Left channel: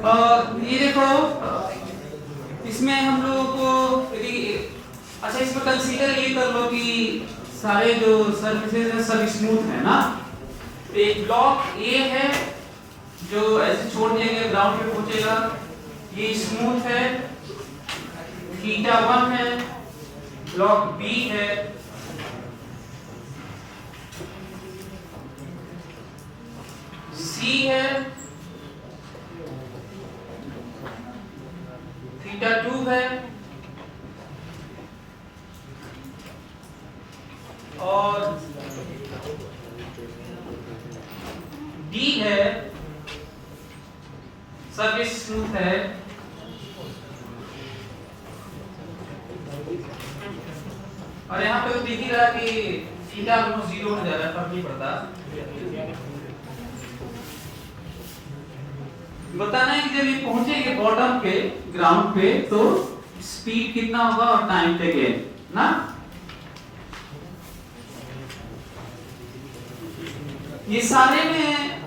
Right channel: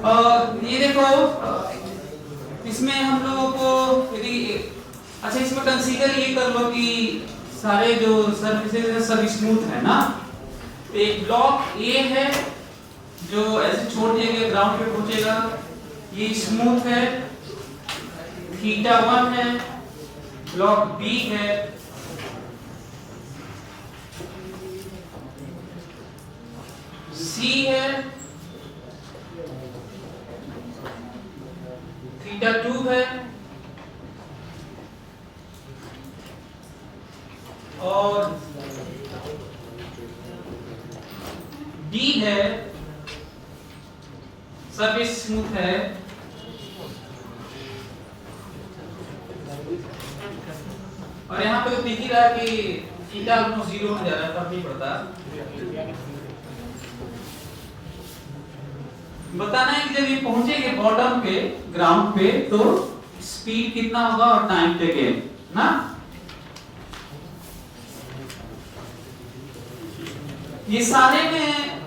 ये देखो, इसमें हम लोगों को यदि अच्छा इसमें कंसीडर ये कर लो कि सारे जो सरफेसेस हैं सब स्मूथ है ना। एक ब्लॉक ए है जो ऐसे छोड़ दिया गया ग्राउंड पे पहुंचेगा, ये स्मूथ है, थीटा 1 है। ब्लॉक बी है, सी है, थीटा 2 है, और डी है, सरफेस स्मूथ है। और यहाँ पे तो दिख ही रहा है कि थीटा दोनों 0 हो जा रहा है, फर्क नहीं पड़ता। बताना है कि जब ये पहुंचेंगे बॉटम पे, ग्राउंड पे, तो स्पीड कितना होगा और टाइम टेकन ना। ये सारे में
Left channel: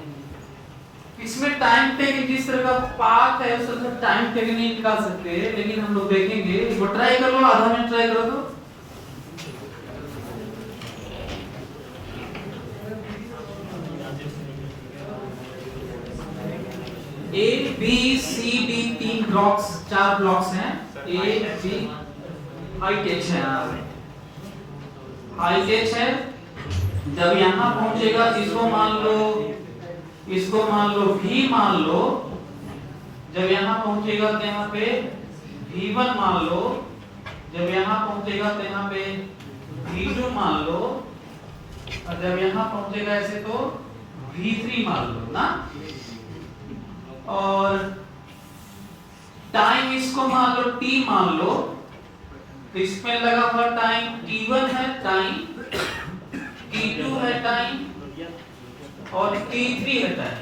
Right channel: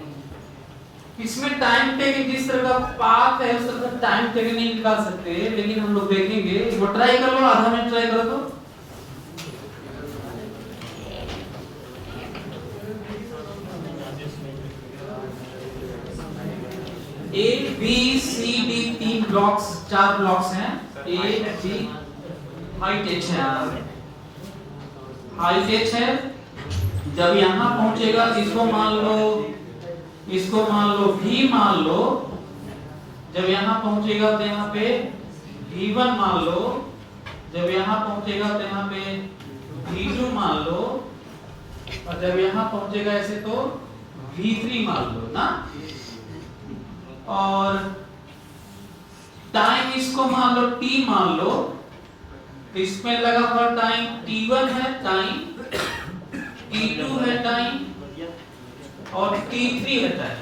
इसमें टाइम टेकन जिस तरह का पाथ है उस तरह टाइम टेकन नहीं निकाल सकते, लेकिन हम लोग देखेंगे। वो ट्राई कर लो, आधा मिनट ट्राई करो तो। A B C D 3 blocks, 4 blocks हैं। ए बी हाइट h है, हाइट h है। जब यहां पहुंचेगा इसको मान लो v मान लो। जब यहां पहुंचेगा तो यहां पे v1 मान लो। जब यहां पहुंचेगा तो यहां पे v2 मान लो। और जब यहां पहुंचेगा ऐसे तो v3 मान लो ना। और टाइम इसको मान लो t मान लो, इसमें लगा हुआ टाइम t1 है, टाइम t2 है, टाइम और t3 है, टाइम।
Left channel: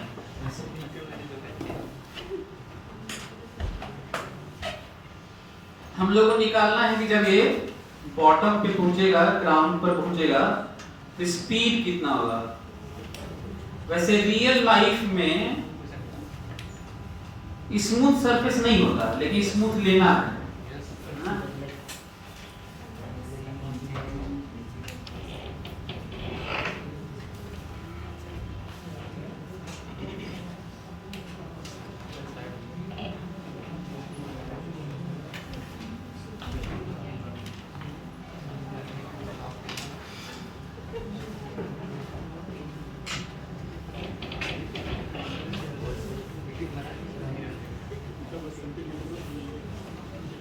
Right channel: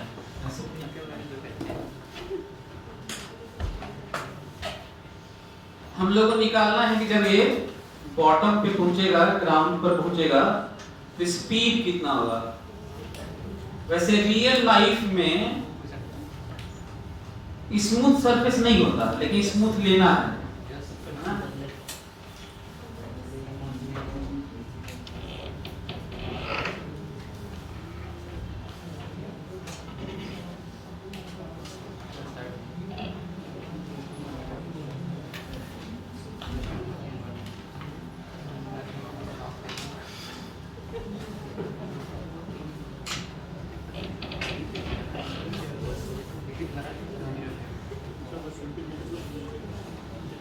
हम लोग को निकालना है कि जब ये बॉटम पे पहुंचेगा, ग्राउंड पर पहुंचेगा, तो स्पीड कितना होगा। वैसे रियल लाइफ में स्मूथ सरफेस नहीं होता, लेकिन स्मूथ लेना है।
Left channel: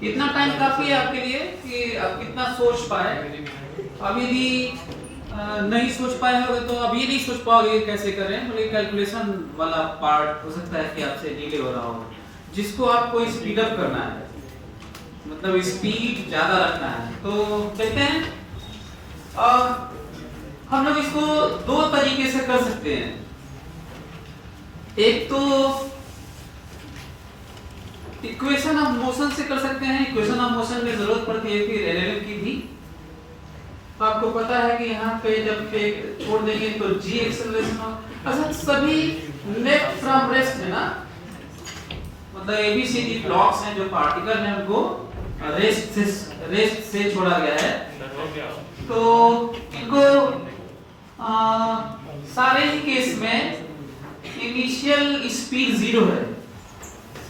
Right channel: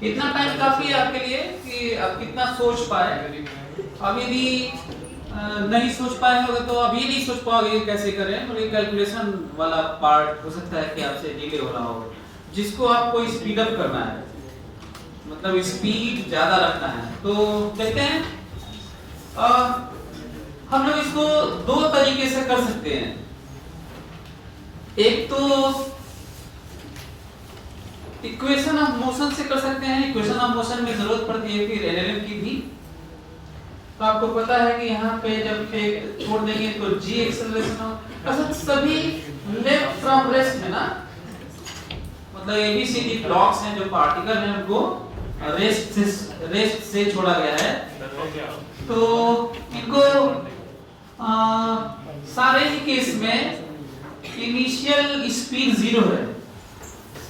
इतना टाइम काफी है आपके लिए कि आप कितना सोच पाए। अब यदि नहीं सोच पाए होगे तो अब ये नहीं सोच पाओगे कैसे करें, तो ये कैलकुलेशन वाला पार्ट हो सकता है कि आपसे डिले हो रहा हो, जिसको आपको स्पीड अप करना है, मतलब स्पीड ज्यादा रखना है। तो कहते हैं हम लोग इसको 2 तरीके से कर सकते हैं। एक तो इक्वेशन ऑफ मोशन से कर सकते हैं। इक्वेशन ऑफ मोशन में जरूरत पड़ती है फिर एलएलएम की भी। तो आपको पता है कि यहाँ पे जब छोड़ देंगे तो जी एक्सेलरेशन, अच्छा सभी लेफ्ट फ्रॉम रेस्ट है ना, मतलब एबीसीडी ब्लॉक्स हैं जो पार्टिकल हैं उनको रेस्ट से छोड़ा गया है। तो इनको सारे ही केस में इनिशियल स्पीड 0 है।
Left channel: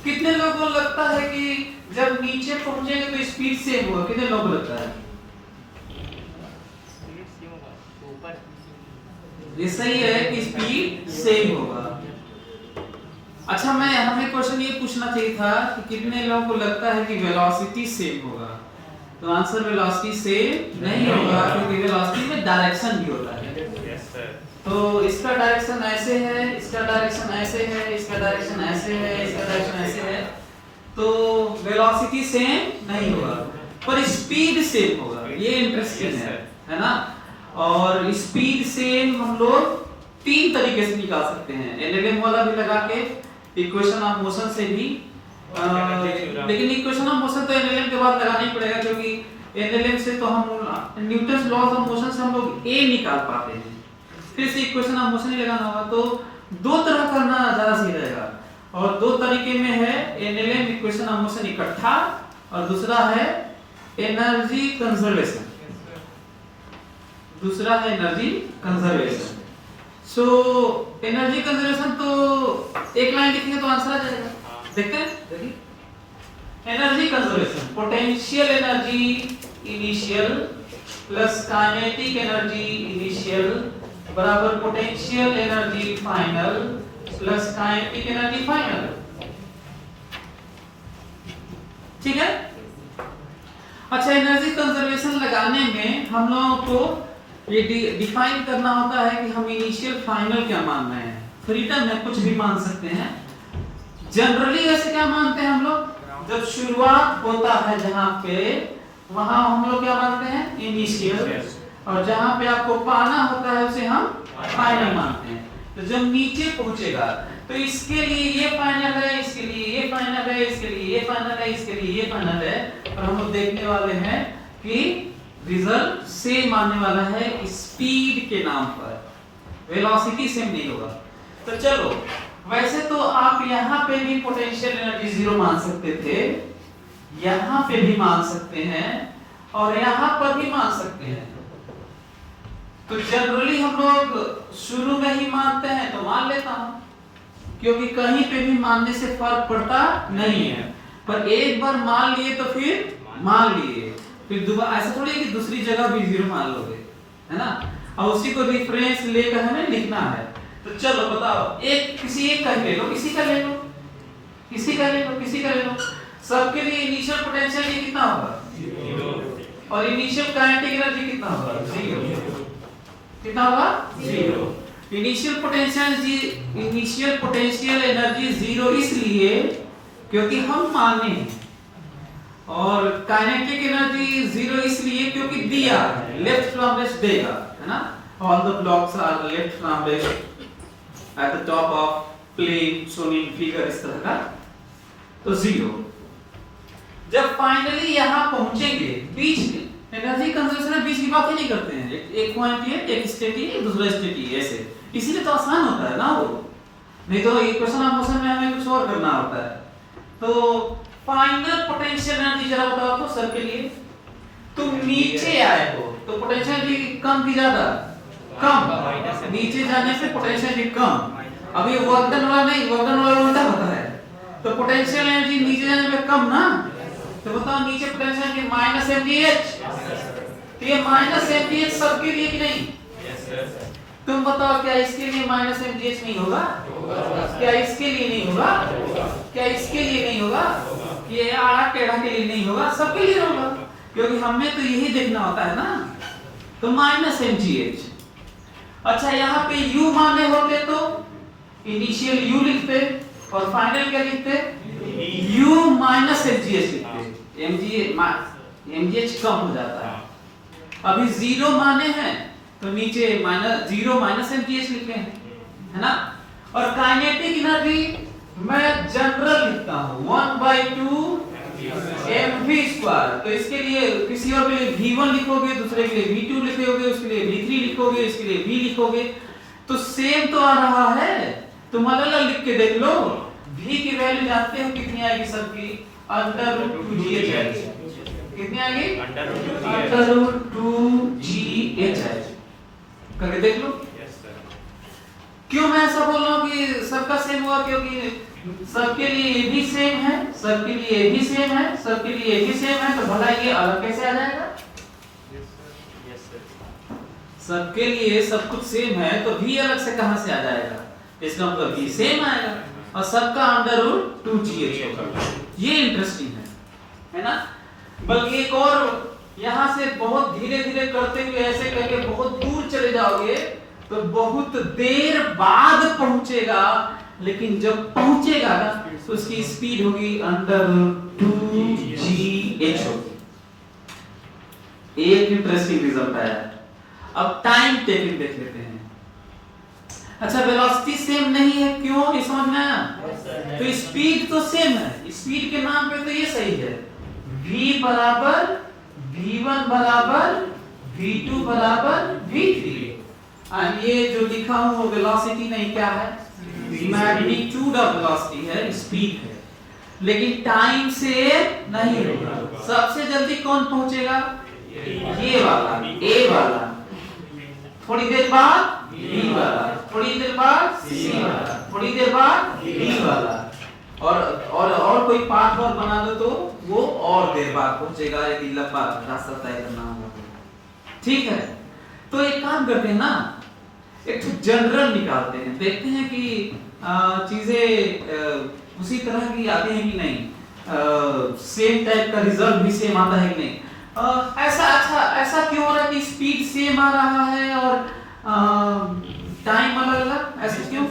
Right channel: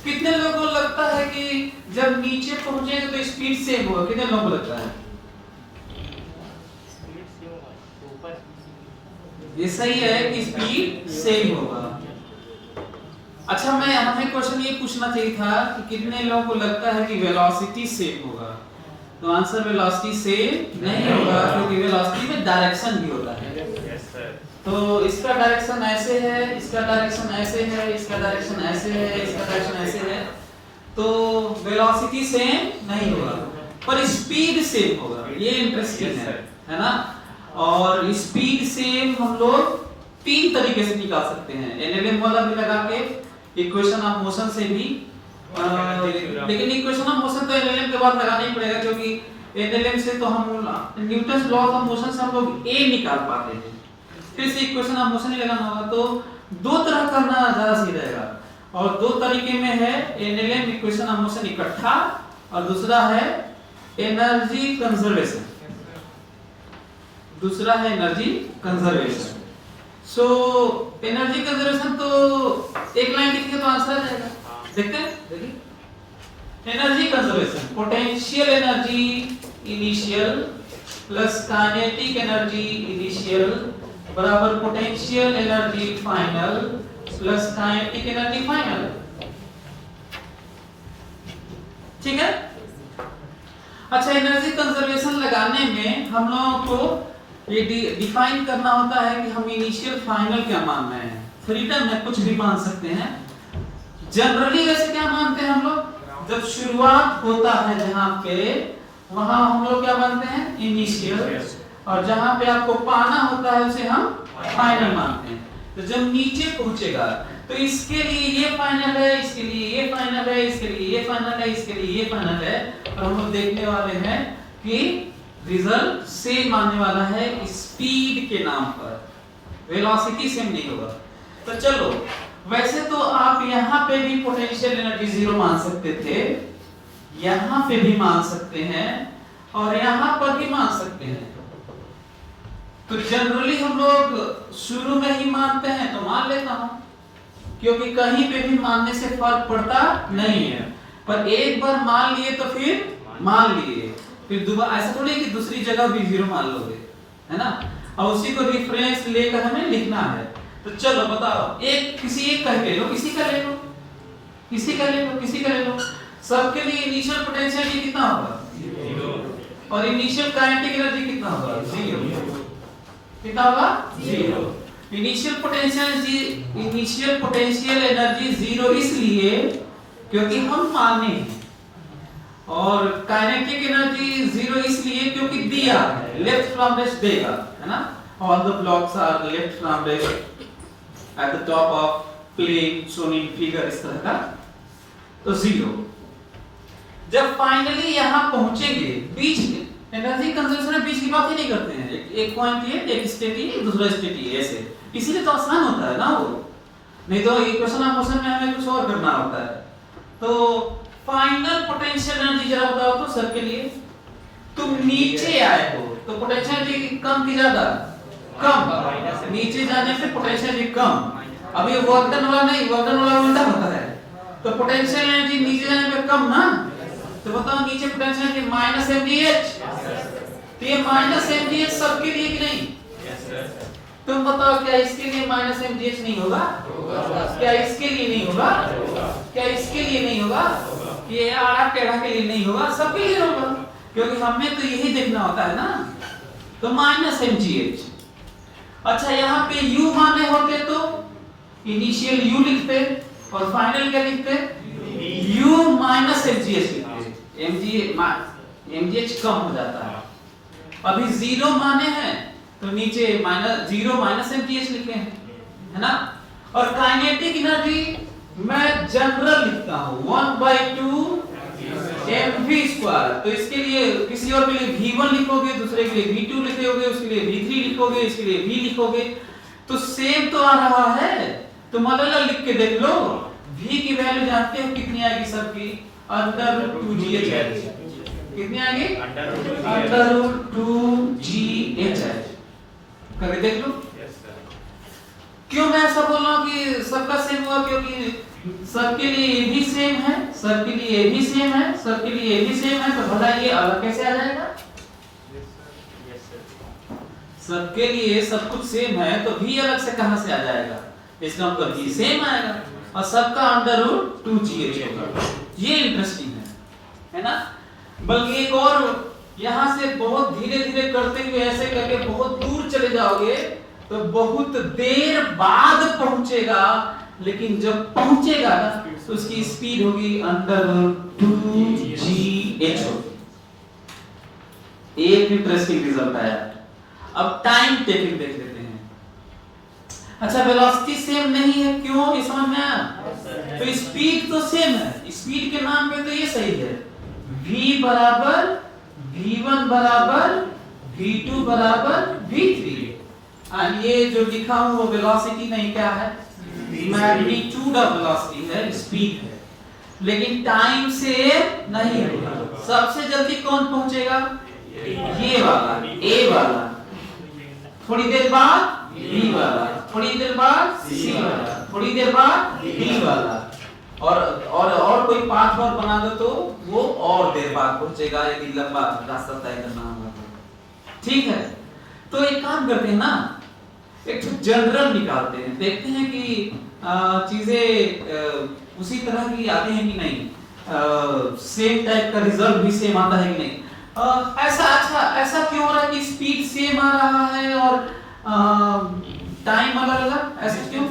कितने लोगों को लगता है कि जब नीचे पहुंचेंगे तो स्पीड सेम होगा? कितने लोगों को लगता है स्पीड सेम होगा तो ऊपर? ये सही है कि स्पीड सेम होगा। अच्छा, मैं हमें क्वेश्चन ये पूछना चाहिए था कि कितने लोगों को लगता है कि वेलोसिटी सेम होगा? तो आंसर वेलोसिटी सेम नहीं होगा, क्योंकि वेलोसिटी में डायरेक्शन भी होता है। तो इसका डायरेक्शन ऐसे है, इसका डायरेक्शन ऐसे है, इसका डायरेक्शन ऐसे है, इसका डायरेक्शन ऐसे है। तो वेलोसिटी सेम नहीं होगा, पर स्पीड सेम होगा। ये इंटरेस्टिंग है ना। और स्पीड सेम हम लोग 3 तरीके से निकाल सकते हैं, एलएलएम वाला भी लगा के, इक्वेशन ऑफ मोशन से भी। लेकिन इक्वेशन ऑफ मोशन तो एलएलएम के बाद लगाना ही पड़ेगा, क्योंकि एलएलएम से तो हम न्यूटन लॉ ऑफ मोशन से हम लोग ए निकाल पाते हैं, फिर से इक्वेशन ऑफ मोशन ही लगाना होगा। तो 2 तरह करना ज्यादा सही रहेगा। और दो तरीके में है, NLM इक्वेशन ऑफ मोशन इकट्ठा, और दूसरा है एनर्जी कंजर्वेशन। दूसरा है energy conservation. So energy conservation तो एक लाइन लिखेंगे तो आंसर आ जाएगा। देखते हैं, देखिए energy conservation, potential energy initial plus kinetic energy initial बराबर potential energy final plus kinetic energy final. ठीक है। अच्छा, एनर्जी कंजर्वेशन लगाने में हम लोगों को ये डिफाइन करना होता है कि हम इनिशियल फाइनल क्या मान रहे हैं। फ्रीडम में कुछ भी मान सकते हैं। जनरली ऐसे क्या मानते हैं हम लोग, जब शुरुआत होता है जहां पे, वहां हम लोग क्या मानते हैं, इनिशियल, और जहां पे आपको पाना होता है उसे हम फाइनल मानते हैं। तो जब नीचे पहुंचेगा तो इसके लिए ये फाइनल है, इसके लिए ये फाइनल है, इसके लिए ये फाइनल है, इसके लिए ये फाइनल है, और हम लोग देखने वाले हैं कि रिजल्ट सेम आने वाला है स्पीड के नाम पर, वेलोसिटी सेम नहीं होगा। तो चलो, वैसे तो आप यहाँ पे भी पोटेंशियल एनर्जी जीरो मान सकते थे, यहाँ पे भी मान सकते हैं, और यहाँ पर भी मान सकते हैं। तो जनरली हम लोग शुरू में ही मानते हैं तो मान लेता हूं, क्योंकि कहीं पे भी मानने से फर्क पड़ता नहीं है। पर एक बार मान लिए तो फिर मान लिए, फिर दोबारा ऐसा थोड़ी कि दूसरी जगह भी जीरो मान लोगे, है ना। और उसी को रेफरेंस लेकर हमें लिखना है। तो चलो बताओ, एक किसी एक का ले लो, किसी का ले लो, किसी का ले लो, किसी का ले लो। सबके लिए इनिशियल पोटेंशियल कितना होगा, जीरो, और इनिशियल काइनेटिक एनर्जी कितना होगा, जीरो। कितना होगा, zero. Initial potential energy zero इसलिए क्योंकि हम माने हैं, और काइनेटिक एनर्जी जीरो इसलिए क्योंकि दिया है, लेफ्ट फ्रॉम रेस्ट देगा, है ना। All the blocks are left from rest at the top of plane shown in figure, इस तरह का। तो जीरो। जब फाइनली यहां पहुंचेंगे, बीच में एनर्जी कंजर्वेशन में बीच की बात ही नहीं करते हैं। एक पॉइंट ये, एक स्टेट ये, दूसरा स्टेट ये, ऐसे। इसीलिए तो आसान होता है ना वो, नहीं तो इक्वेशन ऑफ मोशन में हमें कुछ और करना होता है। तो फाइनल पोटेंशियल एनर्जी जरा बताओ तो सर के लिए। तुम नीचे आए हो तो पोटेंशियल एनर्जी कम की ज्यादा, कम। नीचे जाने से पोटेंशियल एनर्जी कम। अब ये वर्क डन वाला नहीं, वर्क डन वाला उल्टा होता है। तो पोटेंशियल एनर्जी नीचे जाने पे कम ना। तो बताओ नीचे पोटेंशियल एनर्जी माइनस mgh, तो ये माइनस mgh सबके लिए भी नहीं। तुम बताओ, क्या इसके लिए माइनस mgh नहीं होगा, क्या इसके लिए नहीं होगा, क्या इसके लिए नहीं होगा, ये आड़ा टेढ़ा के लिए नहीं होगा, सबके लिए होगा, क्योंकि हमें तो यही देखना होता है ना। तो माइनस mgh। अच्छा, यहाँ पे u माने होते तो इनिशियल u लिखते, और फाइनल क्या लिखते, u माइनस mgh लिखते। mgh कम हो जाता है। अभी जीरो माने हैं तो नीचे जीरो माइनस mgh लिखे हैं, है ना। और काइनेटिक एनर्जी मैं जनरल लिखता हूं 1/2 mv²। तो इसके लिए किसी और के लिए v1 लिखोगे, दूसरे के लिए v2 लिखोगे, उसके लिए v3 लिखोगे, इसके लिए v लिखोगे, तो सेम तो आ रहा है। तुम अलग लिख के देख लो। v की वैल्यू जानते हो कितनी आएगी सबकी, √2gh आएगी। कितनी आएगी, √2gh आएगी। करके देख लो। क्यों मैं ऐसा बोल रहा हूँ कि सबका सेम हुआ, क्योंकि सबके लिए ये भी सेम है, सबके लिए ये भी सेम है, सबके लिए ये भी सेम है, तो भला ये अलग कैसे आ जाएगा। सबके लिए सब कुछ सेम है तो भी अलग से कहां से आ जाएगा, इसका मतलब भी सेम आएगा, और सबका √2gh होगा। ये इंटरेस्टिंग है ना। बल्कि एक और, यहां से बहुत धीरे धीरे करते हुए ऐसे करके बहुत दूर चले जाओगे तो बहुत देर बाद पहुंचेगा, लेकिन जब पहुंचेगा ना तो उसकी स्पीड होगी √2gh होगी। एक इंटरेस्टिंग रिजल्ट आया। अब टाइम टेकिंग देख लेते हैं। अच्छा, वेलोसिटी सेम नहीं है, क्यों, ये समझ में आया। तो स्पीड तो सेम है, स्पीड के नाम पे तो ये सही है। v बराबर v1 बराबर v2 बराबर v3। ये जो लिखा हूं वो वेलोसिटी नहीं, क्या है, मैग्नीट्यूड ऑफ वेलोसिटी है, स्पीड है, लेकिन टाइम से नहीं होगा। सबसे जल्दी कौन पहुंचेगा? ये वाला, ए वाला, थोड़ी देर बाद बी वाला, थोड़ी देर बाद सी वाला, थोड़ी देर बाद डी वाला, और कोई पाथ और बना दो तो वो और देर बाद पहुंचेगा यदि लंबा रास्ता तय करना होगा तो। ठीक है, तो एक काम करते हैं ना, एक जनरल निकालते हैं, देखते हैं कि चीजें उसी तरह की आती हैं कि नहीं, सेम टाइप का रिजल्ट भी सेम आता है कि नहीं। ऐसा क्यों हो रहा है कि स्पीड सेम आ रहा है और टाइम अलग अलग, ऐसा क्यों?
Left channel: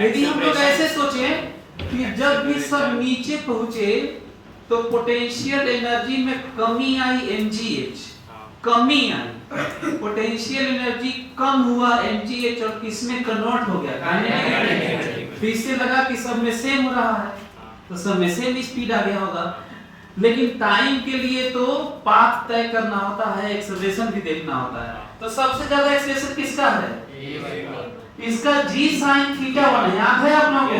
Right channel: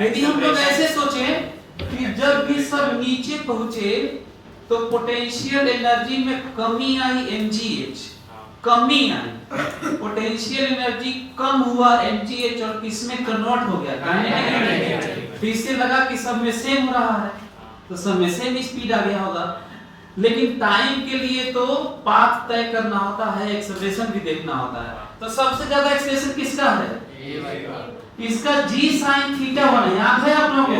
यदि हम लोग ऐसे सोचे कि जब भी सब नीचे पहुंचे तो पोटेंशियल एनर्जी में कमी आई mgh, कमी आई, पोटेंशियल एनर्जी कम हुआ mgh और किसमें कन्वर्ट हो गया, फिर से लगा कि सब में सेम हो रहा है तो सब में सेम स्पीड आ गया होगा। लेकिन टाइम के लिए तो पाथ तय करना होता है, एक्सेलरेशन भी देखना होता है। तो सबसे ज्यादा एक्सेलरेशन किसका है? इसका g sin थीटा 1 याद है आप लोगों को?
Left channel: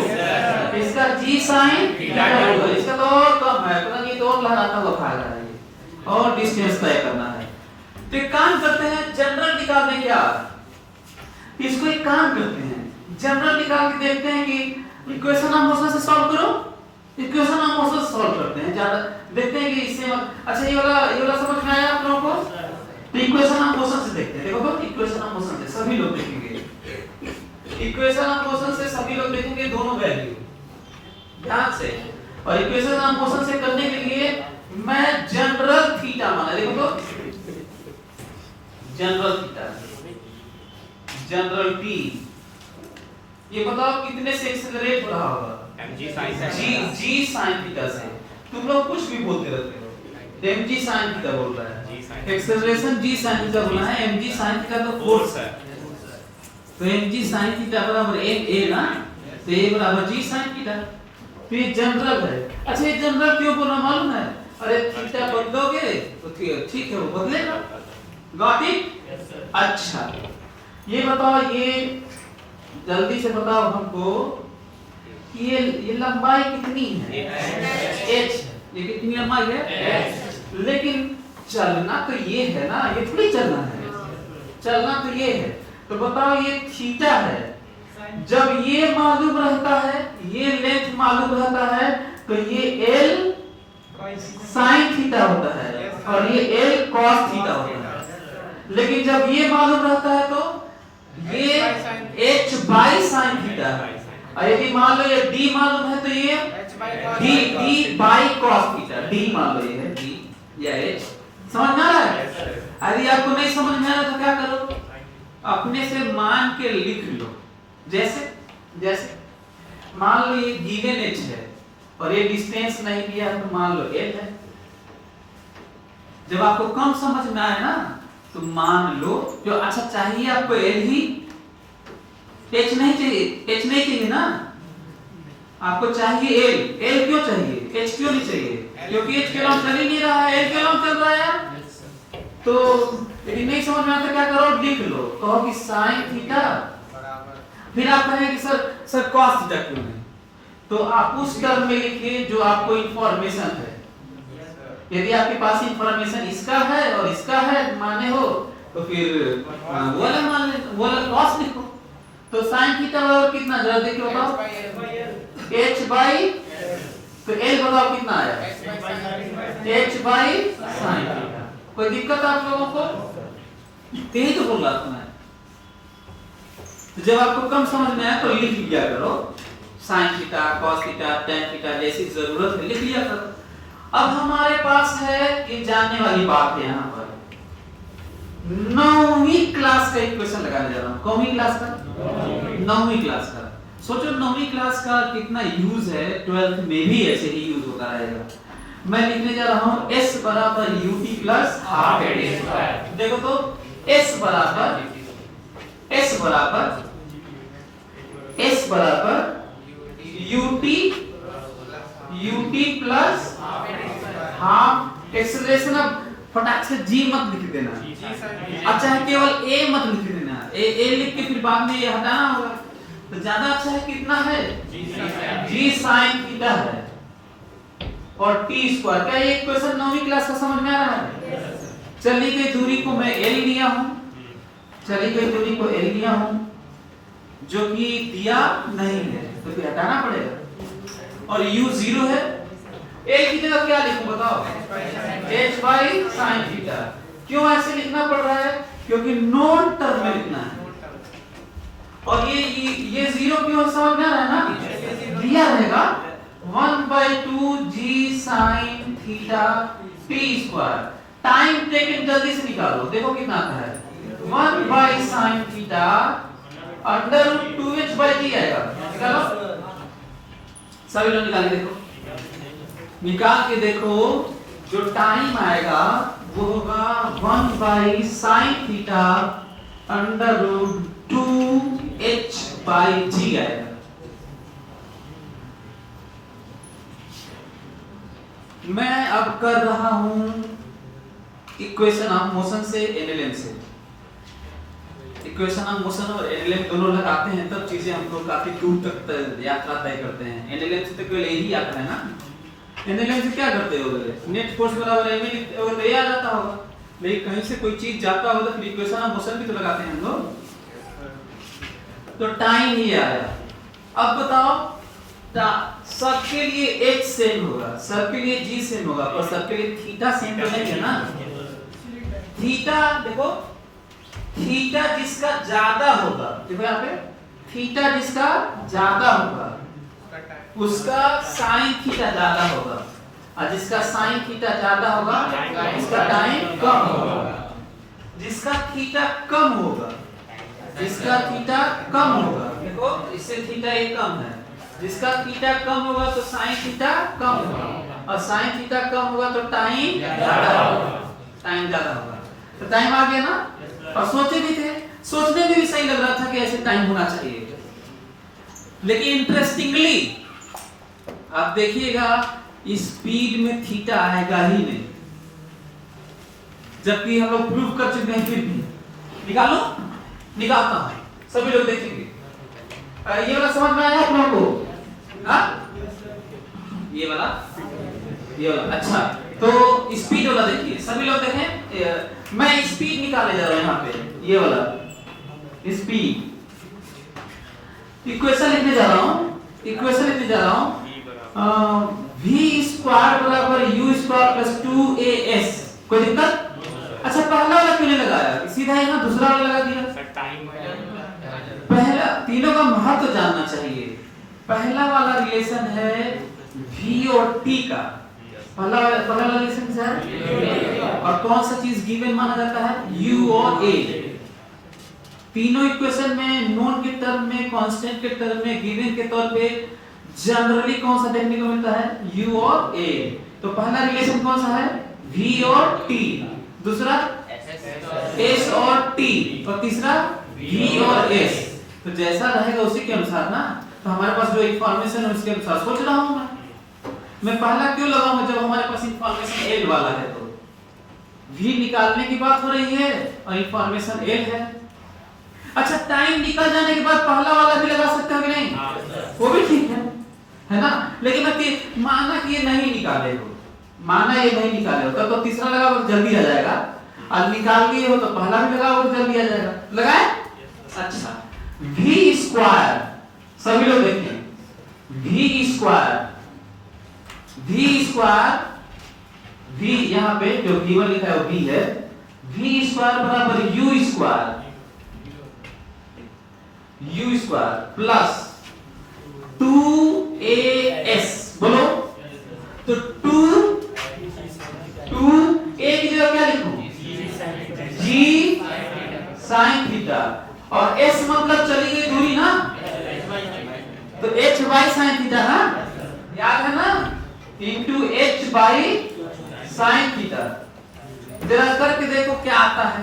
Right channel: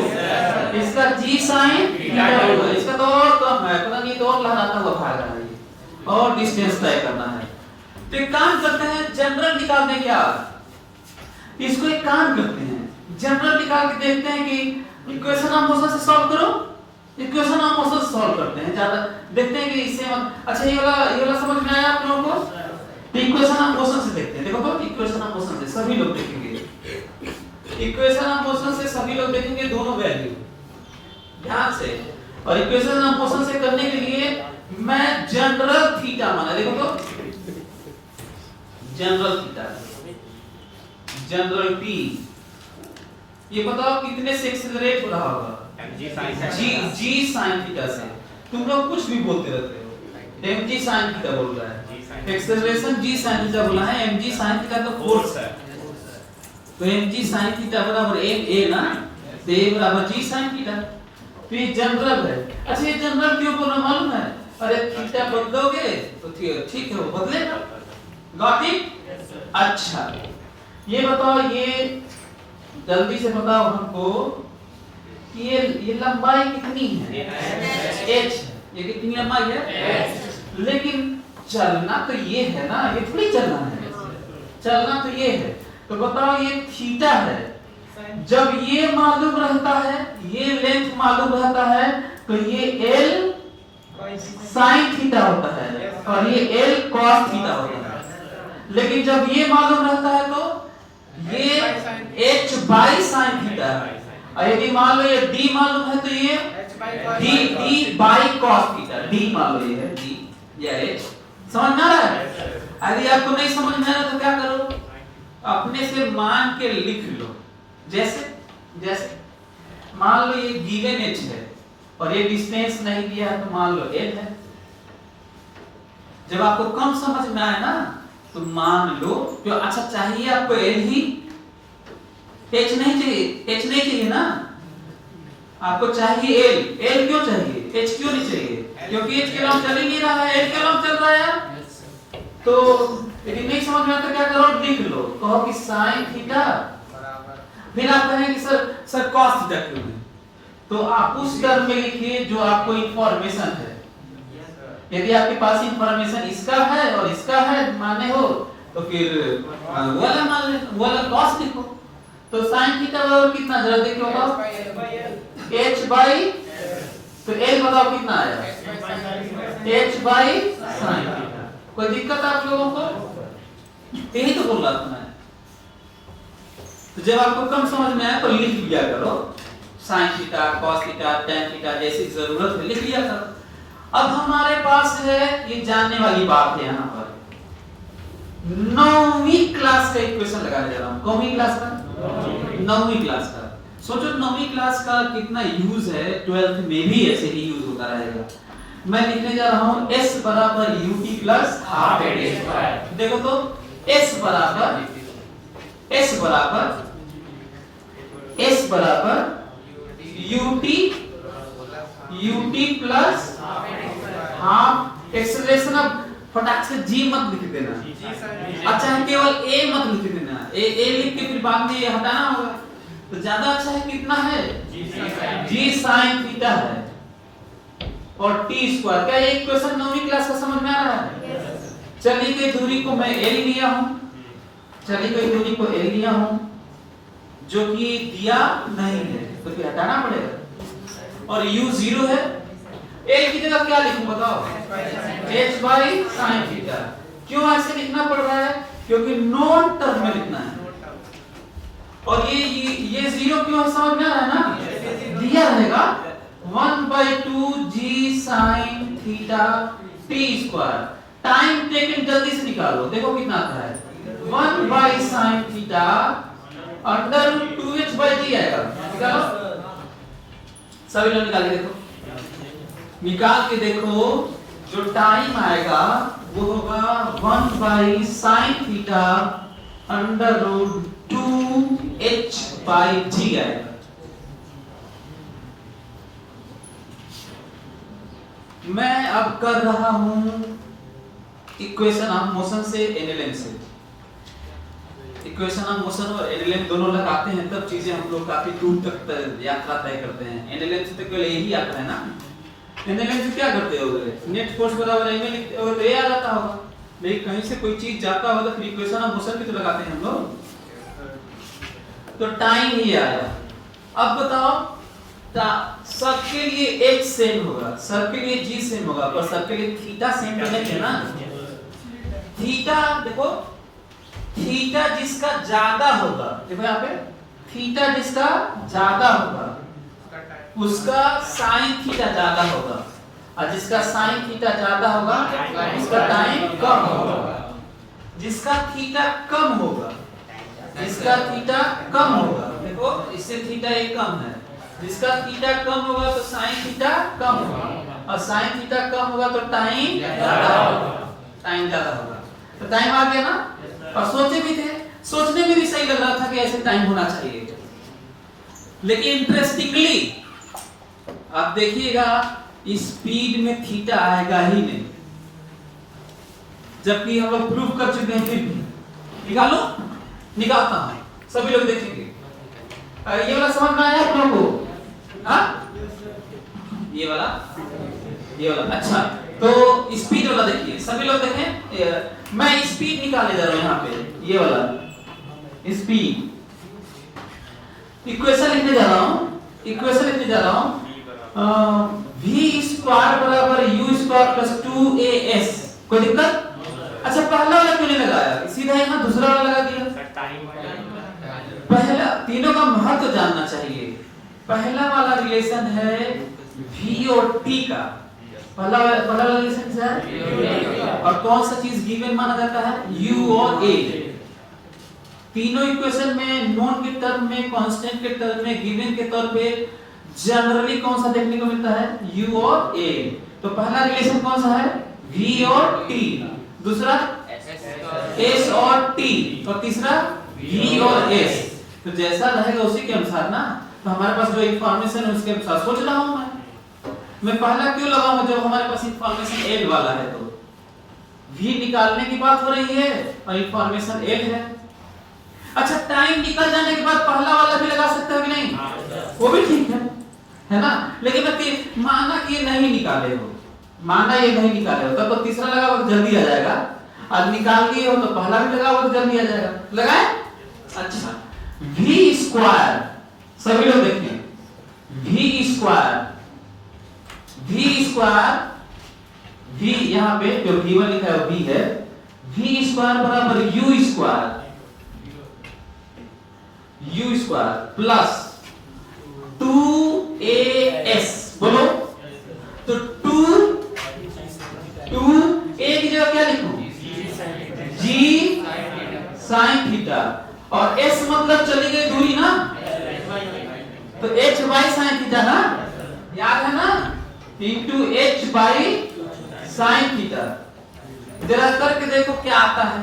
इसका g sin थीटा 1, इसका तो और कम है, पता नहीं तो और लहराता हुआ खा रहा है ये, और डिस्टेंस तय करना है। तो एक काम करते हैं, जनरल निकालने के बाद इसको एक काम करते हैं, जनरल निकाल के देखते हैं कि इक्वेशन ऑफ मोशन से सॉल्व करो, इक्वेशन ऑफ मोशन से सॉल्व करते हैं, ज्यादा देखते हैं कि इससे अच्छा ये वाला समझ में आया आप लोगों को? तो इक्वेशन ऑफ मोशन से देखते हैं, देखो तो इक्वेशन ऑफ मोशन से सभी लोग देखेंगे, इक्वेशन ऑफ मोशन से सभी लोग देखेंगे दोनों वैल्यू ध्यान से। और इक्वेशन ऑफ मोशन से करने के लिए मैं जनरल थीटा माना, देखो तो जनरल थीटा, जनरल टी, ये बताओ कितने से एक्सेलरेट हो रहा होगा? जी sin थीटा से। तुम लोग कुछ भी बोलते रहते हो, mg sin थीटा बोल रहा है, एक्सेलरेशन g sin थीटा बोला है, mg sin थीटा तो फोर्स है, तो mg sin थीटा बराबर ma ना, तो a बराबर g sin थीटा। तो ये जनरल है। अच्छा ये जनरल क्यों बोलना मालूम है? अरे थीटा बदलोगे तो ठीक है वो बदलेगा, गॉट इट? अच्छा ये बताओ, ये जल्दी से बताओ हमको कि ये लंबाई कितनी है? h, ये कितनी लंबाई है? लेकिन चलना तो ये है ना, ये थोड़ी चलना है, चलना तो ये है। तो बताओ ये थीटा है, जब ये मालूम रहता है, ये लेंथ मालूम रहता है, तो ये l sin थीटा होता है और ये l cos थीटा होता है। लेकिन जब ये मालूम रहता है तो ये h by sin थीटा, और यदि मान लो ये d मालूम है तो ये d by cos theta, d मान लो ये है d या h, समझ में आ रहा है? यदि आपको नहीं समझ में आ रहा तो क्या करो, अपने से मान के लिख लो, जैसे मान लो ये गिवन h है और ये डिस्टेंस नहीं दिया है तो मान लो l है। जब आपको कम समझ में आए ना तो मान लो जो अच्छा चाहिए आपको l ही, h नहीं चाहिए ना, आपको चाहिए l क्यों चाहिए, h क्यों नहीं चाहिए? क्योंकि h के अलावा चल ही नहीं रहा है, l के अलावा चल रहा है। तो यदि नहीं समझ में आता क्या करो, लिख लो, कहो कि sin थीटा, फिर आप कहेंगे कि सर cos थीटा क्यों नहीं, तो आप उस टर्म में लिखिए जो आपको इंफॉर्मेशन है। यदि आपके पास इंफॉर्मेशन इसका है और इसका है माने हो तो फिर वाला cos लिखो। तो sin थीटा बराबर कितना, जरा देख लो तो h बाई, तो l बताओ कितना आया, h बाई sin थीटा। कोई दिक्कत है आप लोगों को? यही तो बोल रहा था मैं। तो जब आपको कम समझ में आया तो लिख लिया करो, sin theta, cos theta, tan theta, जैसी जरूरत है लिख लिया करो। अब हमारे पास है ये जानने वाली बात है, यहाँ पर 9वीं क्लास का इक्वेशन लगाने जा रहा हूँ। कौन सी क्लास का? 9वीं क्लास का। सोचो 9वीं क्लास का कितना यूज है, 12th में भी ऐसे ही यूज होता रहेगा। मैं लिखने जा रहा हूँ s बराबर ut plus half a square. देखो तो s बराबर ut प्लस हाफ एक्सेलरेशन। अब फटाक से जी मत लिख देना। अच्छा है केवल ए मत लिख देना, ए लिख के फिर बाद में ये हटाना होगा। तो ज्यादा अच्छा है कितना है जी साइन थीटा है और टी स्क्वायर। क्या ये क्वेश्चन 9वीं क्लास का समझ में आ रहा है? चली गई दूरी को मैं एल लिया हूं, चली गई दूरी को एल लिया हूं जो कि दिया नहीं है तो फिर हटाना पड़ेगा। और u 0 है, a की जगह क्या लिखूं बताओ? h by sine theta. क्यों ऐसे लिखना पड़ रहा है? क्योंकि नॉन टर्म में लिखना है। और ये 0 क्यों समझ में आ रहा है ना? दिया रहेगा 1/2 g sine theta t square. Time taken जल्दी से निकालो, देखो कितना आता है 1 by sine theta under root 2h by d आएगा। निकालो सभी लोग निकाल के देखो, निकाल के देखो जो टाइम आएगा वो होगा 1 by sine theta under root 2h by d आएगा। मैं अब कर रहा हूं इक्वेशन ऑफ मोशन से एनएलएम से। इक्वेशन ऑफ मोशन और एनएलएम दोनों लगाते हैं तब चीजें हम लोग काफी दूर तक यात्रा तय करते हैं। एनएलएम से तो केवल यही आता है ना। एनएलएम से क्या करते हो? नेट फोर्स बराबर एम लिखते हो तो ये आ जाता होगा, लेकिन कहीं से कोई चीज जाता होगा तो फिर इक्वेशन ऑफ मोशन भी तो लगाते हैं हम लोग। तो टाइम ही आया। अब बताओ सब के लिए h सेम होगा, सब के लिए g सेम होगा, पर सब के लिए थीटा सेम तो नहीं है ना। थीटा देखो, थीटा जिसका ज्यादा होगा, देखो यहाँ पे थीटा जिसका ज्यादा होगा उसका साइन थीटा ज्यादा होगा, और जिसका साइन थीटा ज्यादा होगा उसका टाइम कम होगा। जिसका थीटा कम होगा, जिसका थीटा कम होगा, देखो इससे थीटा एक कम है, जिसका थीटा कम होगा तो साइन थीटा कम होगा, और साइन थीटा कम होगा तो टाइम ज्यादा होगा, टाइम ज्यादा होगा। तो टाइम आ गया ना। और सोचे भी थे, सोचने में भी सही लग रहा था कि ऐसे टाइम होना चाहिए, लेकिन इंटरेस्टिंगली आप देखिएगा स्पीड में थीटा आएगा ही नहीं, जबकि हम लोग प्रूफ कर चुके हैं। फिर निकालो, निकालता हूं, सभी लोग देखेंगे। ये वाला समझ में आया आप लोगों को? हाँ, ये वाला अच्छा। तो स्पीड वाला देखिए, सभी लोग देखें। मैं स्पीड निकाले जा रहा हूं यहाँ पे, ये वाला स्पीड। इक्वेशन लिखने जा रहा हूं, v स्क्वायर बराबर u स्क्वायर प्लस 2as। कोई दिक्कत? अच्छा पहला वाला क्यों नहीं लगाया? सीधा यहाँ दूसरा वाला लगा दिया। पहला, तीनों का महत्व जानना चाहिए। पहला वाला रिलेशन है v और t का। पहला वाला रिलेशन है, और कौन सा चीज गिवन माना जाता है? u और a। तीनों इक्वेशन में नोन के टर्म में, कांस्टेंट के टर्म में, गिवन के तौर पे जनरली कौन सा देखने को मिलता है? u और a। तो पहला रिलेशन कौन सा है? v और t। दूसरा s और t, और तीसरा v और s। तो जैसा रहेगा उसी के अनुसार ना। तो हमारे पास जो इंफॉर्मेशन है उसके अनुसार सोच रहा हूं मैं पहला क्यों लगाऊंगा जब हमारे पास इंफॉर्मेशन l वाला है। तो v निकालने की बात हो रही है और इंफॉर्मेशन l है। अच्छा टाइम निकल जाने के बाद पहला वाला भी लगा सकते हो कि नहीं? वो भी ठीक है ना। लेकिन माना कि ये नहीं निकाले हो, माना ये नहीं निकाले हो, तब तो तीसरा लगा वो जल्दी आ जाएगा। अब निकाल लिए हो तो पहला भी लगा वो जल्दी आ जाएगा। लगाए? अच्छा v स्क्वायर, सभी लोग देखें, v स्क्वायर v यहाँ पे जो गिवन लिखा है वो v है। v स्क्वायर बराबर u स्क्वायर प्लस 2as। बोलो तो 2a की जगह क्या लिखूं? g sin थीटा, और s मतलब चली गई दूरी ना, तो h बाई sin थीटा ना, याद है ना, into h by sin theta. जरा करके देखो क्या आता है।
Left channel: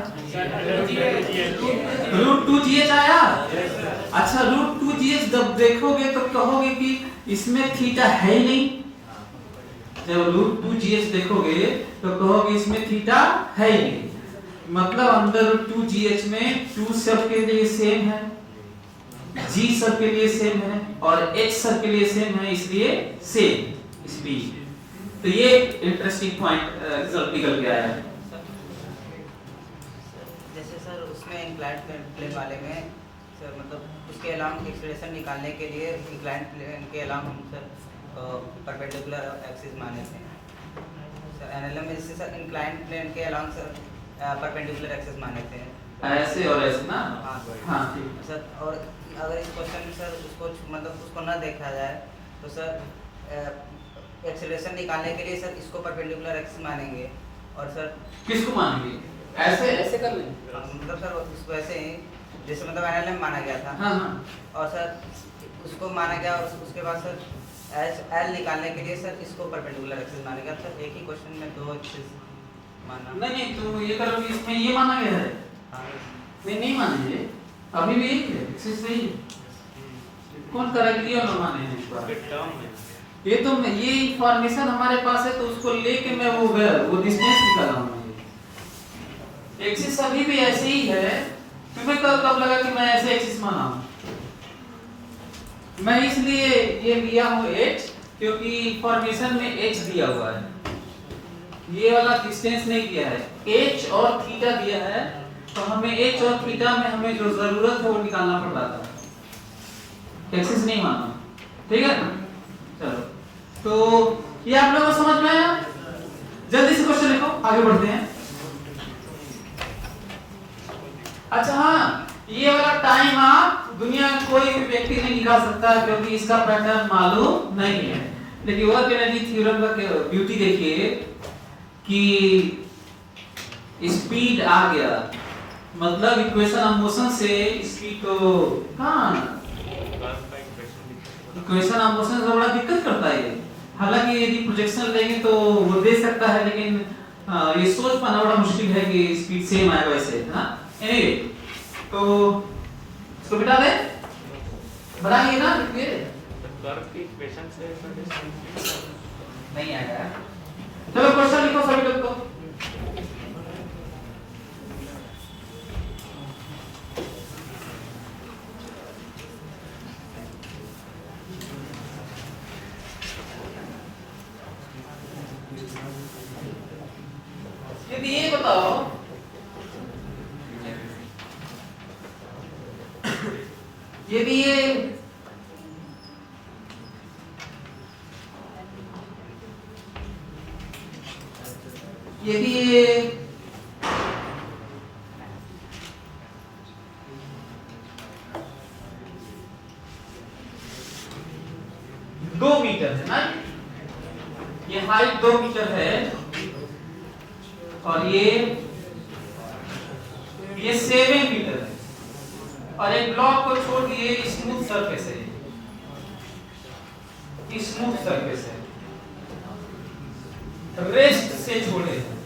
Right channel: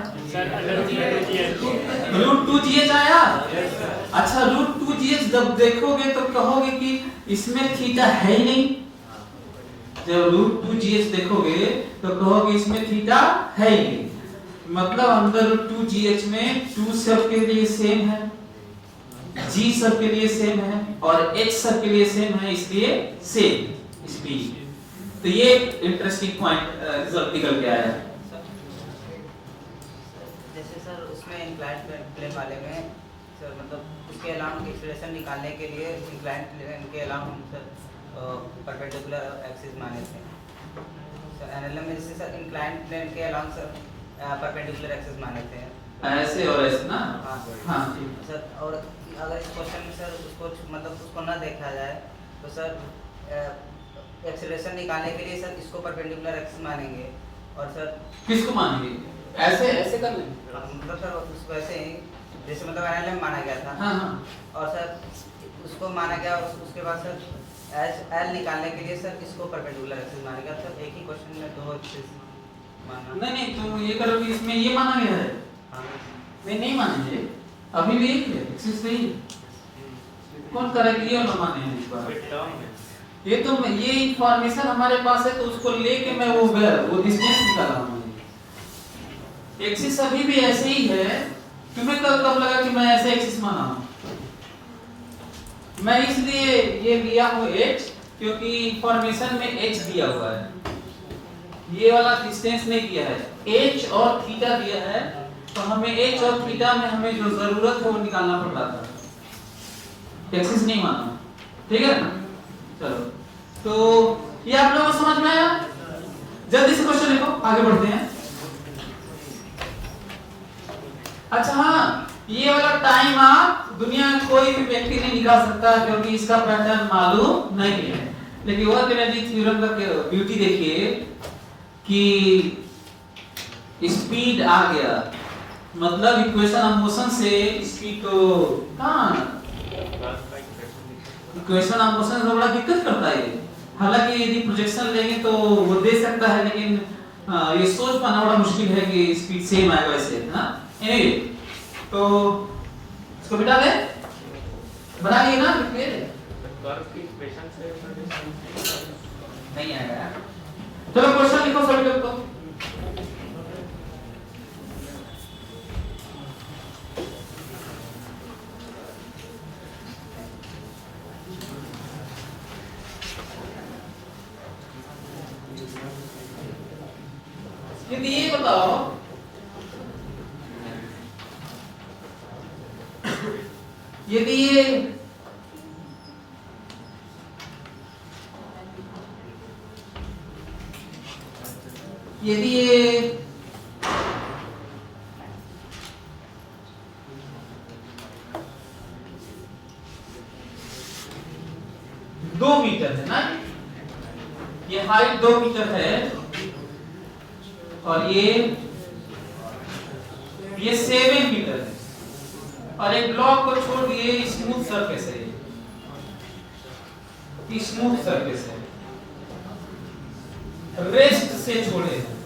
√2gh आया। अच्छा √2gh जब देखोगे तो कहोगे कि इसमें थीटा है ही नहीं। जब रूट 2gh देखोगे तो कहोगे इसमें थीटा है ही नहीं, मतलब अंदर रूट 2gh में 2 सब के लिए सेम है, g सब के लिए सेम है और h सब के लिए सेम है, इसलिए सेम स्पीड। तो ये इंटरेस्टिंग पॉइंट रिजल्ट निकल के आया है। जैसे सर उसमें इंक्लाइंड प्लेन वाले में सर मतलब उसके अलावा एक्सेलरेशन निकालने के लिए इंक्लाइंड प्लेन के अलावा हम सर परपेंडिकुलर एक्सिस माने थे सर। एनएलएम में जैसे सर इंक्लाइंड प्लेन के अलावा सर परपेंडिकुलर एक्सिस माने थे ऐसे और ऐसे ना। हाँ हाँ ठीक सर। और अगर इस क्वेश्चन में सर उसको मतलब उसको ना देखा जाए तो सर एक्सेलरेशन निकालने के लिए सर इसको परपेंडिकुलर एक्सिस मानेंगे और सर किसको मानेंगे? ऐसे कर लेंगे मतलब सर उसको ऐसे ही जैसे मतलब एनएलएम माना गया था। हाँ हाँ और सर उसको माना गया उसके बाद सर एल निकालने के लिए सर इसको परपेंडिकुलर एक्सिस माना गया। सर एक ही क्वेश्चन में दो एक्सिस मानना नहीं तो ये करो कि इसमें ये माना गया है। हाँ नहीं मानेंगे, अभी भी एक है एक्सिस नहीं, कौन करा क्लियर न माने हैं इस बार। ये तो ये इंफॉर्मेशन हमारे पास है तो उसको लेके मैं वो डिस्टेंस निकाला हूं। एक्सिस अभी भी ऐसे ही है, तुम्हें कब लगा कि मैं ऐसे एक्सिस माना हूं? मैं इसलिए ये लिया हूं h क्योंकि इंफॉर्मेशन में h दिया हुआ है, ये वाला डिस्टेंस नहीं दिया है, h और थीटा दिया है, तो हमें h और थीटा में हमें जो जरूरत है वो निकालना पड़ रहा था, एक्सिस नहीं माना। ठीक है ना? चलो तो ये आप लोगों को समझ में आया? जल्दी से क्वेश्चन लिखो, आगे बढ़ते हैं। अच्छा हाँ, ये वाला टाइम आप दुनिया में कोई भी व्यक्ति नहीं निकाल सकता क्योंकि इसका पैटर्न मालूम नहीं है, लेकिन वर्क एनर्जी थ्योरम का ब्यूटी देखिए कि स्पीड आ गया, मतलब इक्वेशन ऑफ मोशन से स्पीड तो कहां, इक्वेशन ऑफ मोशन से बड़ा दिक्कत करता है। हालांकि यदि प्रोजेक्शन लेंगे तो वो दे सकता है, लेकिन ये सोच पाना बड़ा मुश्किल है कि स्पीड सेम आएगा वैसे, है ना। एनीवे तो इसको बिठा दे, बनाइए ना, लिख दे, कर्व की इक्वेशन से नहीं आएगा। चलो क्वेश्चन लिखो सभी लोग को। यदि ये बताओ यदि ये दो मीटर है ना, ये हाइट 2 मीटर है और ये 7 मीटर है और एक ब्लॉक को छोड़ दिए, स्मूथ सरफेस है, स्मूथ सरफेस है, रेस्ट से छोड़े हैं,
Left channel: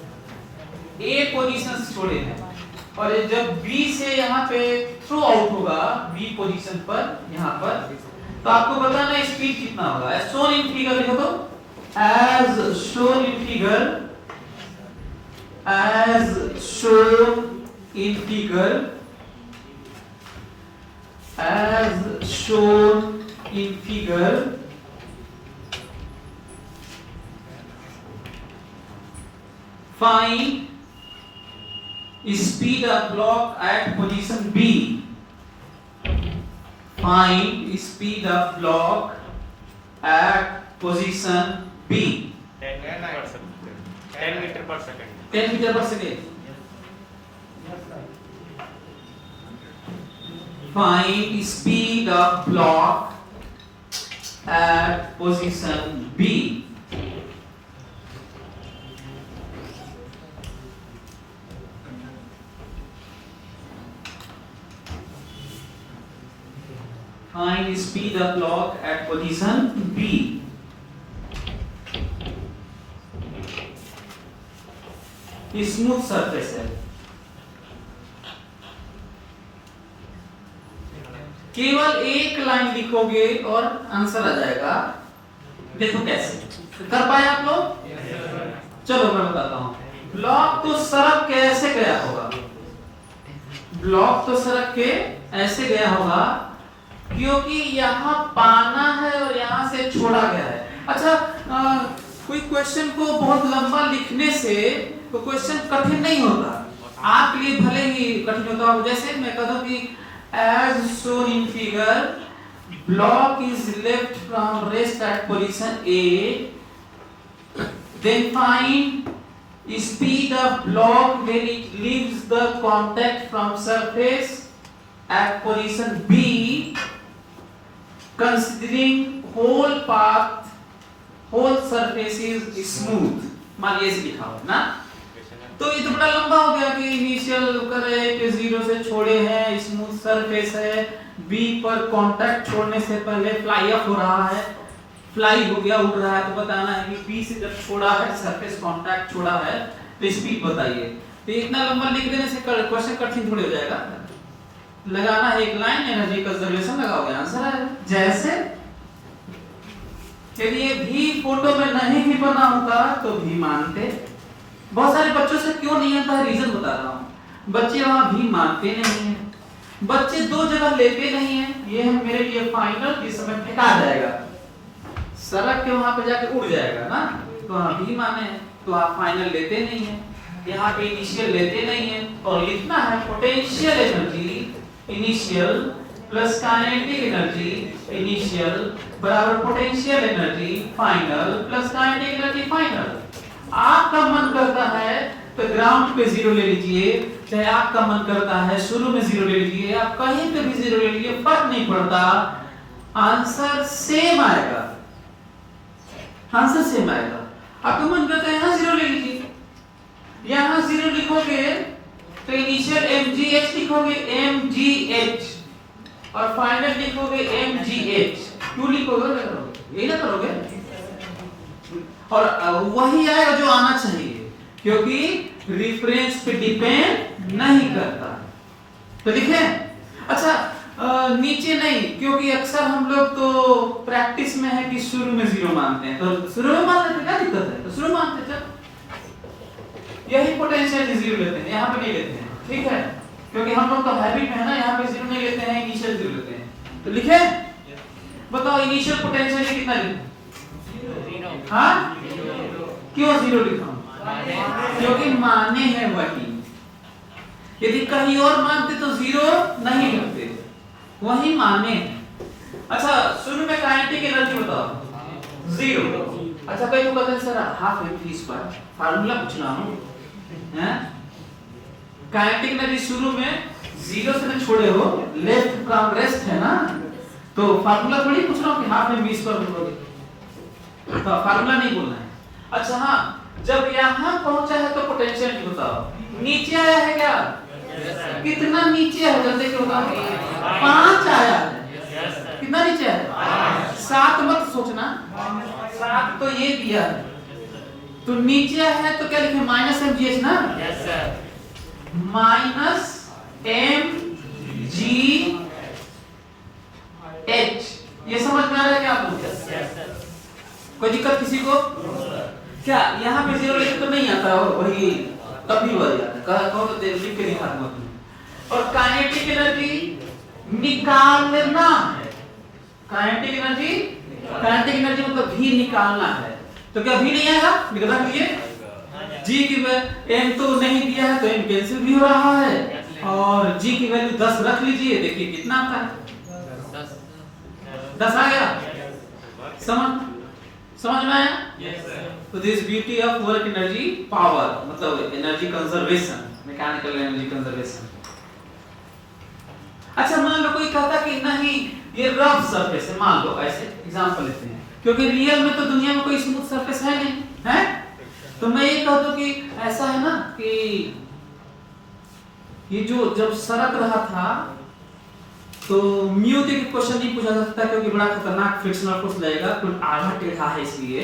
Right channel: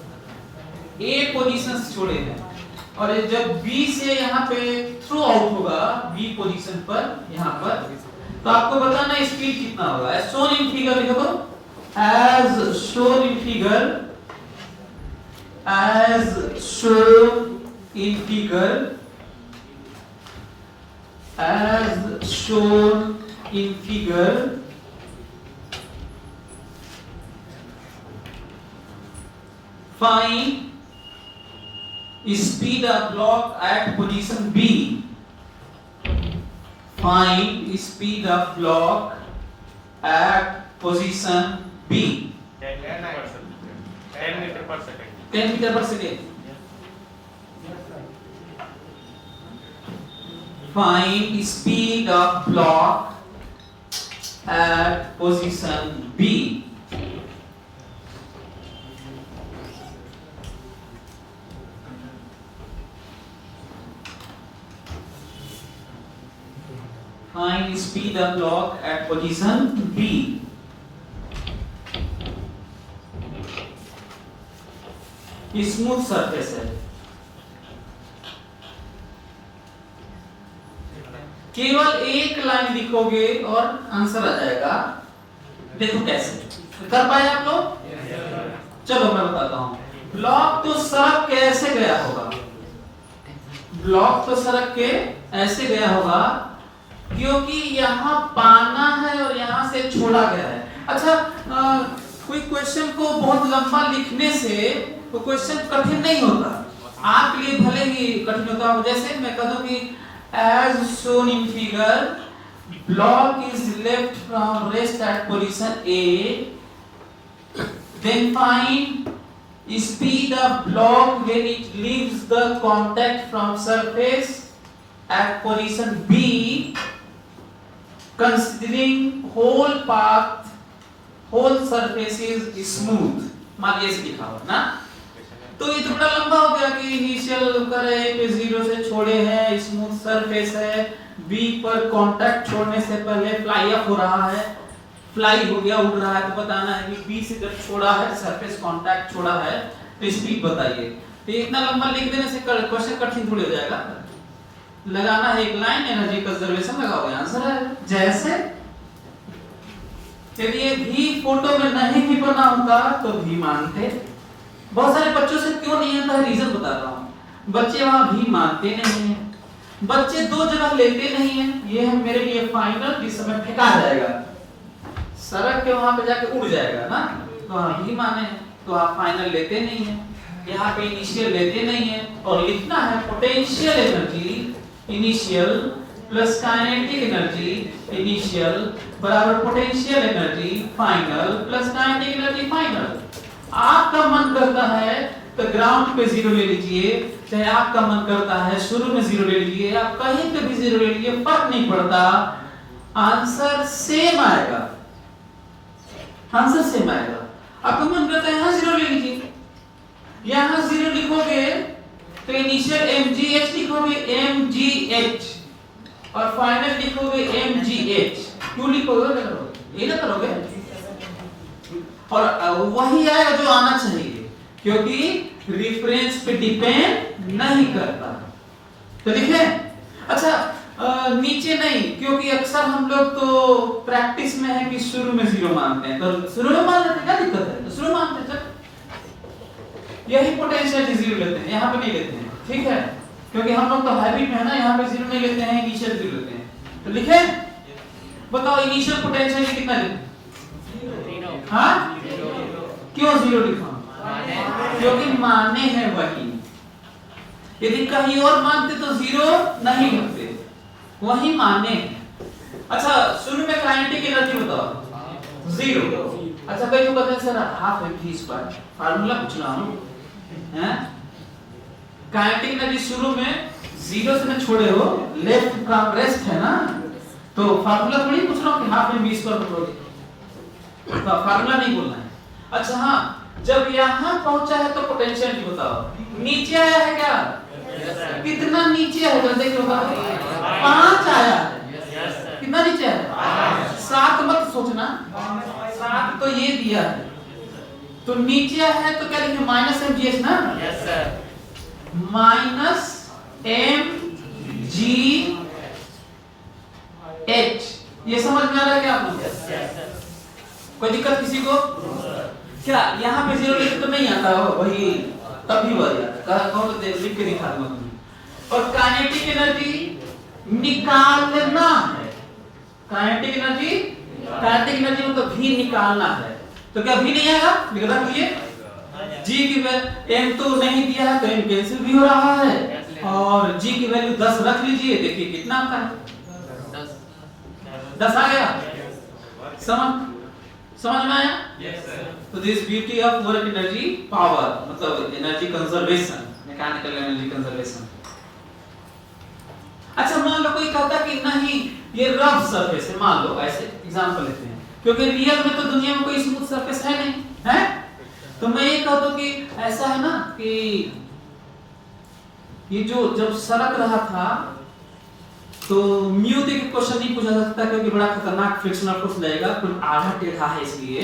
ए पोजीशन से छोड़े हैं, और जब बी से यहाँ पे थ्रू आउट होगा बी पोजीशन पर, यहाँ पर, तो आपको बताना स्पीड कितना होगा। एज शोन इन फिगर लिखो तो, as shown in figure, as shown in figure, as shown in figure, find speed of block at position B, find speed of block at position B, 10 metre पर second 10 metre पर second. Find speed of block at position B. Find speed of block at position B. Smooth surface है, केवल एक line लिखोगे और answer आ जाएगा। देखो कैसे कर पाए आप लोग? चलो मैं बताता हूँ। ब्लॉक तो सड़क के ऐसे गया होगा, ब्लॉक तो सड़क के ऐसे गया होगा क्योंकि यहाँ पाना है और यहाँ से छोड़ा गया है। अच्छा कोई क्वेश्चन को बहुत लंबा लिखने से तो क्वेश्चन कठिन नहीं होता, आपके लिए भले ही कठिन होता हो। जैसे मैं कह दूं कि as shown in figure block is left from rest at position A, then find speed of block when it leaves the contact from surface at position B, considering whole path, whole surface is smooth. मान लीजिए लिखा हो ना, तो ये तो बड़ा लंबा हो गया कि इनिशियल करे पे 0 से छोड़े हैं, स्मूथ सरफेस है, बी पर कांटेक्ट छोड़ने से पहले फ्लाई अप हो रहा है, फ्लाई हो गया, उड़ रहा है, तो बताना है कि बी से जब छोड़ा है सरफेस कांटेक्ट छोड़ा है तो स्पीड बताइए। तो इतना लंबा लिख देने से क्वेश्चन कठिन थोड़ी हो जाएगा। लगाना है एक लाइन, एनर्जी कंजर्वेशन लगाओगे, आंसर है। जैसे यदि ये भी फोटो में नहीं भी बना होता तो भी मानते। बहुत सारे बच्चों से क्यों नहीं आता है, रीजन बता रहा हूँ। बच्चे वहां भी मानते नहीं है, बच्चे दो जगह लेते नहीं है। ये है मेरे लिए फाइनल, जिस समय फेंका जाएगा सड़क के वहां पे जाके उड़ जाएगा ना, तो वहां भी माने, तो आप फाइनल लेते नहीं है, यहाँ पे इनिशियल लेते नहीं है। और लिखना है potential energy initial plus kinetic energy initial बराबर potential energy final plus kinetic energy final. आपका मन करता है तो ग्राउंड पे 0 ले लीजिए, चाहे आपका मन करता है शुरू में 0 ले लीजिए, आप कहीं पे भी 0 ले लीजिए, फर्क नहीं पड़ता, आंसर सेम आएगा, आंसर सेम आएगा। आपका मन करता है यहाँ 0 ले लीजिए, यहाँ 0 लिखोगे तो इनिशियल mgh लिखोगे mgh और फाइनल लिखोगे mgh। क्यों लिखोगे? ये ना करोगे और वही आएगा जो आना चाहिए, क्योंकि रेफरेंस पे डिपेंड नहीं करता। तो लिखे? अच्छा नीचे नहीं, क्योंकि अक्सर हम लोग तो प्रैक्टिस में है कि शुरू में 0 मानते हैं, तो शुरू में मान लेते, क्या दिक्कत है? तो शुरू मानते हैं, यही पोटेंशियल 0 लेते हैं, यहाँ पे नहीं लेते हैं, ठीक है? क्योंकि हम लोग तो हैबिट में है ना, यहाँ पे 0 नहीं लेते हैं, इनिशियल 0 लेते हैं। तो लिखे? बताओ इनिशियल पोटेंशियल कितना लिखें? हाँ? क्यों 0 लिखा? क्योंकि माने हैं वही। यदि कहीं और मानते तो 0 नहीं लिखते, वही माने। अच्छा शुरू में काइनेटिक एनर्जी बताओ 0। अच्छा कहीं तो कहते हैं sir half mv square, formula पूछ रहा हूं, हैं? काइनेटिक एनर्जी शुरू में 0 से न छोड़े हो, लेफ्ट का रेस्ट है ना, तो फार्मूला थोड़ी पूछ रहा हूं कि हाफ mv स्क्वायर बोलोगे, तो फार्मूला नहीं बोलना है। अच्छा हाँ, जब यहाँ पहुंचा है तो पोटेंशियल की बताओ। नीचे आया है क्या? कितना नीचे है जल्दी बताओ? 5 आया है। कितना नीचे है? 7 मत सोचना, 7 तो ये दिया है, तो नीचे है तो क्या लिखे? माइनस mgh ना, माइनस mgh। ये समझ में आ रहा है क्या आप लोग? कोई दिक्कत किसी को? क्या यहाँ पे 0 लिख तो नहीं आता हो, वही तब भी वही आता है, कौन तो लिख के दिखा दूंगा। और काइनेटिक एनर्जी निकालना है, काइनेटिक एनर्जी मतलब भी निकालना है, तो क्या भी नहीं आएगा? निकला लीजिए g की वैल्यू m तो नहीं दिया है तो m कैंसिल भी हो रहा है, और g की वैल्यू 10 रख लीजिए, देखिए कितना आता है, 10 आ गया। समझ में आया? तो this beauty of work energy power, मतलब energy conservation, mechanical energy conservation. अच्छा मान लो कोई कहता कि नहीं ये रफ सरफेस है, मान लो ऐसे एग्जांपल लेते हैं, क्योंकि रियल में तो दुनिया में कोई स्मूथ सरफेस है नहीं, है? तो मैं ये कह दूं कि ऐसा है ना कि ये जो जब सरक रहा था तो म्यू के क्वेश्चन नहीं पूछा सकता, क्योंकि बड़ा खतरनाक फ्रिक्शनल फोर्स लगेगा, कुछ आधा टेढ़ा है इसलिए।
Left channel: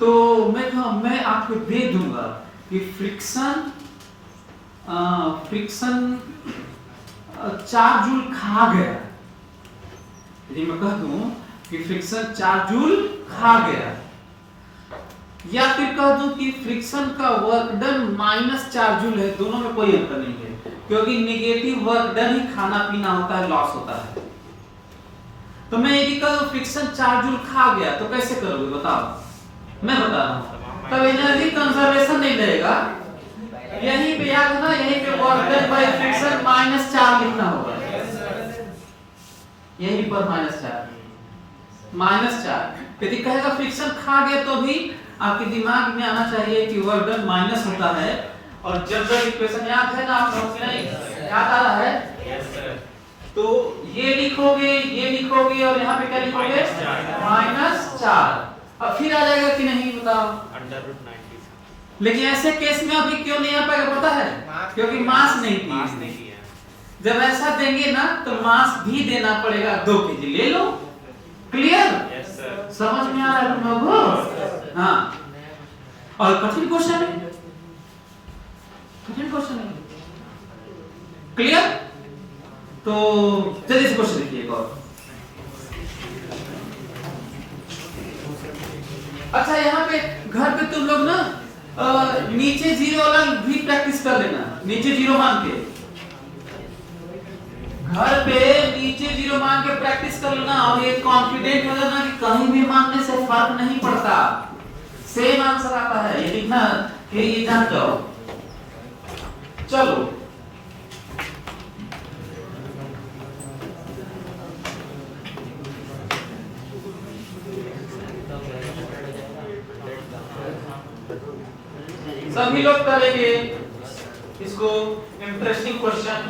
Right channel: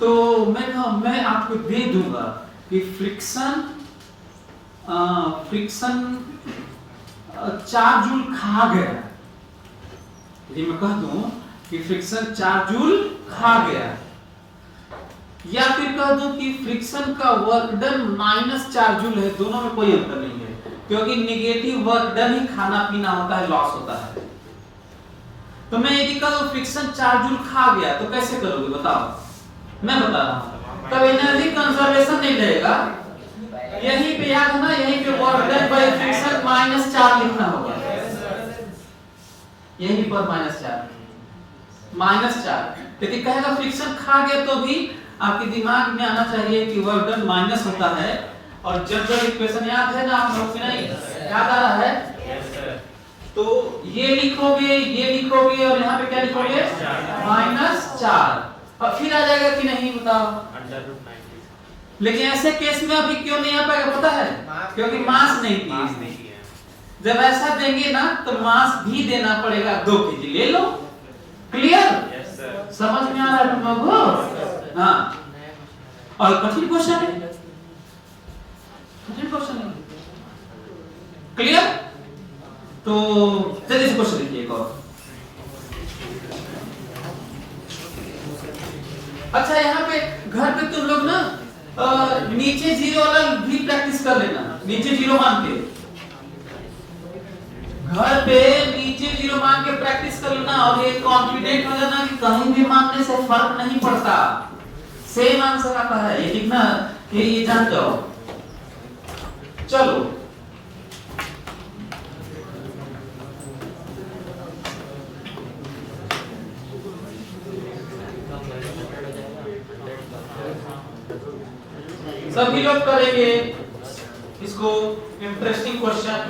तो मैं आपको दे दूंगा कि फ्रिक्शन 4 जूल खा गया। यदि मैं कह दूं कि फ्रिक्शन 4 जूल खा गया, या फिर कह दूं कि फ्रिक्शन का वर्क डन -4 जूल है, दोनों में कोई अंतर नहीं है, क्योंकि नेगेटिव वर्क डन ही खाना पीना होता है, लॉस होता है। तो मैं यदि कह दूं फ्रिक्शन 4 जूल खा गया तो कैसे करोगे बताओ? मैं बता रहा हूं, तब एनर्जी कंजर्वेशन नहीं रहेगा, यहीं पे याद ना, यहीं पे वर्क डन बाय फ्रिक्शन -4 लिखना होगा, यहीं पर -4 यदि कहेगा फ्रिक्शन खा गया तो भी आपके दिमाग में आना चाहिए कि वर्क डन माइनस होता है, और जब इक्वेशन याद है ना आप लोग को, नहीं याद आ रहा है, तो ये लिखोगे और यहाँ पे क्या लिखोगे -4, अब फिर आ जाएगा कि नहीं बताओ? √90। लेकिन ऐसे केस में अभी क्यों नहीं आ पाएगा पता है? क्योंकि मास नहीं दी। जब ऐसा देंगे ना तो मास भी देना पड़ेगा, 2 केजी ले लो, क्लियर? समझ में आ रहा है तुम लोगों को? हाँ, और कठिन क्वेश्चन है, क्लियर? तो चलिए इस क्वेश्चन लिखिए एक और। अच्छा, यहाँ पे घर पे तुम लोग ना नीचे 0 वाला भी प्रैक्टिस कर लेना, नीचे 0 मान के, घर पे नीचे 0 मान के प्रैक्टिस कर लेना, और ये कॉन्फिडेंट हो जाना कि कहीं भी मानने से फर्क नहीं पड़ता, सेम आंसर आता है, ये लिखना कि ये जान जाओ। चलो सभी लोग करेंगे इसको, इंटरेस्टिंग क्वेश्चन।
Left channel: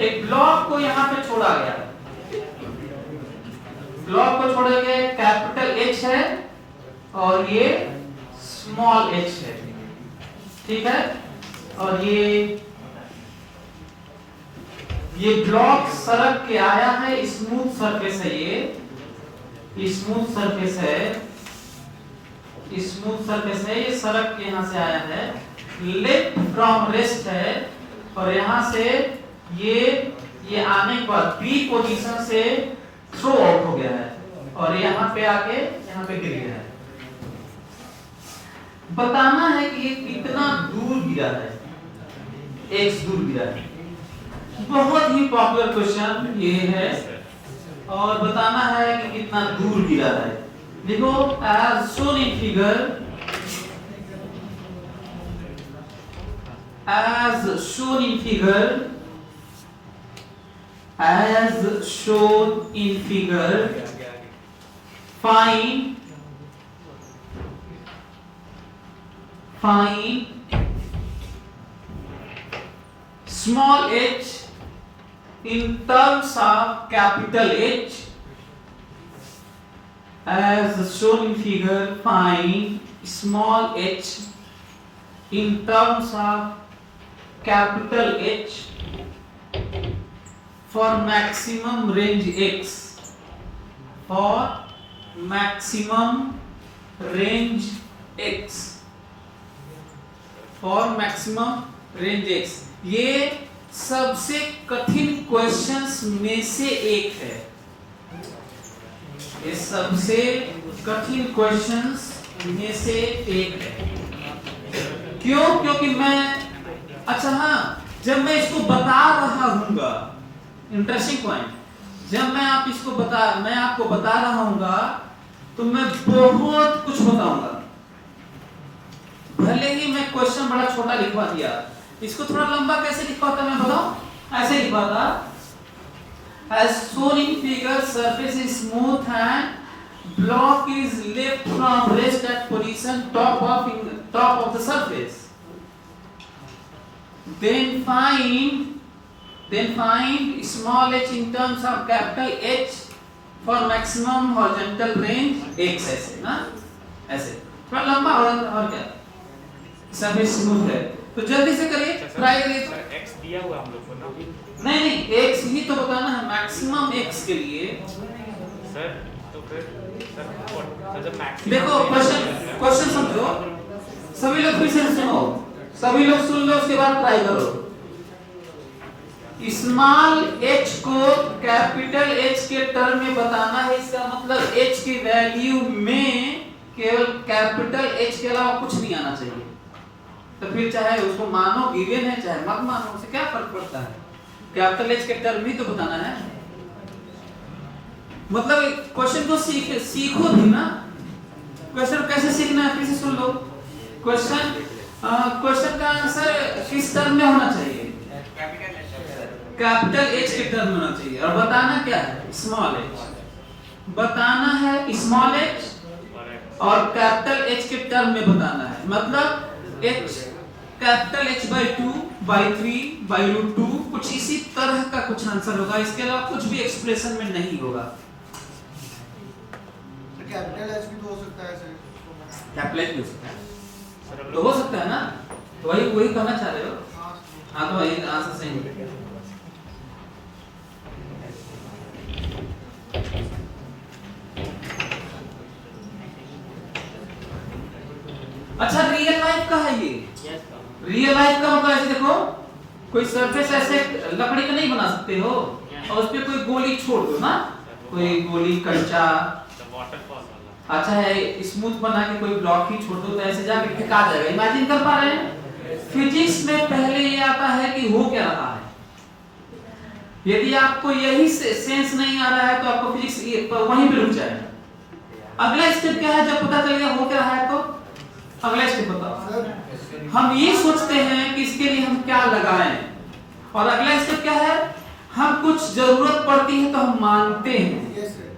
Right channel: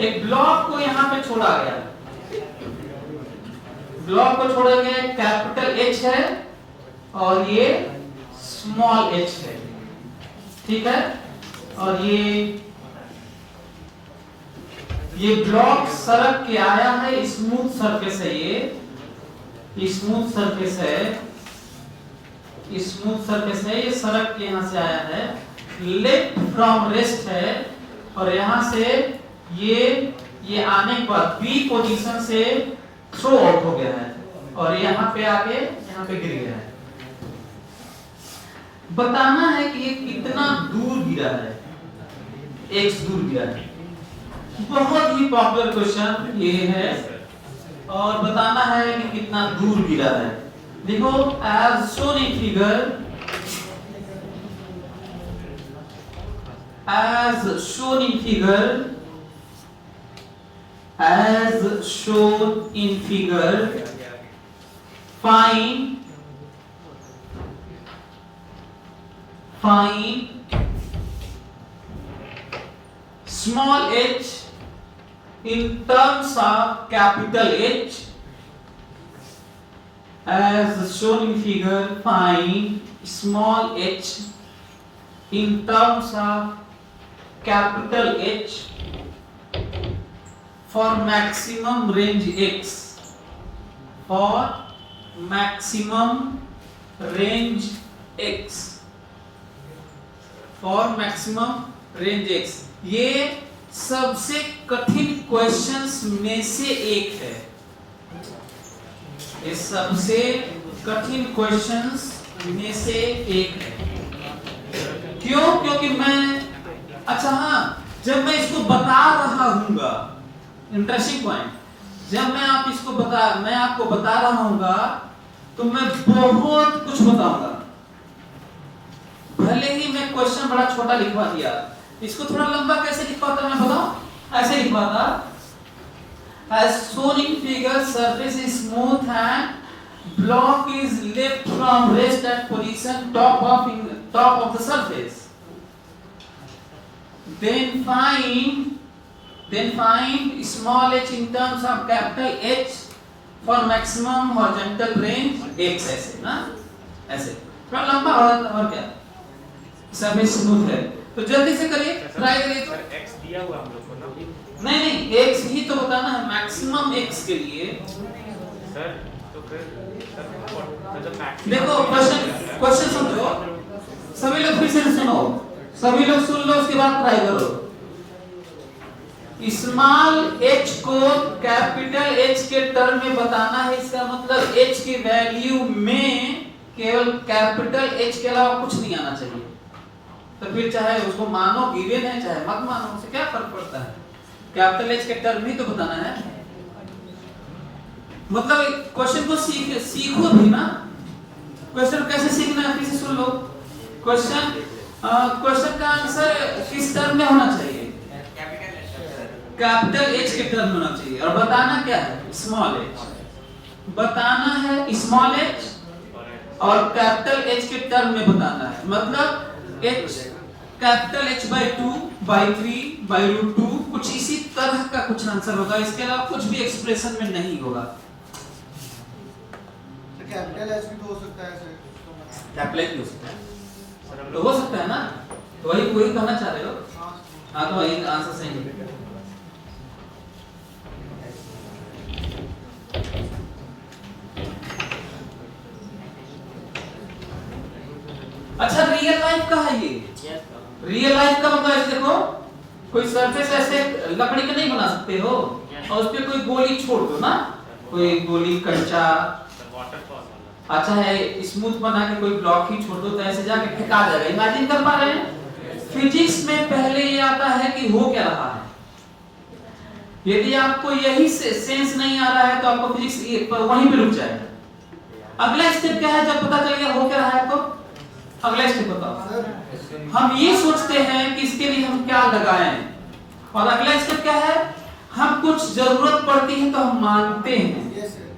एक ब्लॉक को यहां पे छोड़ा गया, ब्लॉक को छोड़ा गया, कैपिटल H है और ये स्मॉल h है, ठीक है? और ये ब्लॉक सड़क के आया है, स्मूथ सरफेस है, ये स्मूथ सरफेस है, स्मूथ सरफेस है, ये सड़क के यहां से आया है, लेफ्ट फ्रॉम रेस्ट है, और यहां से ये आने के बाद बी पोजीशन से थ्रो आउट हो गया है, और यहाँ पे आके यहाँ पे गिर गया है। बताना है कि ये कितना दूर गिरा है, x दूर गिरा है, बहुत ही पॉपुलर क्वेश्चन ये है, और बताना है कि कितना दूर गिरा है। देखो, as shown in figure, as shown in figure, find small h in terms of capital H. As shown in figure, find small h in terms of capital H for maximum range x. For maximum range x. For maximum range x. ये सबसे कठिन questions में से एक है, ये सबसे कठिन क्वेश्चंस में से एक है। क्यों? क्योंकि मैं, अच्छा हाँ, जब मैं इसको बता रहा हूँगा, इंटरेस्टिंग पॉइंट, जब मैं आपको बता रहा हूँगा तो मैं बहुत कुछ बताऊंगा। भले ही मैं क्वेश्चन बड़ा छोटा लिखवा दिया, इसको थोड़ा लंबा कैसे लिखवाता मैं बताऊं? ऐसे लिखवाता, as shown in figure, surface is smooth and block is left from rest at position top of the surface. Then find small h in terms of capital H for maximum horizontal range x. ऐसे ना, ऐसे थोड़ा लंबा और क्या, surface smooth है, तो जल्दी से करिए, ट्राई करिए। तो x दिया हुआ हम लोग को ना, नहीं x ही तो बताना है, मैक्सिमम x के लिए। सर तो फिर देखो क्वेश्चन समझो, सभी लोग फिर से सुनो, सभी लोग सुन लो, उसके बाद ट्राई करो। स्मॉल h को कैपिटल H के टर्म में बताना है, इसका मतलब h की वैल्यू में केवल कैपिटल H के अलावा कुछ नहीं आना चाहिए। तो फिर चाहे उसको मानो गिवन है चाहे मत मानो, उससे क्या फर्क पड़ता है, कैपिटल H के टर्म ही तो बताना है। मतलब क्वेश्चन को सीखो भी ना। क्वेश्चन कैसे सीखना है फिर से सुन लो। क्वेश्चन का आंसर किस टर्म में होना चाहिए, कैपिटल H के टर्म में होना चाहिए। और बताना क्या है, स्मॉल h बताना है, स्मॉल h और कैपिटल H के टर्म में बताना है। मतलब h capital H by 2 by 3 by root 2 कुछ इसी तरह का कुछ आंसर होगा, इसके अलावा कुछ भी एक्सप्रेशन में नहीं होगा। कैपिटल H भी तो हो सकता है सर, कैपिटल H भी हो सकता है, तो हो सकता है ना, तो वही कहना चाह रहे हो। हाँ तो वही आंसर सही है। अच्छा रियल लाइफ का है ये, रियल लाइफ का मतलब ऐसे देखो, कोई सरफेस ऐसे लकड़ी का नहीं बना सकते हो और उस पे कोई गोली छोड़ दो ना, कोई गोली कंचा अच्छा है स्मूथ बना के कोई ब्लॉक ही छोड़ दो तो ऐसे जाके फेंका जाएगा। इमेजिन कर पा रहे हैं। फिजिक्स में पहले ये आता है कि हो क्या रहा है। यदि आपको यही सेंस नहीं आ रहा है तो आपको फिजिक्स वहीं पे रुक जाएगा। अगला स्टेप क्या है, जब पता चलेगा हो क्या रहा है तो अगला स्टेप बताओ। हम ये सोचते हैं कि इसके लिए हम क्या लगाएं, और अगला स्टेप क्या है, हम कुछ जरूरत पड़ती है तो हम मानते हैं। Yes sir.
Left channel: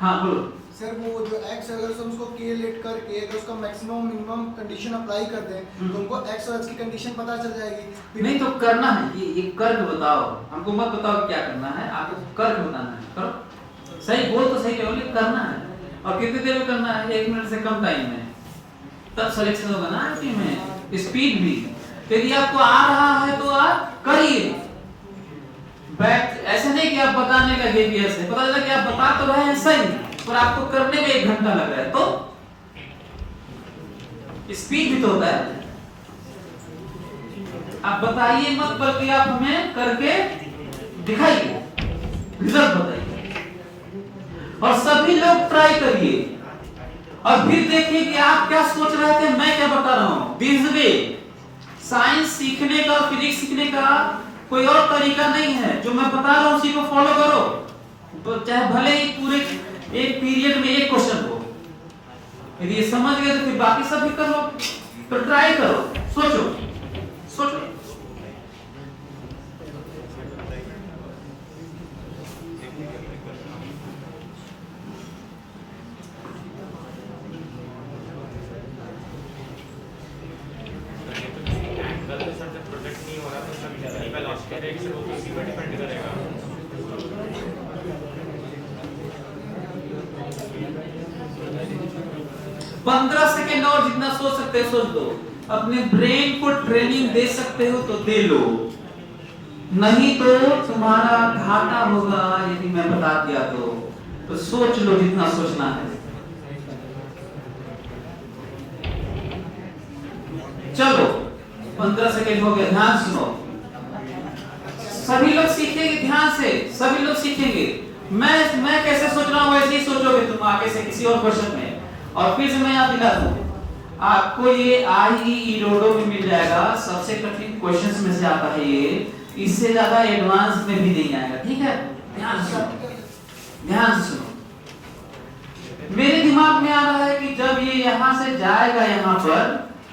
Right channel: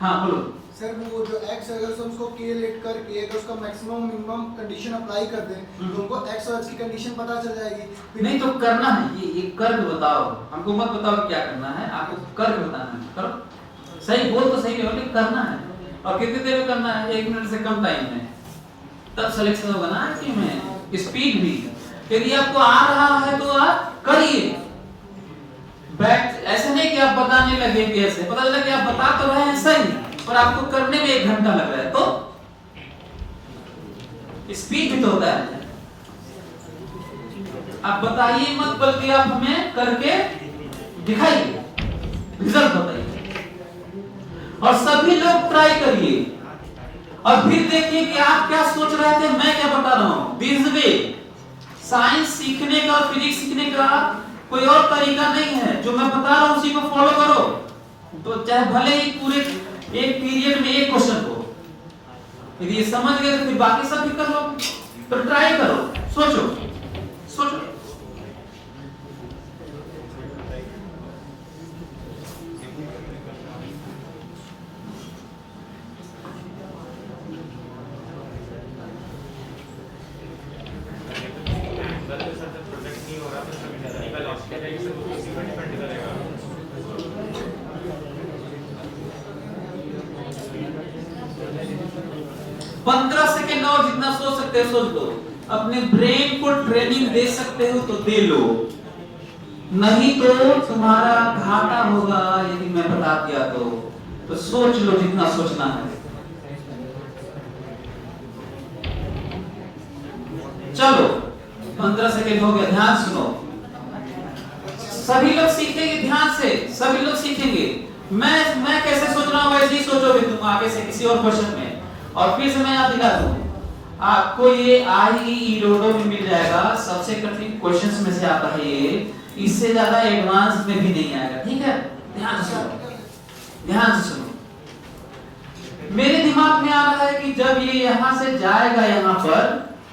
हाँ बोलो सर वो जो x अगर हम उसको k लेट करके अगर उसका मैक्सिमम मिनिमम कंडीशन अप्लाई कर दें तो हमको x और h की कंडीशन पता चल जाएगी। नहीं तो करना है ये कर्व बताओ, हमको मत बताओ क्या करना है, आपको कर्व बताना है। करो सही, बोल तो सही है, करना है। और कितनी देर में करना है, 1 मिनट से कम टाइम में, तब सिलेक्शन होगा ना इसमें। स्पीड भी यदि आपको आ रहा है तो आप करिए, बैठ ऐसा नहीं कि आप बताने लगेंगे, ऐसे पता चला कि आप बता तो रहे हैं सही पर आपको करने में 1 घंटा लग रहा है, तो स्पीड भी तो होता है। आप बताइए मत, बल्कि आप हमें करके दिखाइए, रिजल्ट बताइए, और सभी लोग ट्राई करिए और फिर देखिए कि आप क्या सोच रहे थे, मैं क्या बता रहा हूं। दिस वे साइंस सीखने का और फिजिक्स सीखने का कोई और तरीका नहीं है, जो मैं बता रहा हूं उसी को फॉलो करो, तो चाहे भले ही पूरे एक पीरियड में एक क्वेश्चन हो। यदि ये समझ गए तो फिर बाकी सब भी करो, तो ट्राई करो, सोचो सोचो। प्रोजेक्ट नहीं हो रहा तो 15 सेकेंड और जितना सोच सकते हो सोच लो। अपने ब्रेन को ट्रेनिंग दे सकते हो तो दे लो, नहीं तो तुम्हारा घाटा होगा यदि मैं बता दिया तो सोच लो जितना सोचना है। चलो 15 सेकेंड हो गया, ध्यान सुनो। सभी लोग सीखेंगे, ध्यान से सभी लोग सीखेंगे। मैं कैसे सोच रहा हूं वैसे ही सोचोगे तुम आगे से किसी और क्वेश्चन में। और फिर से मैं याद दिला दूं, आपको ये IEE रोडो में मिल जाएगा, सबसे कठिन क्वेश्चंस में से आता है ये, इससे ज्यादा एडवांस में भी नहीं आएगा, ठीक है। ध्यान से सुनो, ध्यान से सुनो। मेरे दिमाग में आ रहा है कि जब ये यहां से जाएगा यहां पर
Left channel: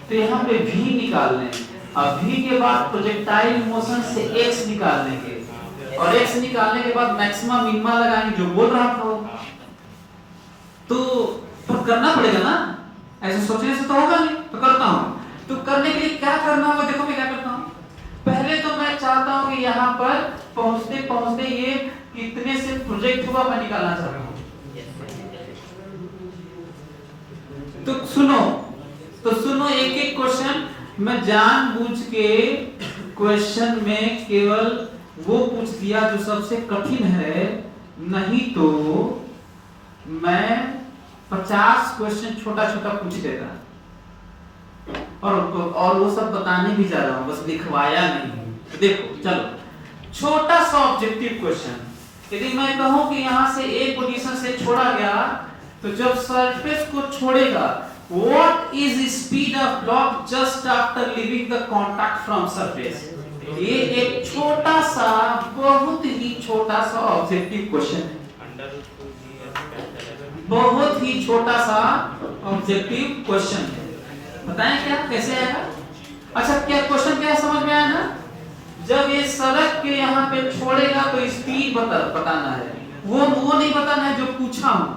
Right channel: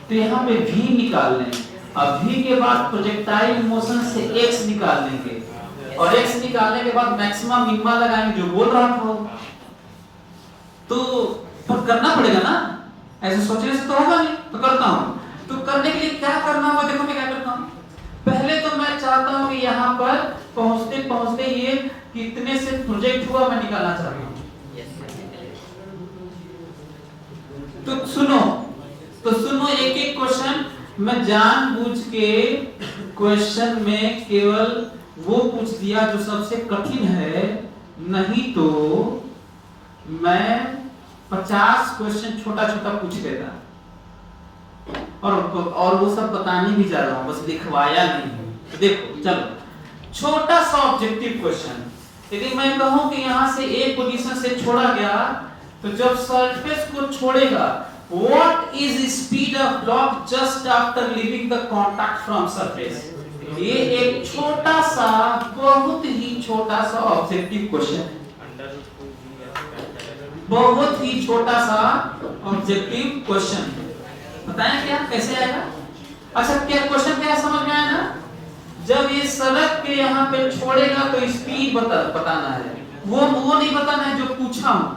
तो यहाँ पे v निकाल लें, और v के बाद प्रोजेक्टाइल मोशन से x निकाल लेंगे, और x निकालने के बाद मैक्सिमम मिनिमा लगाएंगे, जो बोल रहा था। तो पर करना पड़ेगा ना, ऐसे सोचने से तो होगा नहीं, तो करता हूं। तो करने के लिए क्या करना होगा, देखो मैं क्या करता हूं। पहले तो मैं चाहता हूं कि यहाँ पर पहुंचते पहुंचते ये कितने से प्रोजेक्ट हुआ मैं निकालना चाहता हूं। तो सुनो एक एक क्वेश्चन मैं जानबूझ के क्वेश्चन में केवल वो पूछ दिया जो सबसे कठिन है, नहीं तो मैं 50 क्वेश्चन छोटा छोटा पूछ देगा, और वो सब बताने भी जा रहा हूं, बस लिखवाया नहीं। देखो चलो छोटा सा ऑब्जेक्टिव क्वेश्चन, यदि मैं कहूं कि यहां से एक पोजीशन से छोड़ा गया तो जब सरफेस को छोड़ेगा what is speed of block just after leaving the contact from surface. ये एक छोटा सा, बहुत ही छोटा सा ऑब्जेक्टिव क्वेश्चन है, बहुत ही छोटा सा ऑब्जेक्टिव क्वेश्चन है। बताएं क्या कैसे आएगा? अच्छा क्या क्वेश्चन क्या समझ में आया ना? जब ये सड़क के यहाँ पे छोड़ेगा तो स्पीड बताना है, वो नहीं बताना है जो पूछा हूँ,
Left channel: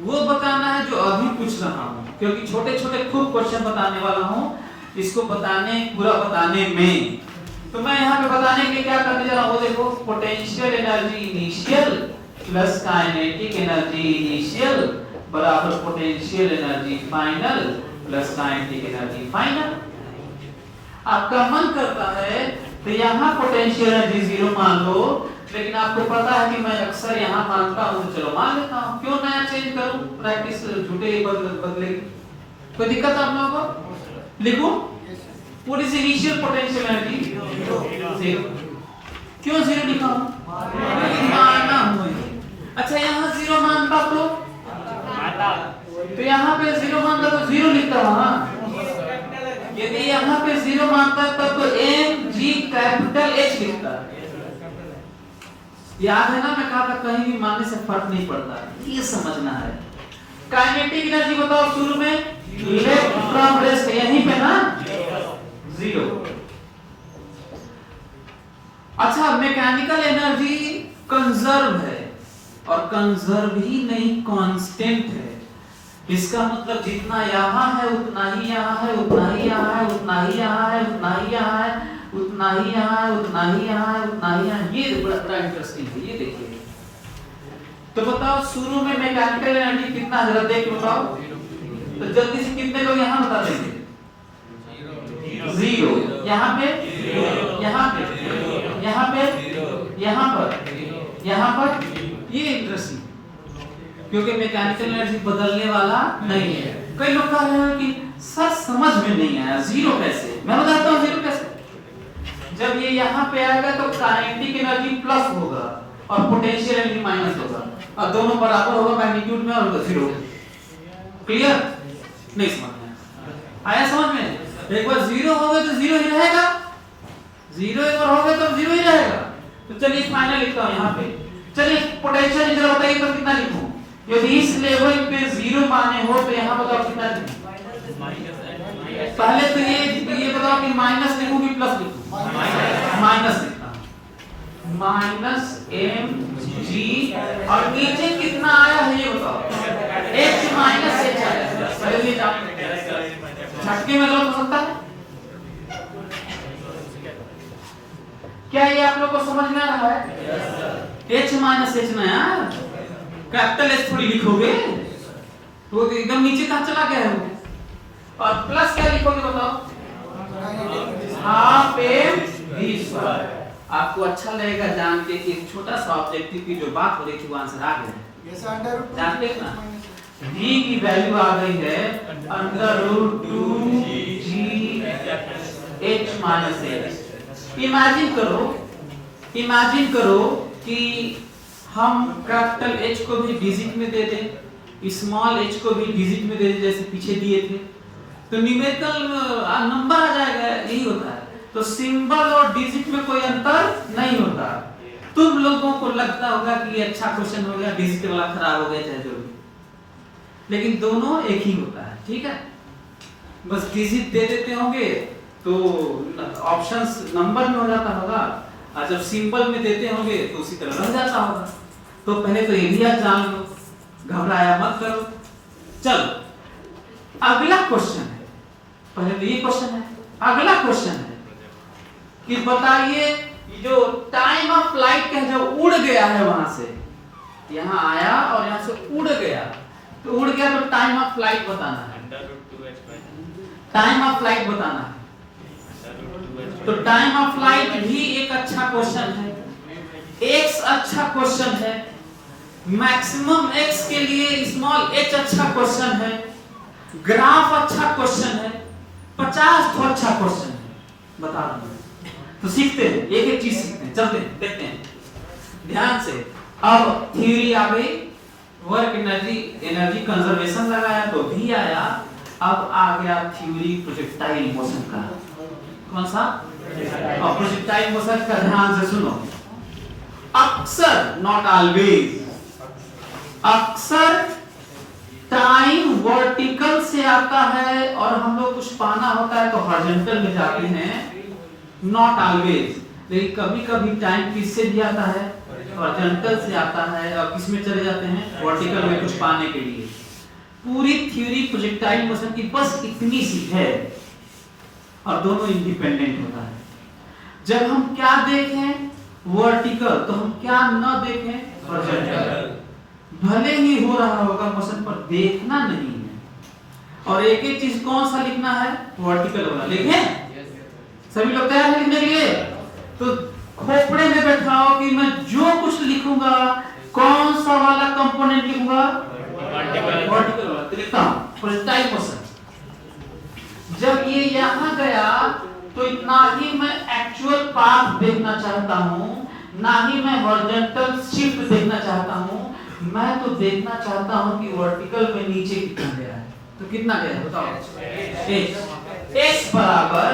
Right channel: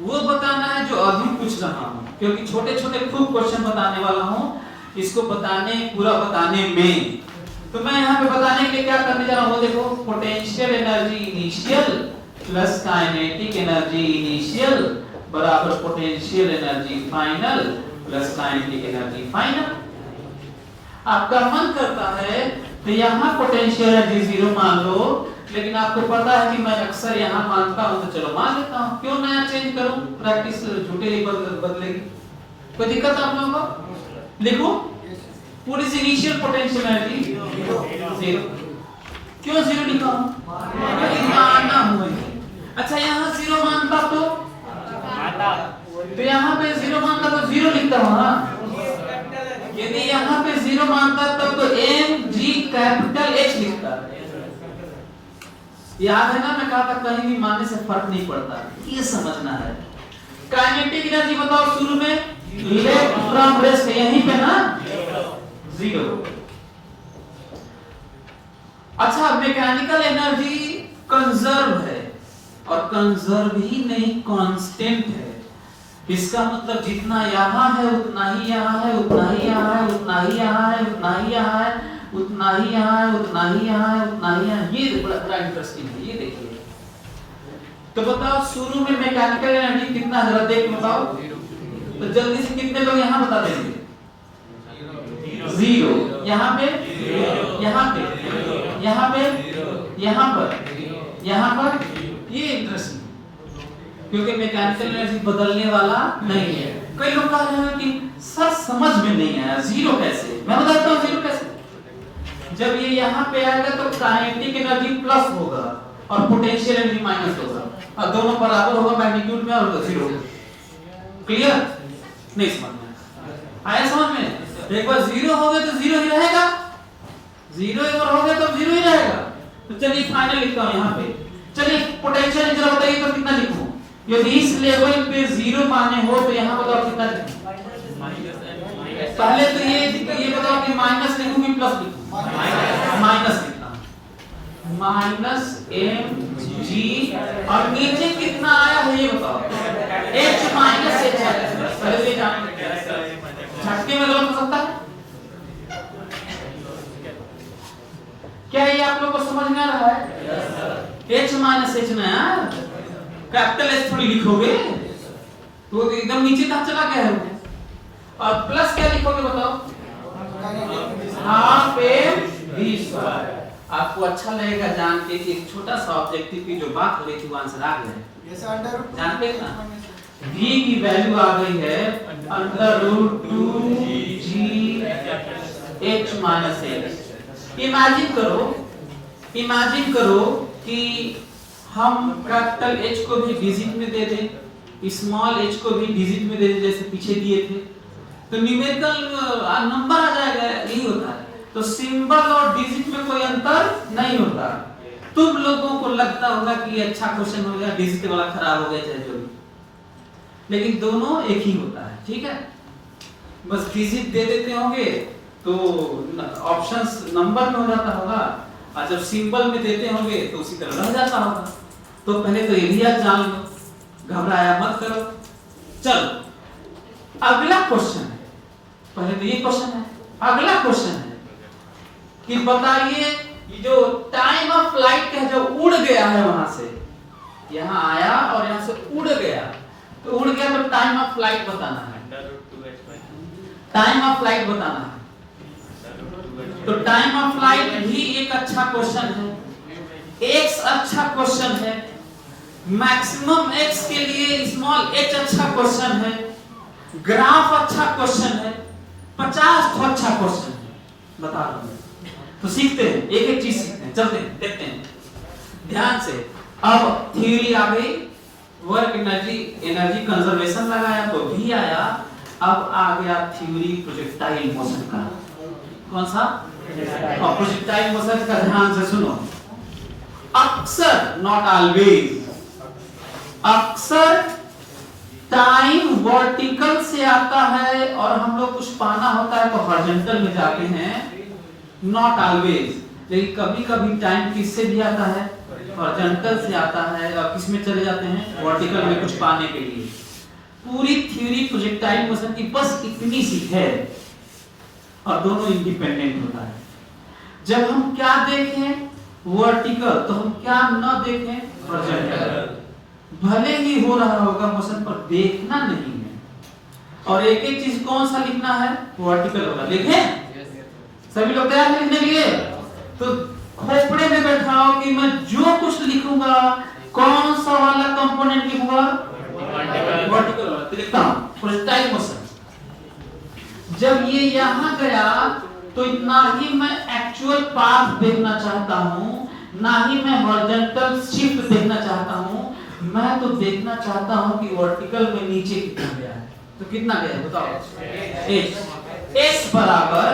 वो बताना है जो अभी पूछ रहा हूँ, क्योंकि छोटे छोटे खूब क्वेश्चन बताने वाला हूँ इसको बताने पूरा बताने में। तो मैं यहाँ पे बताने के लिए क्या करने जा रहा हूँ, देखो potential energy initial plus kinetic energy initial बराबर potential energy final plus kinetic energy final. आपका मन करता है तो यहाँ पोटेंशियल एनर्जी 0 मान लो, लेकिन आपको पता है कि मैं अक्सर यहाँ मानता हूँ तो चलो मान लेता हूँ, क्यों नया चेंज करूँ, प्रैक्टिस झूठे ही बदलेगी। कोई दिक्कत आप लोगों को? लिखो what is initial potential energy 0। क्यों 0 लिखा हूँ? माना हूँ। अच्छा यहाँ 0 मानता तो यहाँ पे 0 मानता तो 0 लिखता हूँ ना। यदि यहाँ पे 0 मानता है तब तो एम जी कैपिटल एच लिखता। याद है ना मैं कहा था कहीं भी मानने से फर्क नहीं पड़ता, ये समझना है। काइनेटिक एनर्जी बताओ शुरू में, लेफ्ट फ्रॉम रेस्ट यहीं पे ना 0। अच्छा मैकेनिकल एनर्जी कंजर्व है, और कंजर्व ही नहीं कांस्टेंट है। इसका मतलब जितना यहाँ है उतना ही यहाँ है, उतना ही यहाँ है, उतना ही यहाँ है, उतना ही यहाँ है, उतना ही यहाँ है, उतना ही यहाँ है, उतना ही यहाँ। ये बड़ा इंटरेस्टिंग है, ये देखिए। तो बताओ शुरू में मैकेनिकल एनर्जी कितना है, जरा देख बताओ तो जल्दी से कितने लोग यहाँ बता देंगे? 0। यहाँ पे, यहाँ पे, यहाँ पे, यहाँ पर, यहाँ पर। ये इंटरेस्टिंग क्योंकि मैकेनिकल एनर्जी बदलने वाला नहीं है। कई लोग कह रहे हैं कि सर समझ में नहीं आया 0 कैसे। मैं बताता हूँ 0 कैसे। जब ये यहाँ पे आएगा तो काइनेटिक एनर्जी प्लस होगा और पोटेंशियल एनर्जी माइनस होगा, और दोनों बराबर होगा मैग्नीट्यूड में और 0। क्लियर? नहीं समझ में आया? समझ में? एक बार 0 हो गया तो 0 ही रहेगा, 0 एक बार हो गया तो 0 ही रहेगा। तो चलिए फाइनल लिखता हूँ यहाँ पे। चलिए पोटेंशियल एनर्जी बताइए तो कितना लिखूं? यदि इस लेवल पे 0 माने हो तो यहाँ बताओ कितना लिखूं? पहले तो ये बताओ कि माइनस लिखूं कि प्लस लिखूं? माइनस लिखता हूं। माइनस एम जी, और नीचे कितना आया है ये बताओ? h माइनस h आया। पहले जान झटके में लोग सकता है क्या? ये आप लोग को समझ में आ रहा है? h माइनस h ना यार, कैपिटल एच थोड़ी लिखोगे तो एकदम नीचे कहां चला गया है। और प्लस क्या लिखोगे बताओ? Half M V square. आपको अच्छा लगेगा जान के कि एक छोटा सा ऑब्जेक्टिव की जो बात हो रही थी वो आंसर आ गया है। ये अंडर जानते हैं ना v की वैल्यू आ गई है √2 g h minus h। Imagine करो कि हम कैपिटल H को भी डिजिट में दे दें, स्मॉल h को भी डिजिट में दे दें जैसे पीछे दिए थे, तो न्यूमेरिकल नंबर आ जाएगा। यही होता है। तो सिंबल और डिजिट में कोई अंतर नहीं होता। तुम लोगों को लगता होगा कि ये अच्छा क्वेश्चन हो गया, डिजिट वाला खराब हो गया, चाहे जो भी, लेकिन दोनों एक ही होता है। ठीक है, बस डिजिट दे देते होंगे तो ऑप्शंस नंबर में हो जाता होगा, और जब सिंबल में देते होंगे तो उसी तरह रह जाता होगा। तो पहले तो एरिया जान लो, घबराया मत करो। चलो अगला क्वेश्चन है। पहले तो ये क्वेश्चन है, अगला क्वेश्चन है कि बताइए जो टाइम ऑफ फ्लाइट का जो उड़ गया है वहां से यहाँ आया और यहाँ से उड़ गया, तो उड़ गया तो टाइम ऑफ फ्लाइट बताना है। टाइम ऑफ फ्लाइट बताना है। तो टाइम ऑफ फ्लाइट भी एक अच्छा क्वेश्चन है, x अच्छा क्वेश्चन है, मैक्सिमम x के लिए स्मॉल h अच्छा क्वेश्चन है, ग्राफ अच्छा क्वेश्चन है, 50 तो अच्छा क्वेश्चन है। बता दो तो सीखते हैं, एक एक चीज सीखते हैं, चलते हैं, देखते हैं ध्यान से। अब थ्योरी आ गई, वर्क एनर्जी कंजर्वेशन लगाया तो भी आया। अब आ गया थ्योरी प्रोजेक्टाइल मोशन का। कौन सा? प्रोजेक्टाइल मोशन का ध्यान से सुनो। अक्सर, नॉट ऑलवेज, अक्सर टाइम वर्टिकल से आता है और हम लोग कुछ पाना होता है तो हॉरिजॉन्टल में जाते हैं, नॉट ऑलवेज। लेकिन कभी कभी टाइम किससे भी आता है? हॉरिजॉन्टल से आता है। और किस में चले जाते हैं? वर्टिकल में कुछ पाने के लिए। पूरी थ्योरी प्रोजेक्टाइल मोशन की बस इतनी सी है और दोनों इंडिपेंडेंट होता है। जब हम क्या देखें वर्टिकल तो हम क्या न देखें हॉरिजॉन्टल। भले ही हो रहा होगा मोशन पर देखना नहीं है। और एक एक चीज कौन सा लिखना है? वर्टिकल वाला लिखें। सभी लोग तैयार हैं लिखने के लिए? तो खोपड़े में बैठाओ कि मैं जो कुछ लिखूंगा कौन सा वाला कंपोनेंट लिखूंगा? वर्टिकल वाला। तो लिखता हूं प्रोजेक्टाइल मोशन। जब ये यहां गया तो इतना ही मैं एक्चुअल पाथ देखना चाहता हूं, ना ही मैं हॉरिजॉन्टल शिफ्ट देखना चाहता हूं। मैं तो देखना चाहता हूं कि वर्टिकल में नीचे कितना गया है। तो कितना गया बताओ? S बराबर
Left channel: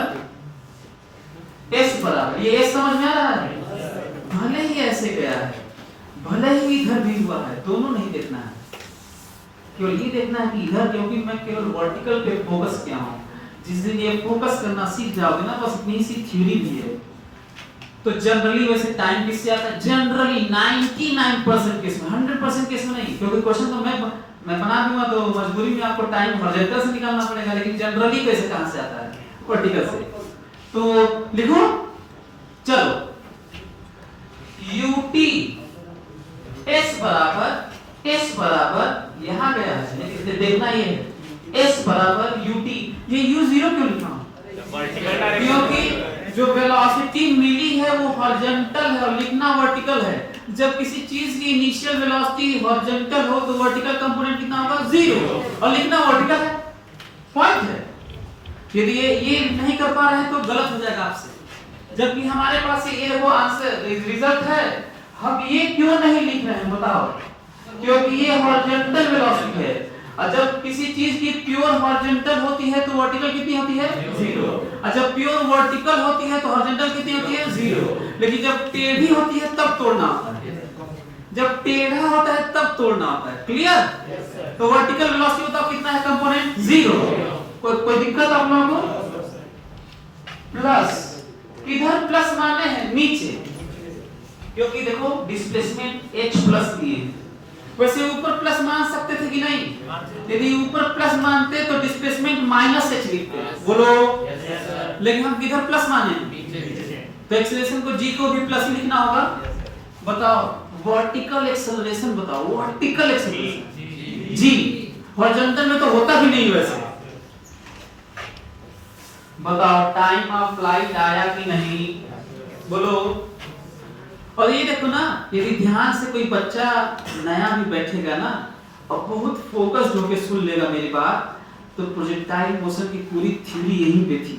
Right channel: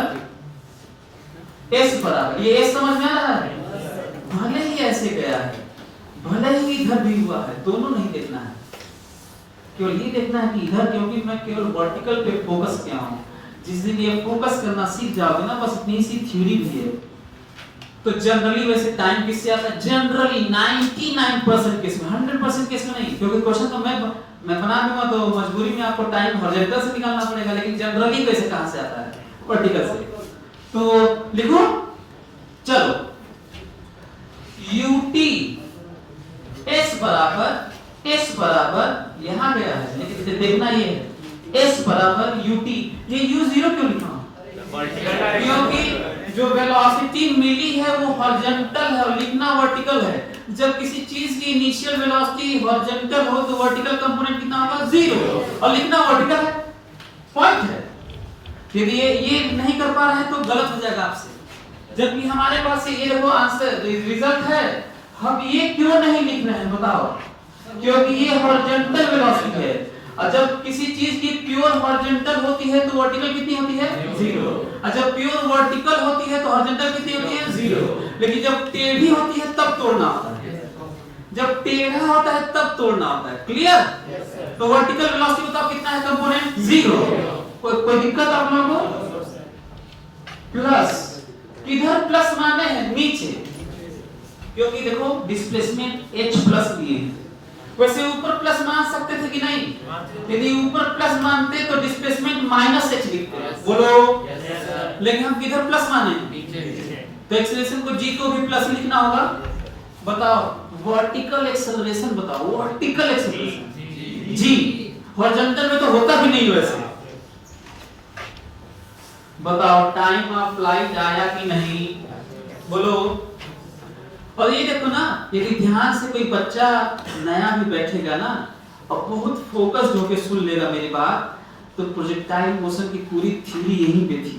ये S समझ में आ रहा है? भले ही ऐसे गया है, भले ही इधर भी हुआ है, दोनों नहीं देखना है। केवल ये देखना है कि इधर, क्योंकि मैं केवल वर्टिकल पे फोकस किया हूं। जिस दिन ये फोकस करना सीख जाओगे ना, बस इतनी सी थ्योरी भी है। तो जनरली वैसे टाइम किससे आता है? जनरली 99% केस में, 100% केस में नहीं, क्योंकि क्वेश्चन तो मैं बना दूंगा तो मजबूरी में आपको टाइम हॉरिजॉन्टल से निकालना पड़ेगा। लेकिन जनरली कैसे कहां से आता है? वर्टिकल से। तो लिखो, चलो ut s बराबर यहां गया है, लेकिन देखना ये है s बराबर ut। ये u0 क्यों लिखा? क्योंकि जो वेलोसिटी मिली है वो हॉरिजॉन्टल है और लिखना वर्टिकल है। जब किसी चीज की इनिशियल वेलोसिटी हॉरिजॉन्टल हो तो वर्टिकल कंपोनेंट कितना होगा? 0, और लिखना वर्टिकल है। पॉइंट है। यदि ये नहीं कर पा रहे हैं तो गलत हो जाएगा आपसे। जबकि हमारे पास ये वो आंसर रिजल्ट है, हम ये क्यों नहीं लिख रहे हैं बताओ? क्योंकि ये हॉरिजॉन्टल वेलोसिटी है। और जब किसी चीज की प्योर हॉरिजॉन्टल होती है तो वर्टिकल कितनी होती है? 0। और जब प्योर वर्टिकल होती है तो हॉरिजॉन्टल कितनी होती है? 0। लेकिन जब टेढ़ी होती है तब तोड़ना होता है। जब टेढ़ा होता है तब तोड़ना होता है। क्लियर? तो वर्टिकल वेलोसिटी होता कितना है कंपोनेंट? 0। कोई दिक्कत आप लोगों को? प्लस, इधर प्लस माने हैं नीचे, क्योंकि देखो डिस्प्लेसमेंट h प्लस दिए हैं। वैसे ऊपर प्लस मान सकते थे कि नहीं? यदि ऊपर प्लस मानते तो डिस्प्लेसमेंट माइनस h लिखते। बोलो। लेकिन हम किधर प्लस माने? तो एक्सेलरेशन को g को भी प्लस ही लिखना होगा। बताओ वर्टिकल एक्सेलरेशन बताओ। वर्टिकल एक्सेलरेशन g, हॉरिजॉन्टल में तो होता भी नहीं वैसे। बताओ टाइम ऑफ फ्लाइट आया कि नहीं? बोलो। और ये देखो ना, यदि ध्यान से कोई बच्चा नया भी बैठेगा ना और बहुत फोकस्ड होकर सुन लेगा मेरी बात, तो प्रोजेक्टाइल मोशन की पूरी थ्योरी यहीं पे थी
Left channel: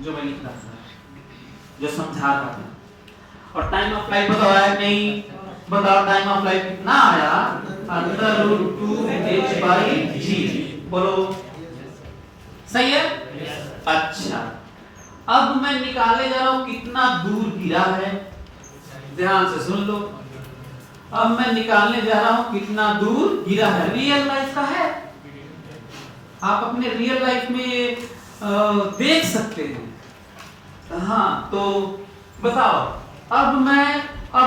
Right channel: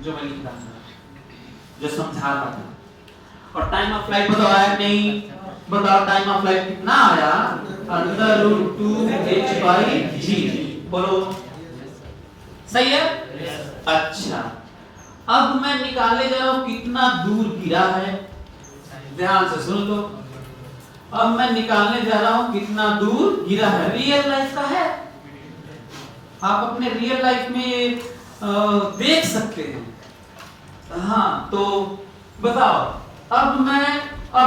जो मैं लिख रहा था, जो समझा रहा था। और टाइम ऑफ फ्लाइट बताओ आया नहीं? बताओ टाइम ऑफ फ्लाइट कितना आया? √2h/g। बोलो। सही है? अच्छा, अब मैं निकाले जा रहा हूं कितना दूर गिरा है। ध्यान से सुन लो। अब मैं निकालने जा रहा हूं कितना दूर गिरा है। रियल लाइफ का है, आप अपने रियल लाइफ में देख सकते हैं। हाँ, तो बताओ अब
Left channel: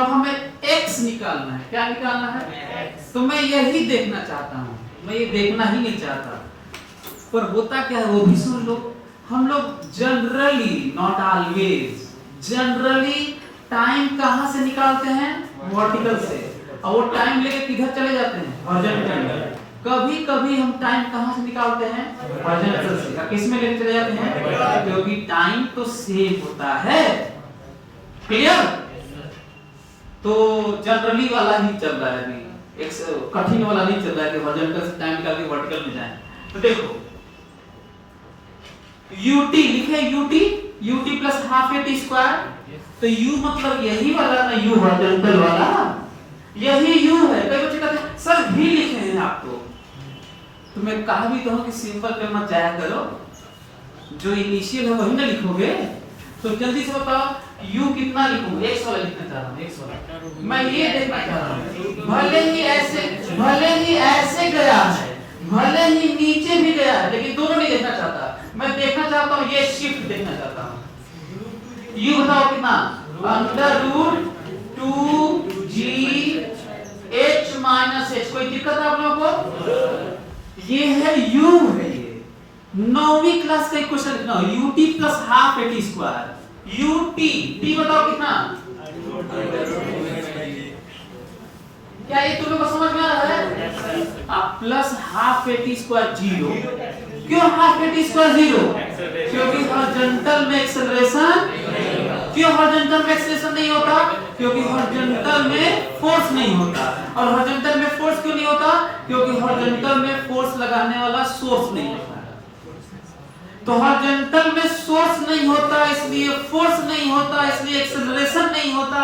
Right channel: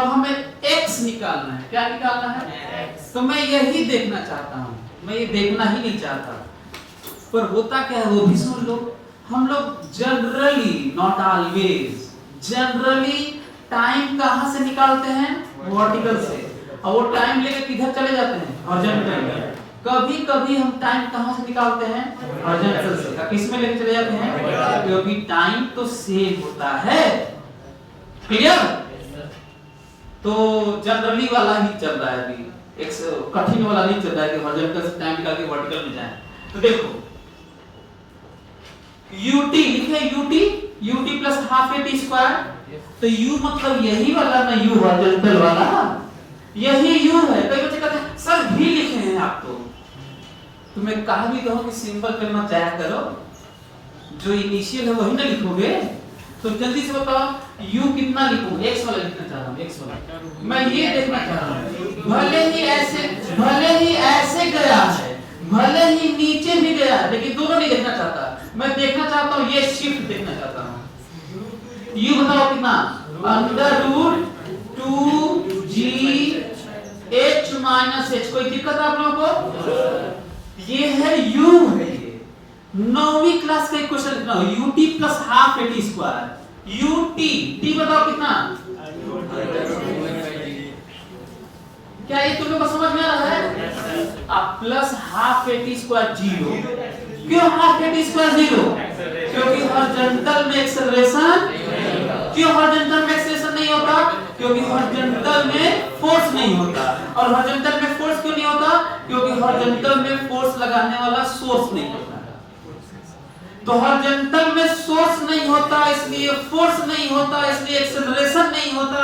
हमें x निकालना है। क्या निकालना है? x। तो मैं यही देखना चाहता हूं, मैं ये देखना ही नहीं चाहता। पर होता क्या है वो भी सुन लो। हम लोग generally, not always, generally time कहां से निकालते हैं? वर्टिकल से। और वो टाइम लेके किधर चले जाते हैं? हॉरिजॉन्टल में। कभी कभी हम टाइम कहां से निकालते हैं? हॉरिजॉन्टल से। किस में लेके चले जाते हैं? क्योंकि टाइम तो सेम होता है। क्लियर? तो जनरली वाला ही चल रहा है अभी, एक कठिन वाला नहीं चल रहा है कि हॉरिजॉन्टल से टाइम निकाल के वर्टिकल में जाए। तो देखो ut लिखे, ut ut plus half A T square. तो u मतलब यही वाला ना, u हॉरिजॉन्टल वाला, यही u है। कई बच्चे कहते हैं सर भी लिखे हैं आप तो मैं कहा भी कहूं कि सिंपल पे मत जाया करो, जो इनिशियल है वही ना लिखोगे। तो जल्दी से बताओ u कितना लिखूं? x वाला लिखना चाह रहा हूं, x वाला मैं ये देखना चाह रहा हूं। भले ही ऐसे गया है, भले ही नीचे भी गया, लेकिन दोनों नहीं देखना चाहता। मैं देखना चाहता हूं ये शिफ्ट देखना चाहता हूं। u बताओ कितना? Under root 2g h minus h। कोई दिक्कत आप लोगों को? ये है u है, ये 9वीं क्लास का क्वेश्चन लिखना हो, ut plus half A T square. ut t बताओ कितना? क्या ये तुम लोग को समझ में आ रहा है? अब plus half A T square 0। क्यों हाफ ए टी स्क्वायर 0? क्योंकि हॉरिजॉन्टल में एक्सेलरेशन, क्यों हॉरिजॉन्टल में एक्सेलरेशन नहीं होता? क्योंकि हॉरिजॉन्टल में फोर्स नहीं होता। और हॉरिजॉन्टल में फोर्स क्यों नहीं होता? क्योंकि हॉरिजॉन्टल में फोर्स लगाने वाला सोर्स नहीं होता। तो हॉरिजॉन्टल में सोर्स नहीं होता, इसलिए फोर्स नहीं होता, इसलिए एक्सेलरेशन नहीं होता,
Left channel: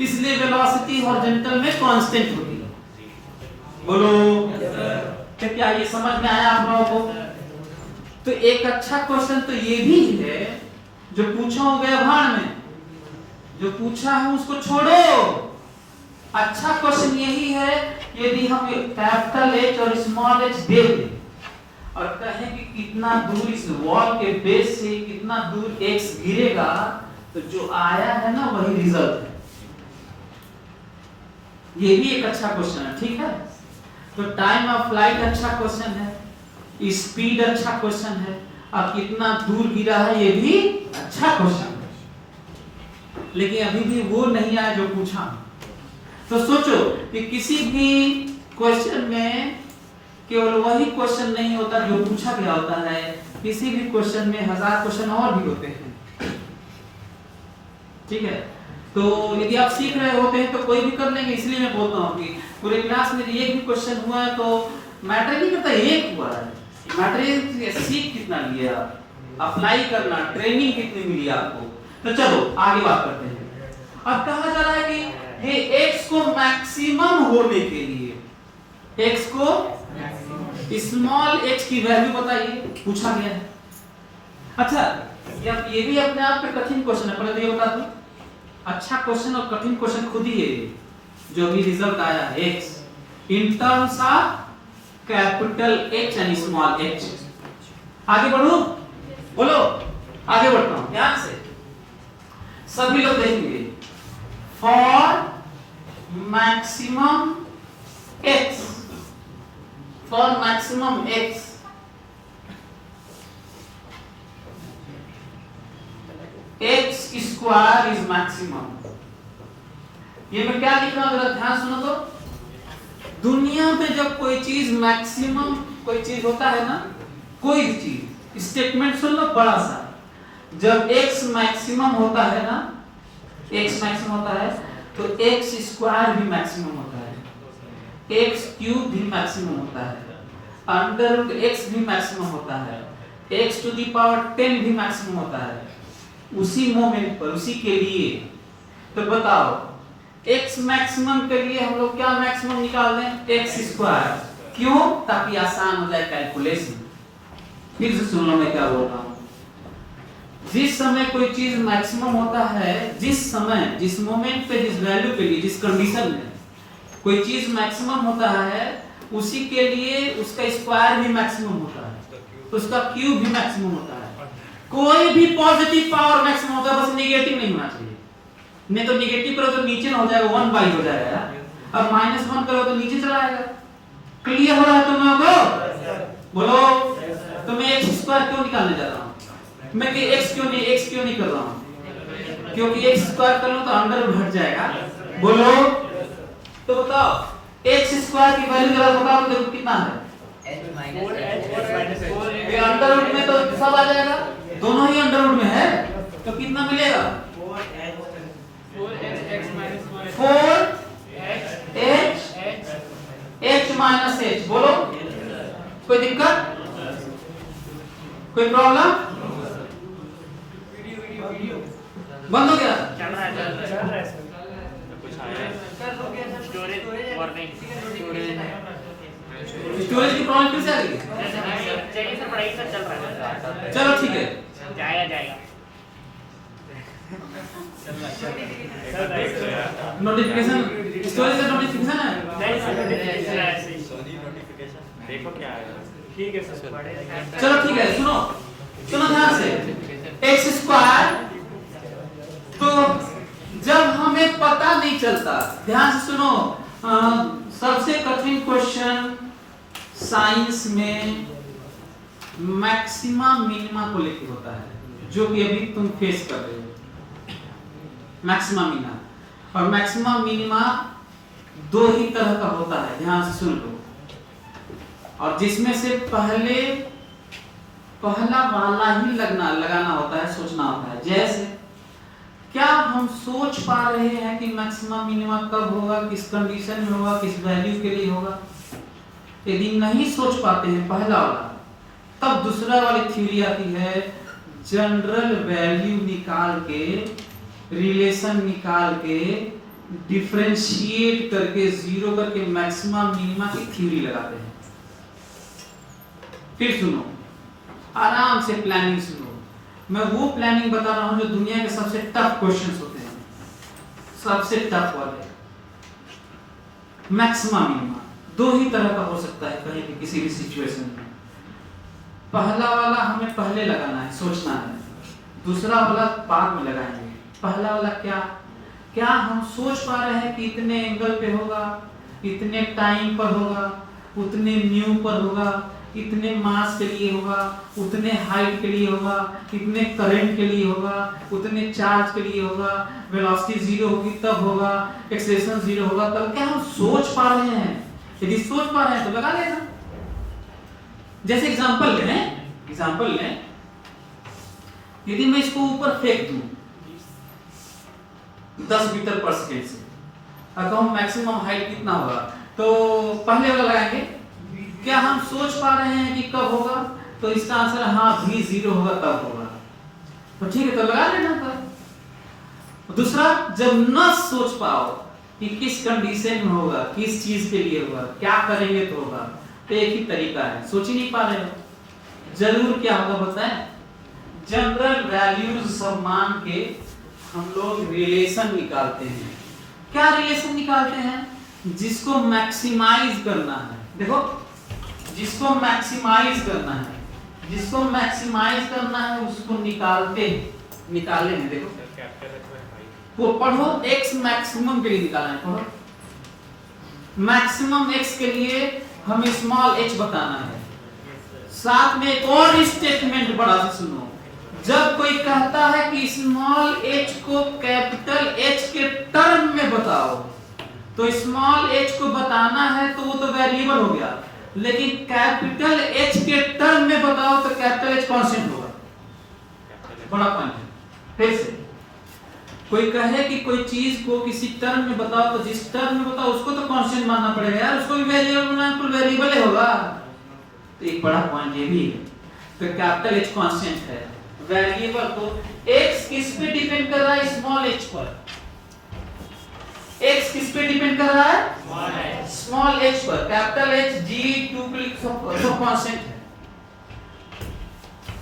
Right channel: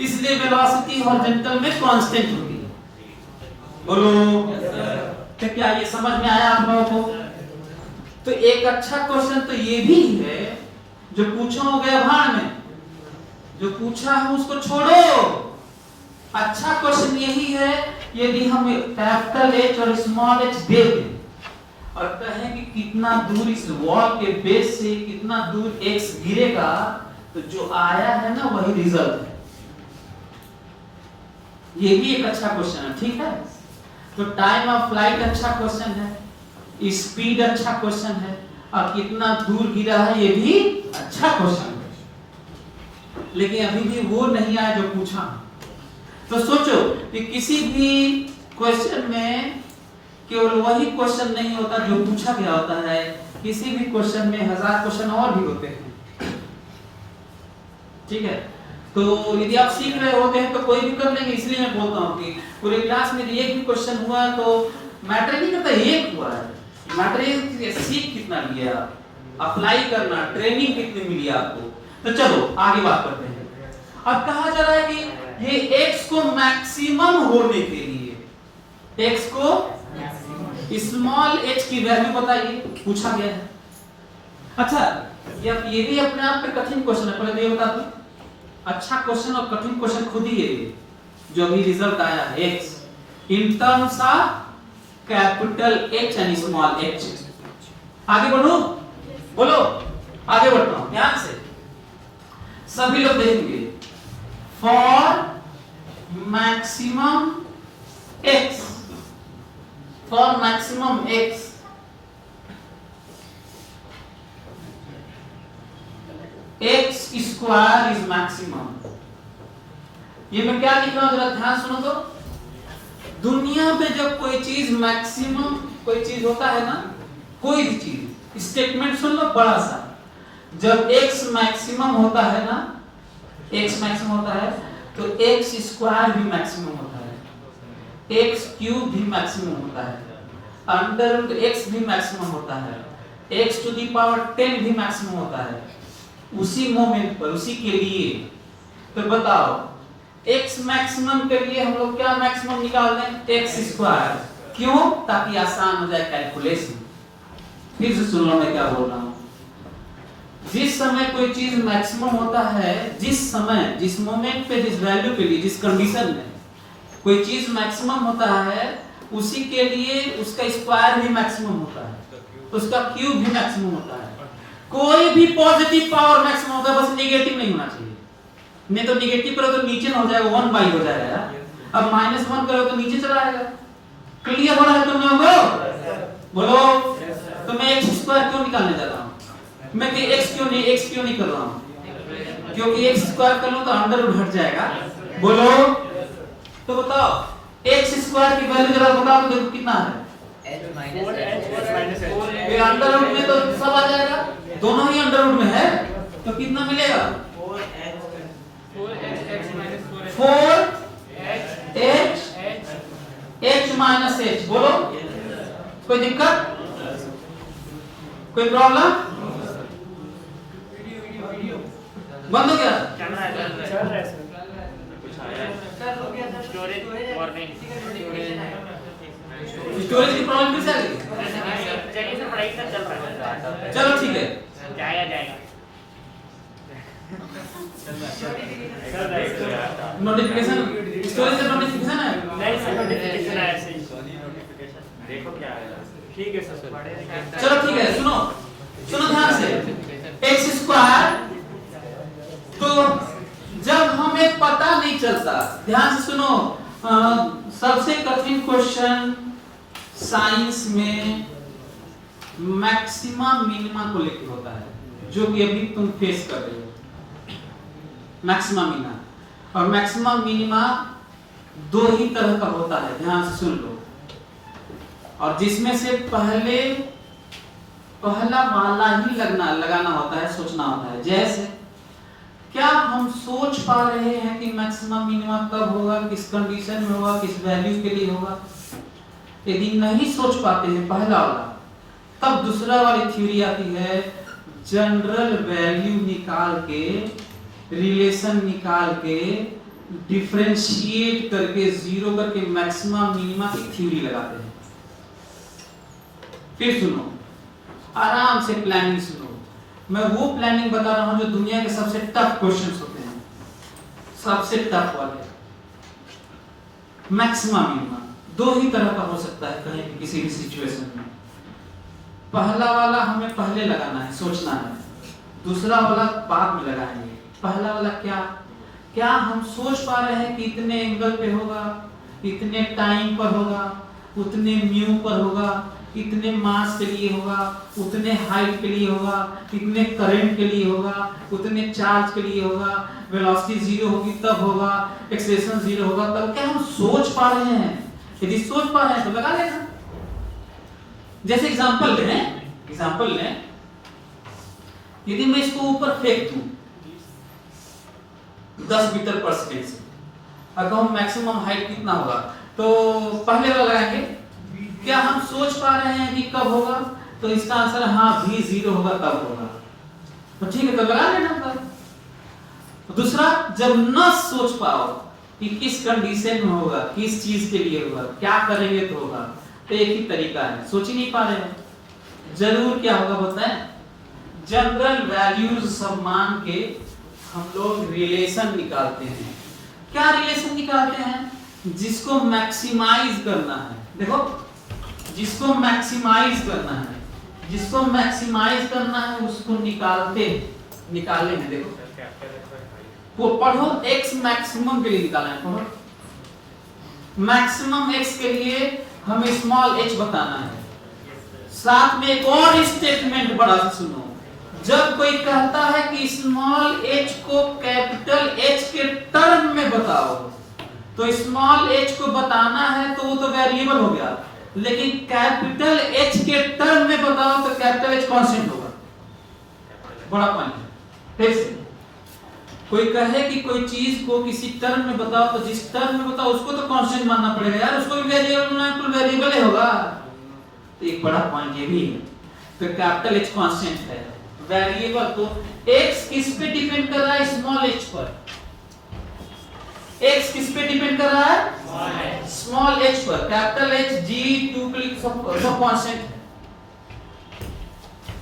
इसलिए वेलोसिटी हॉरिजॉन्टल में कांस्टेंट होती है। बोलो तो क्या ये समझ में आया आप लोगों को? तो एक अच्छा क्वेश्चन तो ये भी है जो पूछा हो गया भाण में, जो पूछा है उसको छोड़ो। अच्छा क्वेश्चन यही है, यदि हम कैपिटल H और स्मॉल h दे दें और कहें कि कितना दूर इस वॉल के बेस से कितना दूर x गिरेगा, तो जो आया है ना वही रिजल्ट है। ये भी एक अच्छा क्वेश्चन है, ठीक है। तो टाइम ऑफ फ्लाइट अच्छा क्वेश्चन है, स्पीड अच्छा क्वेश्चन है, और कितना दूर गिरा है ये भी अच्छा क्वेश्चन है। लेकिन अभी भी वो नहीं आया जो पूछा। तो सोचो कि किसी भी क्वेश्चन में केवल वही क्वेश्चन नहीं होता जो पूछा गया होता है, किसी भी क्वेश्चन में 1000 क्वेश्चन और भी होते हैं, ठीक है। तो यदि आप सीख रहे होते हैं तो कोई भी कर लेंगे, इसलिए मैं बोलता हूँ कि पूरी क्लास में एक भी क्वेश्चन हुआ है तो मैटर नहीं करता एक हुआ है, मैटर सीख कितना लिया, अप्लाई करना, ट्रेनिंग कितनी मिली आपको। तो चलो आगे बात करते हैं। अब कहा जा रहा है कि ये x को मैक्सिमम होने के लिए x को स्मॉल h की वैल्यू बताइए, पूछा गया है। अच्छा ये भी अपने आप में कठिन क्वेश्चन है, पहले ये बता दूं। अच्छा क्वेश्चन और कठिन क्वेश्चन खुद ही है, जो भी रिजल्ट आया है x in terms of capital H and small h। आगे बढ़ो, बोलो आगे बढ़ता हूं ध्यान से, सभी लोग देखेंगे। For maximum x, for maximum x x square is maximum. ये मैं क्या लिख रहा हूं जरा ध्यान सुनो तो। दुनिया में जब कोई चीज मैक्सिमम कोई चीज होता है ना, कोई भी चीज, स्टेटमेंट सुन लो बड़ा सा, जब x मैक्सिमम होता है ना, x मैक्सिमम होता है तो x स्क्वायर भी मैक्सिमम होता है, x क्यूब भी मैक्सिमम होता है, अंडर रूट x भी मैक्सिमम होता है, x टू द पावर 10 भी मैक्सिमम होता है उसी मोमेंट पर, उसी के लिए। तो बताओ x मैक्सिमम के लिए हम लोग क्या मैक्सिमम निकाल दें? x square. क्यों? ताकि आसान हो जाए कैलकुलेशन। फिर से सुनो मैं क्या बोल रहा हूं। जिस समय कोई चीज मैक्सिमम होता है, जिस समय, जिस मोमेंट पे, जिस वैल्यू पे, जिस कंडीशन में कोई चीज मैक्सिमम होता है, उसी के लिए उसका स्क्वायर भी मैक्सिमम होता है, उसका क्यूब भी मैक्सिमम होता है। कोई भी पॉजिटिव पावर मैक्सिमम होता है, बस नेगेटिव नहीं होना चाहिए। नहीं तो नेगेटिव करो तो नीचे ना हो जाएगा, 1/, हो जाएगा। अब -1 करो तो नीचे चला आएगा। क्लियर हो रहा है तुम लोगों को? बोलो। तो मैं x स्क्वायर क्यों निकालने जा रहा हूं? मैं कि x क्यों नहीं कर रहा हूं? क्योंकि x स्क्वायर कर लूं तो अंडर रूट हट जाएगा। बोलो। तो बताओ x स्क्वायर की वैल्यू जरा बताओ तो देखो कितना है। ये अंडर रूट में तो सब आ जाएगा, दोनों ही अंडर रूट में है, तो कितना मिलेगा? 4h minus h। बोलो कोई दिक्कत, कोई प्रॉब्लम? बंद हो गया? चल रहा है स्टोरेज वार्निंग स्टोरेज की प्रॉब्लम फिर से आ गई? चलिए सर पढ़ाई सर चल रहा है चलो ठीक है। जाएगा नोटिफिकेशन स्टोरेज का नोटिफिकेशन है? नहीं सर नोटिफिकेशन है ऐसे ही देखो क्या है ठीक है सर चलो ठीक है, सुनो सुनो ध्यान से। एक्स स्क्वायर, तो जब हमें पता नहीं चलता, ध्यान से सुनो, सबसे कठिन क्वेश्चन साइंस में मैक्सिमा मिनिमा को लेकर होता है, जो कि अभी तुम फेस कर रहे हो। मैक्सिमा मिनिमा, और मैक्सिमा मिनिमा दो ही तरह का होता है, ध्यान से सुन लो। और जिसमें से पहला वाला ही लगाना होता है, सोचना होता है। जैसे क्या हम सोच पा रहे हैं कि मैक्सिमम मिनिमम कब होगा, किस कंडीशन में होगा, किस वैल्यू के लिए होगा? यदि नहीं सोच पाते हैं पहला वाला, तब दूसरा वाली थ्योरी आती है, जनरल वैल्यू निकाल के, रिलेशन निकाल के, डिफरेंशिएट करके, जीरो करके मैक्सिमम मिनिमा की थ्योरी लगाते हैं। फिर सुनो, आराम से प्लानिंग सुनो। मैं वो प्लानिंग बता रहा हूं जो दुनिया के सबसे टफ क्वेश्चंस होते हैं, सबसे टफ वाले। मैक्सिमम मिनिमा दो ही तरह का हो सकता है कहीं भी, किसी भी सिचुएशन में। पहला वाला हमें पहले लगाना है, सोचना है। दूसरा वाला बाद में लगाएंगे। पहला वाला क्या हम सोच पा रहे हैं कि इतने एंगल पे होगा, इतने टाइम पर होगा, उतने म्यू पर होगा, इतने मास के लिए होगा, उतने हाइट के लिए होगा, इतने करंट के लिए होगा, उतने चार्ज के लिए होगा, वेलोसिटी जीरो होगी तब होगा, एक्सेलरेशन जीरो होगा तब। क्या हम सोच पा रहे हैं? यदि सोच पा रहे हैं तो लगा लेना। जैसे एग्जांपल लें, यदि मैं इसको ऊपर फेंक दूं 10 मीटर पर सेकंड से, अगर हम मैक्सिमम हाइट कितना होगा, तो पहले वाला लगाएंगे। क्या हम सोच पा रहे हैं कि कब होगा? तो इसका आंसर है हाँ, भी जीरो होगा तब होगा। तो ठीक है, तो लगा लेना तब। दूसरा, जब न सोच पाओ कि किस कंडीशन में होगा, किस चीज के लिए होगा, क्या करेंगे तो होगा, तो एक ही तरीका है, सोच ही नहीं पा रहे हो, जरूर क्या होगा बताएं? जनरल वैल्यूज सब मान के हम लोग रिलेशन निकालते हैं। क्या रिलेशन निकालते हैं? जिसको मैक्सिमाइज करना है, देखो, जिसको मैक्सिमाइज करना है उसको निकाले हैं। देखो वो पढ़ो, x मैक्सिमम के लिए निकालना है। पढ़ो, मैक्सिमम x के लिए हमें स्मॉल h बताना है। साथ में एक और स्टेटमेंट बड़ा सा सुनो, जब कोई कहता है कि स्मॉल h को कैपिटल H के टर्म में बताओ, तो स्मॉल h को बताना है तो वो तो वेरिएबल हो गया, लेकिन कैपिटल H के टर्म में बताओ तो कैपिटल H कांस्टेंट होगा। बड़ा पॉइंट है। फिर से कोई कहे कि कोई चीज को किसी टर्म में बताओ, तो जिस टर्म में बताओ उसको तो कांस्टेंट मानना पड़ेगा यार, उसको भी वेरिएबल मानना तो वेरिएबल ही होगा। तो एक बड़ा पॉइंट ये भी है। तो कैपिटल H कांस्टेंट है, वेरिएबल को x किस पे डिपेंड कर रहा है? स्मॉल h पर। x किस पे डिपेंड कर रहा है? स्मॉल h पर। कैपिटल H G2 क्लिक सब कांस्टेंट है।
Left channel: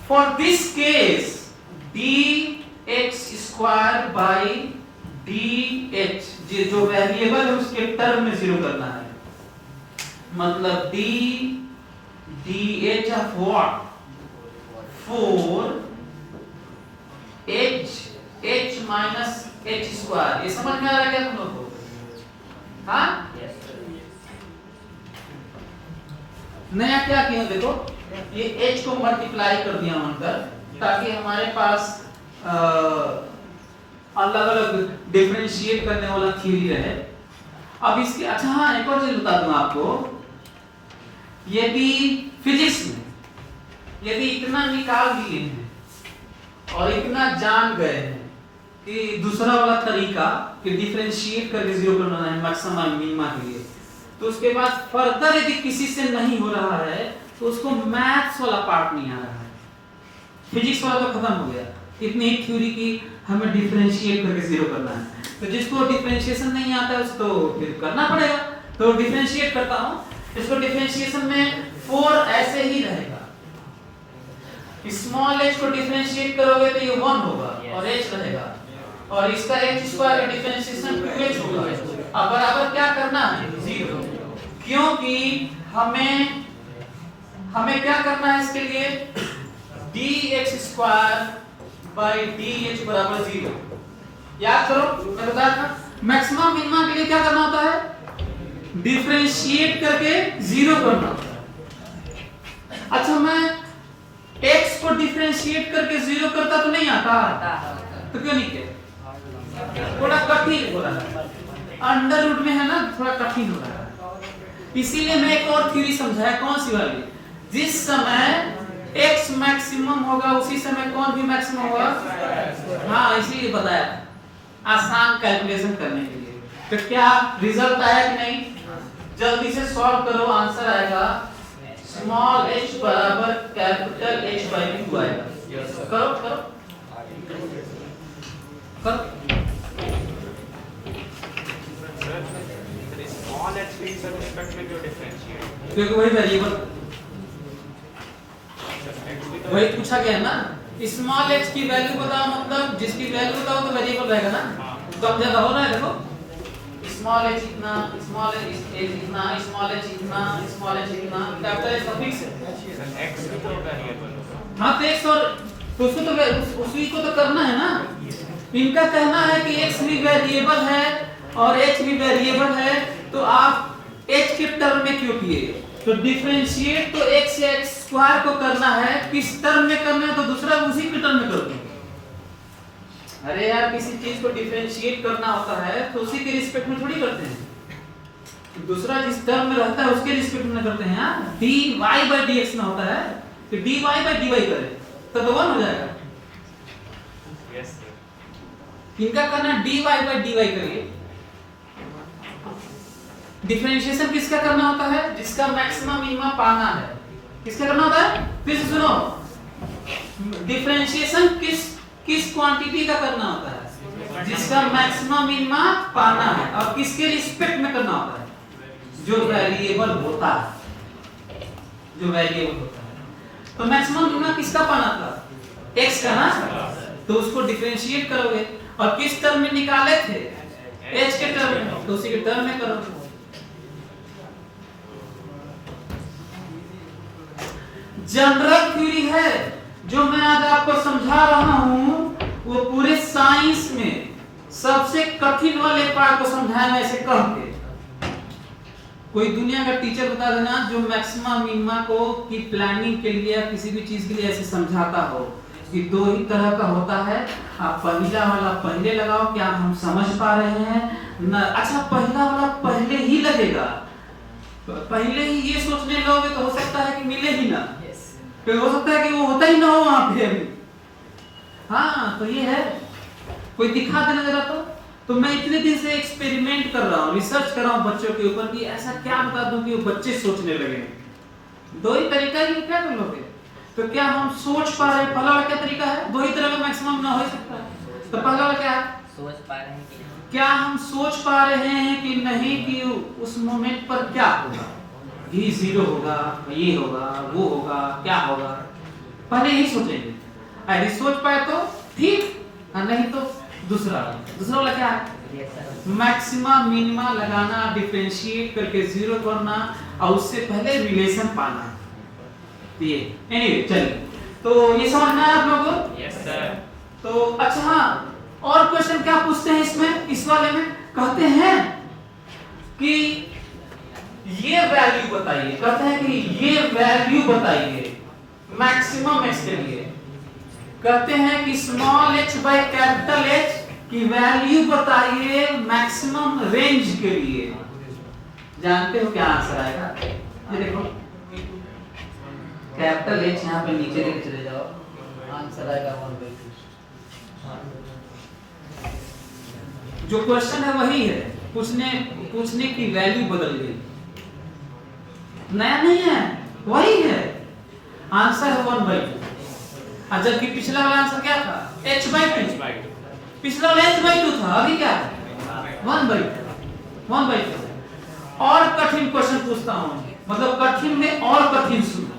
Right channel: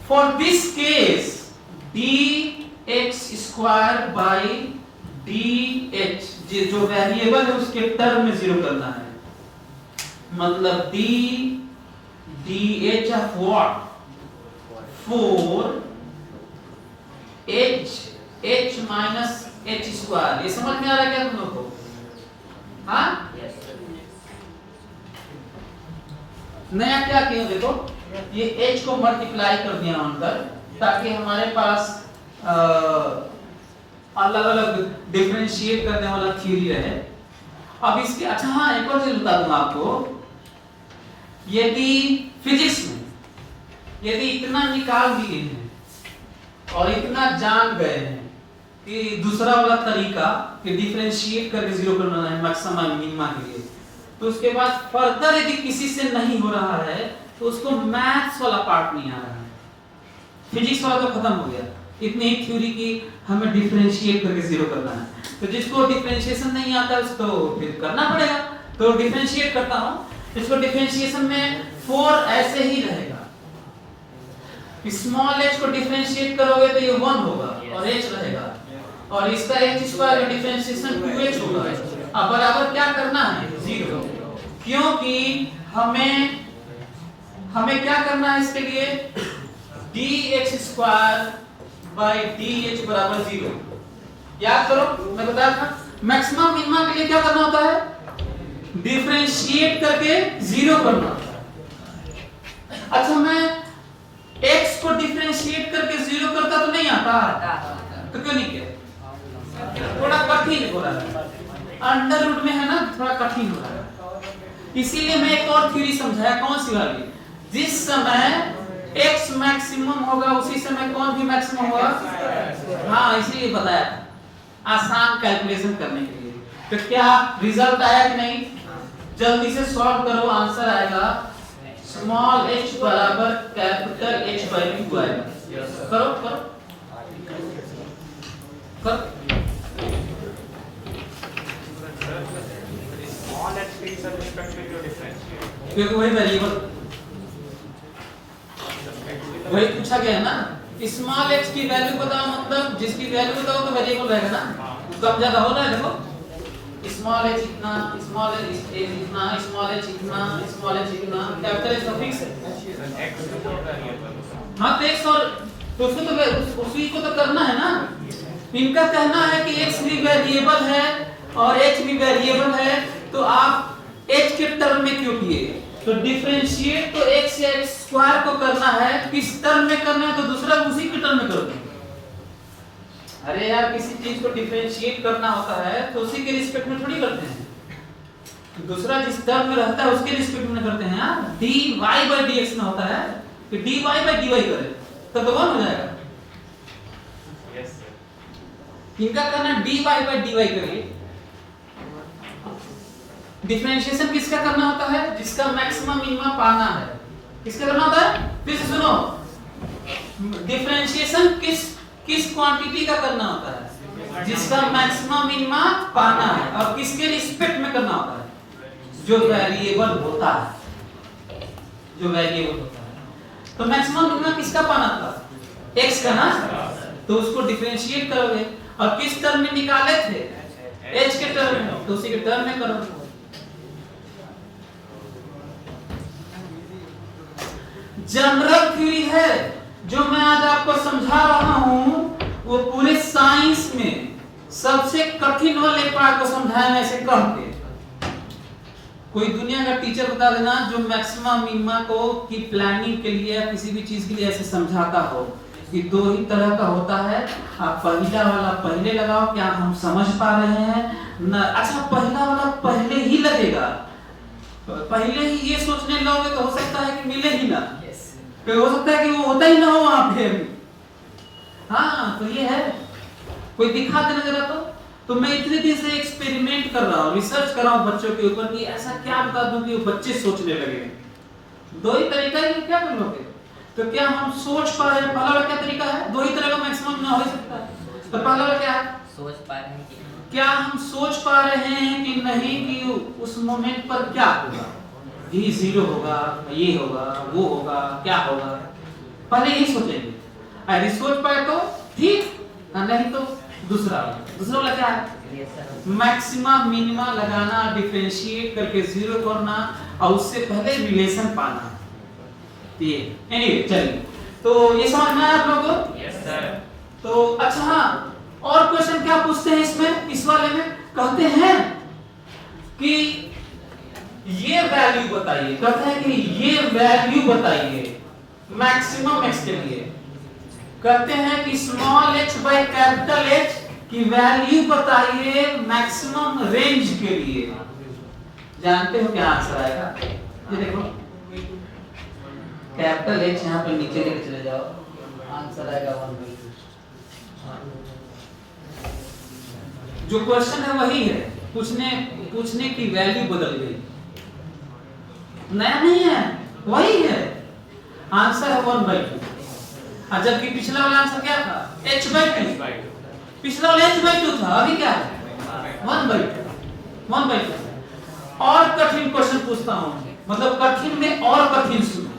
For this case dx square by dh, जो वेरिएबल है उसके टर्म में जीरो करना है, मतलब dh of what? 4h minus h square. ये समझ में आ रहा है क्या तुम लोग को? हाँ, नया क्या किया देखो, ये h को मल्टीप्लाई कर दिया अंदर, ताकि हमारे पास अलग अलग डिफरेंशिएट करने वाला थ्योरी रहे। अब इसके अच्छा हाँ, एक और चीज बता दूं आपको, यदि फिजिक्स में यदि इतना निकाल दिए हैं और इतना जान गए हैं कि दूसरा वाला तरीका कि डिफरेंशिएट करके जीरो करना है मैक्सिमम मिनिमा के लिए, तो उसके बाद फर्दर यदि किसी से नहीं हो रहा है तो उसको मैथ्स वाला पार्ट नहीं आ रहा है, फिजिक्स वाला तो खत्म हो गया, इतनी ही थ्योरी की हमें डिफरेंशिएट करके जीरो करना है। तो जिसको डिफरेंशिएशन नहीं आता उसको फिर करना पड़ेगा। तो डिफरेंशिएट करता हूं, इसको डिफरेंशिएशन में 4 ऐसे ही रहेगा। स्मॉल h को डिफरेंशिएट करोगे तो ये 1 होगा और h रहेगा, और इसका h स्क्वायर का डिफरेंशिएशन 2h होगा। अब बराबर क्या करना है? 0, क्योंकि हमें क्या करना है इसके लिए? dh स्क्वायर बाय dh बराबर 0। याद करो, मैं बताया था मैक्सिमम मिनिमम के लिए क्या करना होता है? डिफरेंशिएट करके 0 करना होता है। अच्छा, मैं x को डिफरेंशिएट करके 0 करता तो नहीं आता, तो क्यों नहीं किया? थोड़ा कठिन हो रहा है, अंडर रूट में है ना, थोड़ा कठिन हो रहा है। इसीलिए मैं एक और थ्योरी समझाया, कौन सी वाली? जिस समय x मैक्सिमम होगा उसी समय कौन भी मैक्सिमम होगा। हाँ, इसीलिए बताया था, आसान कैलकुलेशन करने के लिए। तो क्या रिजल्ट आया कि नहीं? जल्दी से सॉल्व करो, आंसर आएगा स्मॉल h बराबर कैपिटल H बाय 2 आएगा। करो करो करो। Small h is with respect to differentiate. क्योंकि वही वेरिएबल वही पूछा गया ना। स्मॉल h की वैल्यू बताओ, मतलब जिसकी वैल्यू बताओ तो वेरिएबल रहेगा ना। कम ज्यादा हो रहा है, देखो स्मॉल h इतना, स्मॉल h इतना, स्मॉल h इतना, स्मॉल h इतना, कैपिटल H तो फिक्स है। X तो वेरिएबल। हाँ, तो x और तो उसको तो उसी को तो करना है ना। इनका कहना है कि x भी वेरिएबल है और h भी वेरिएबल है, तो आप h के टर्म में क्यों किए? तो डिफरेंशिएट तो x या x स्क्वायर को करना है, किस टर्म में करना है? तो दूसरा उसी के टर्म में कर दो। अरे यार, किसी चीज को डिफरेंशिएट करना होता है तो उसी के रिस्पेक्ट में थोड़ी करते हैं, दूसरा जिस टर्म में रहता है उसके रिस्पेक्ट में करते हैं। यार dy by dx में होता है कि dy by dy करें तो दोनों हो जाएगा। Yes sir. इनका करना dy by dy करिए। डिफरेंशिएशन किसका करना होता है? जिसका मैक्सिमम मिनिमम पाना है। किसका करना होता है? फिर से सुनो, डिफरेंशिएशन किस क्वांटिटी का करना होता है? जिसका मैक्सिमम मिनिमम पाना है, और किसके रिस्पेक्ट में करना होता है? जो वेरिएबल होता है, जो वेरिएबल होता है। तो मैक्सिमम मिनिमम किसका पाना था? x का ना, तो उसको डिफरेंशिएट करोगे, और किस टर्म में निकाले थे? h के टर्म में, तो उसी के टर्म में करोगे। जनरल थ्योरी है जो मैं आज आपको समझा रहा हूं, वो पूरे साइंस में सबसे कठिन वाले पार्ट को समझाया ऐसे कह के। कोई दुनिया का टीचर बता देना जो मैक्सिमम मिनिमम को की प्लानिंग के लिए या किसी भी चीज के लिए ऐसे समझाता हो कि 2 ही तरह का होता है। आप पहला वाला पहले लगाओ, क्या हम समझ पा रहे हैं न? अच्छा, पहला वाला पहले ही लगेगा, पहले ही ये सोचने लगोगे तो हो सकता है कि मिले ही ना, फिर हो सकता है कि वो होता ही ना हो वहां पे अभी। हाँ, तो ये है, कोई दिखा देना जरा। तो मैं इतने दिन से एक्सपेरिमेंट कर रहा हूँ, रिसर्च कर रहा हूँ बच्चों के ऊपर कि ऐसा क्या बता दूं कि वो बच्चे सोचने लगे। 2 ही तरीका है, क्या कर लोगे? तो क्या हम सोच पा रहे हैं? पहला क्या तरीका है? 2 ही तरह का मैक्सिमम ना हो सकता है। तो पहला क्या है? सोच पा रहे हैं कि क्या हम सोच पा रहे हैं कि नहीं कि उस मोमेंट पर क्या होगा? ये 0 होगा, ये होगा, वो होगा, क्या होगा, पहले ही सोचेंगे। अरे सोच पाए तो ठीक, नहीं तो दूसरा वाला क्या है? मैक्सिमम मिनिमा लगाना, डिफरेंशिएट करके 0 करना, और उससे पहले रिलेशन पाना। ये एनीवे, चलिए, तो ये समझ में आया आप लोगों को? Yes sir. तो अच्छा, हाँ, और क्वेश्चन क्या पूछते हैं इसमें? इस वाले में कहते हैं कि ये वैल्यू बताइए, कहते हैं कि ये वैल्यू बताइए मैक्सिमम x के लिए। कहते हैं कि small h by capital H की वैल्यू बताइए मैक्सिमम रेंज के लिए। जानते हो क्या आंसर आएगा? ये देखो, कैपिटल H यहाँ पे नीचे लेके चले जाओ, आंसर आएगा 1/2। जो क्वेश्चन है वही है, पूछने की वैल्यू बदल गई, नया नहीं है, वही है। आंसर है 1/2। जबकि पिछला वाला आंसर क्या था h/2, पिछला वाला h/2 था, अभी क्या है 1/2। और कठिन क्वेश्चन पूछता हूं, मतलब कठिन में और कठिन सुनो,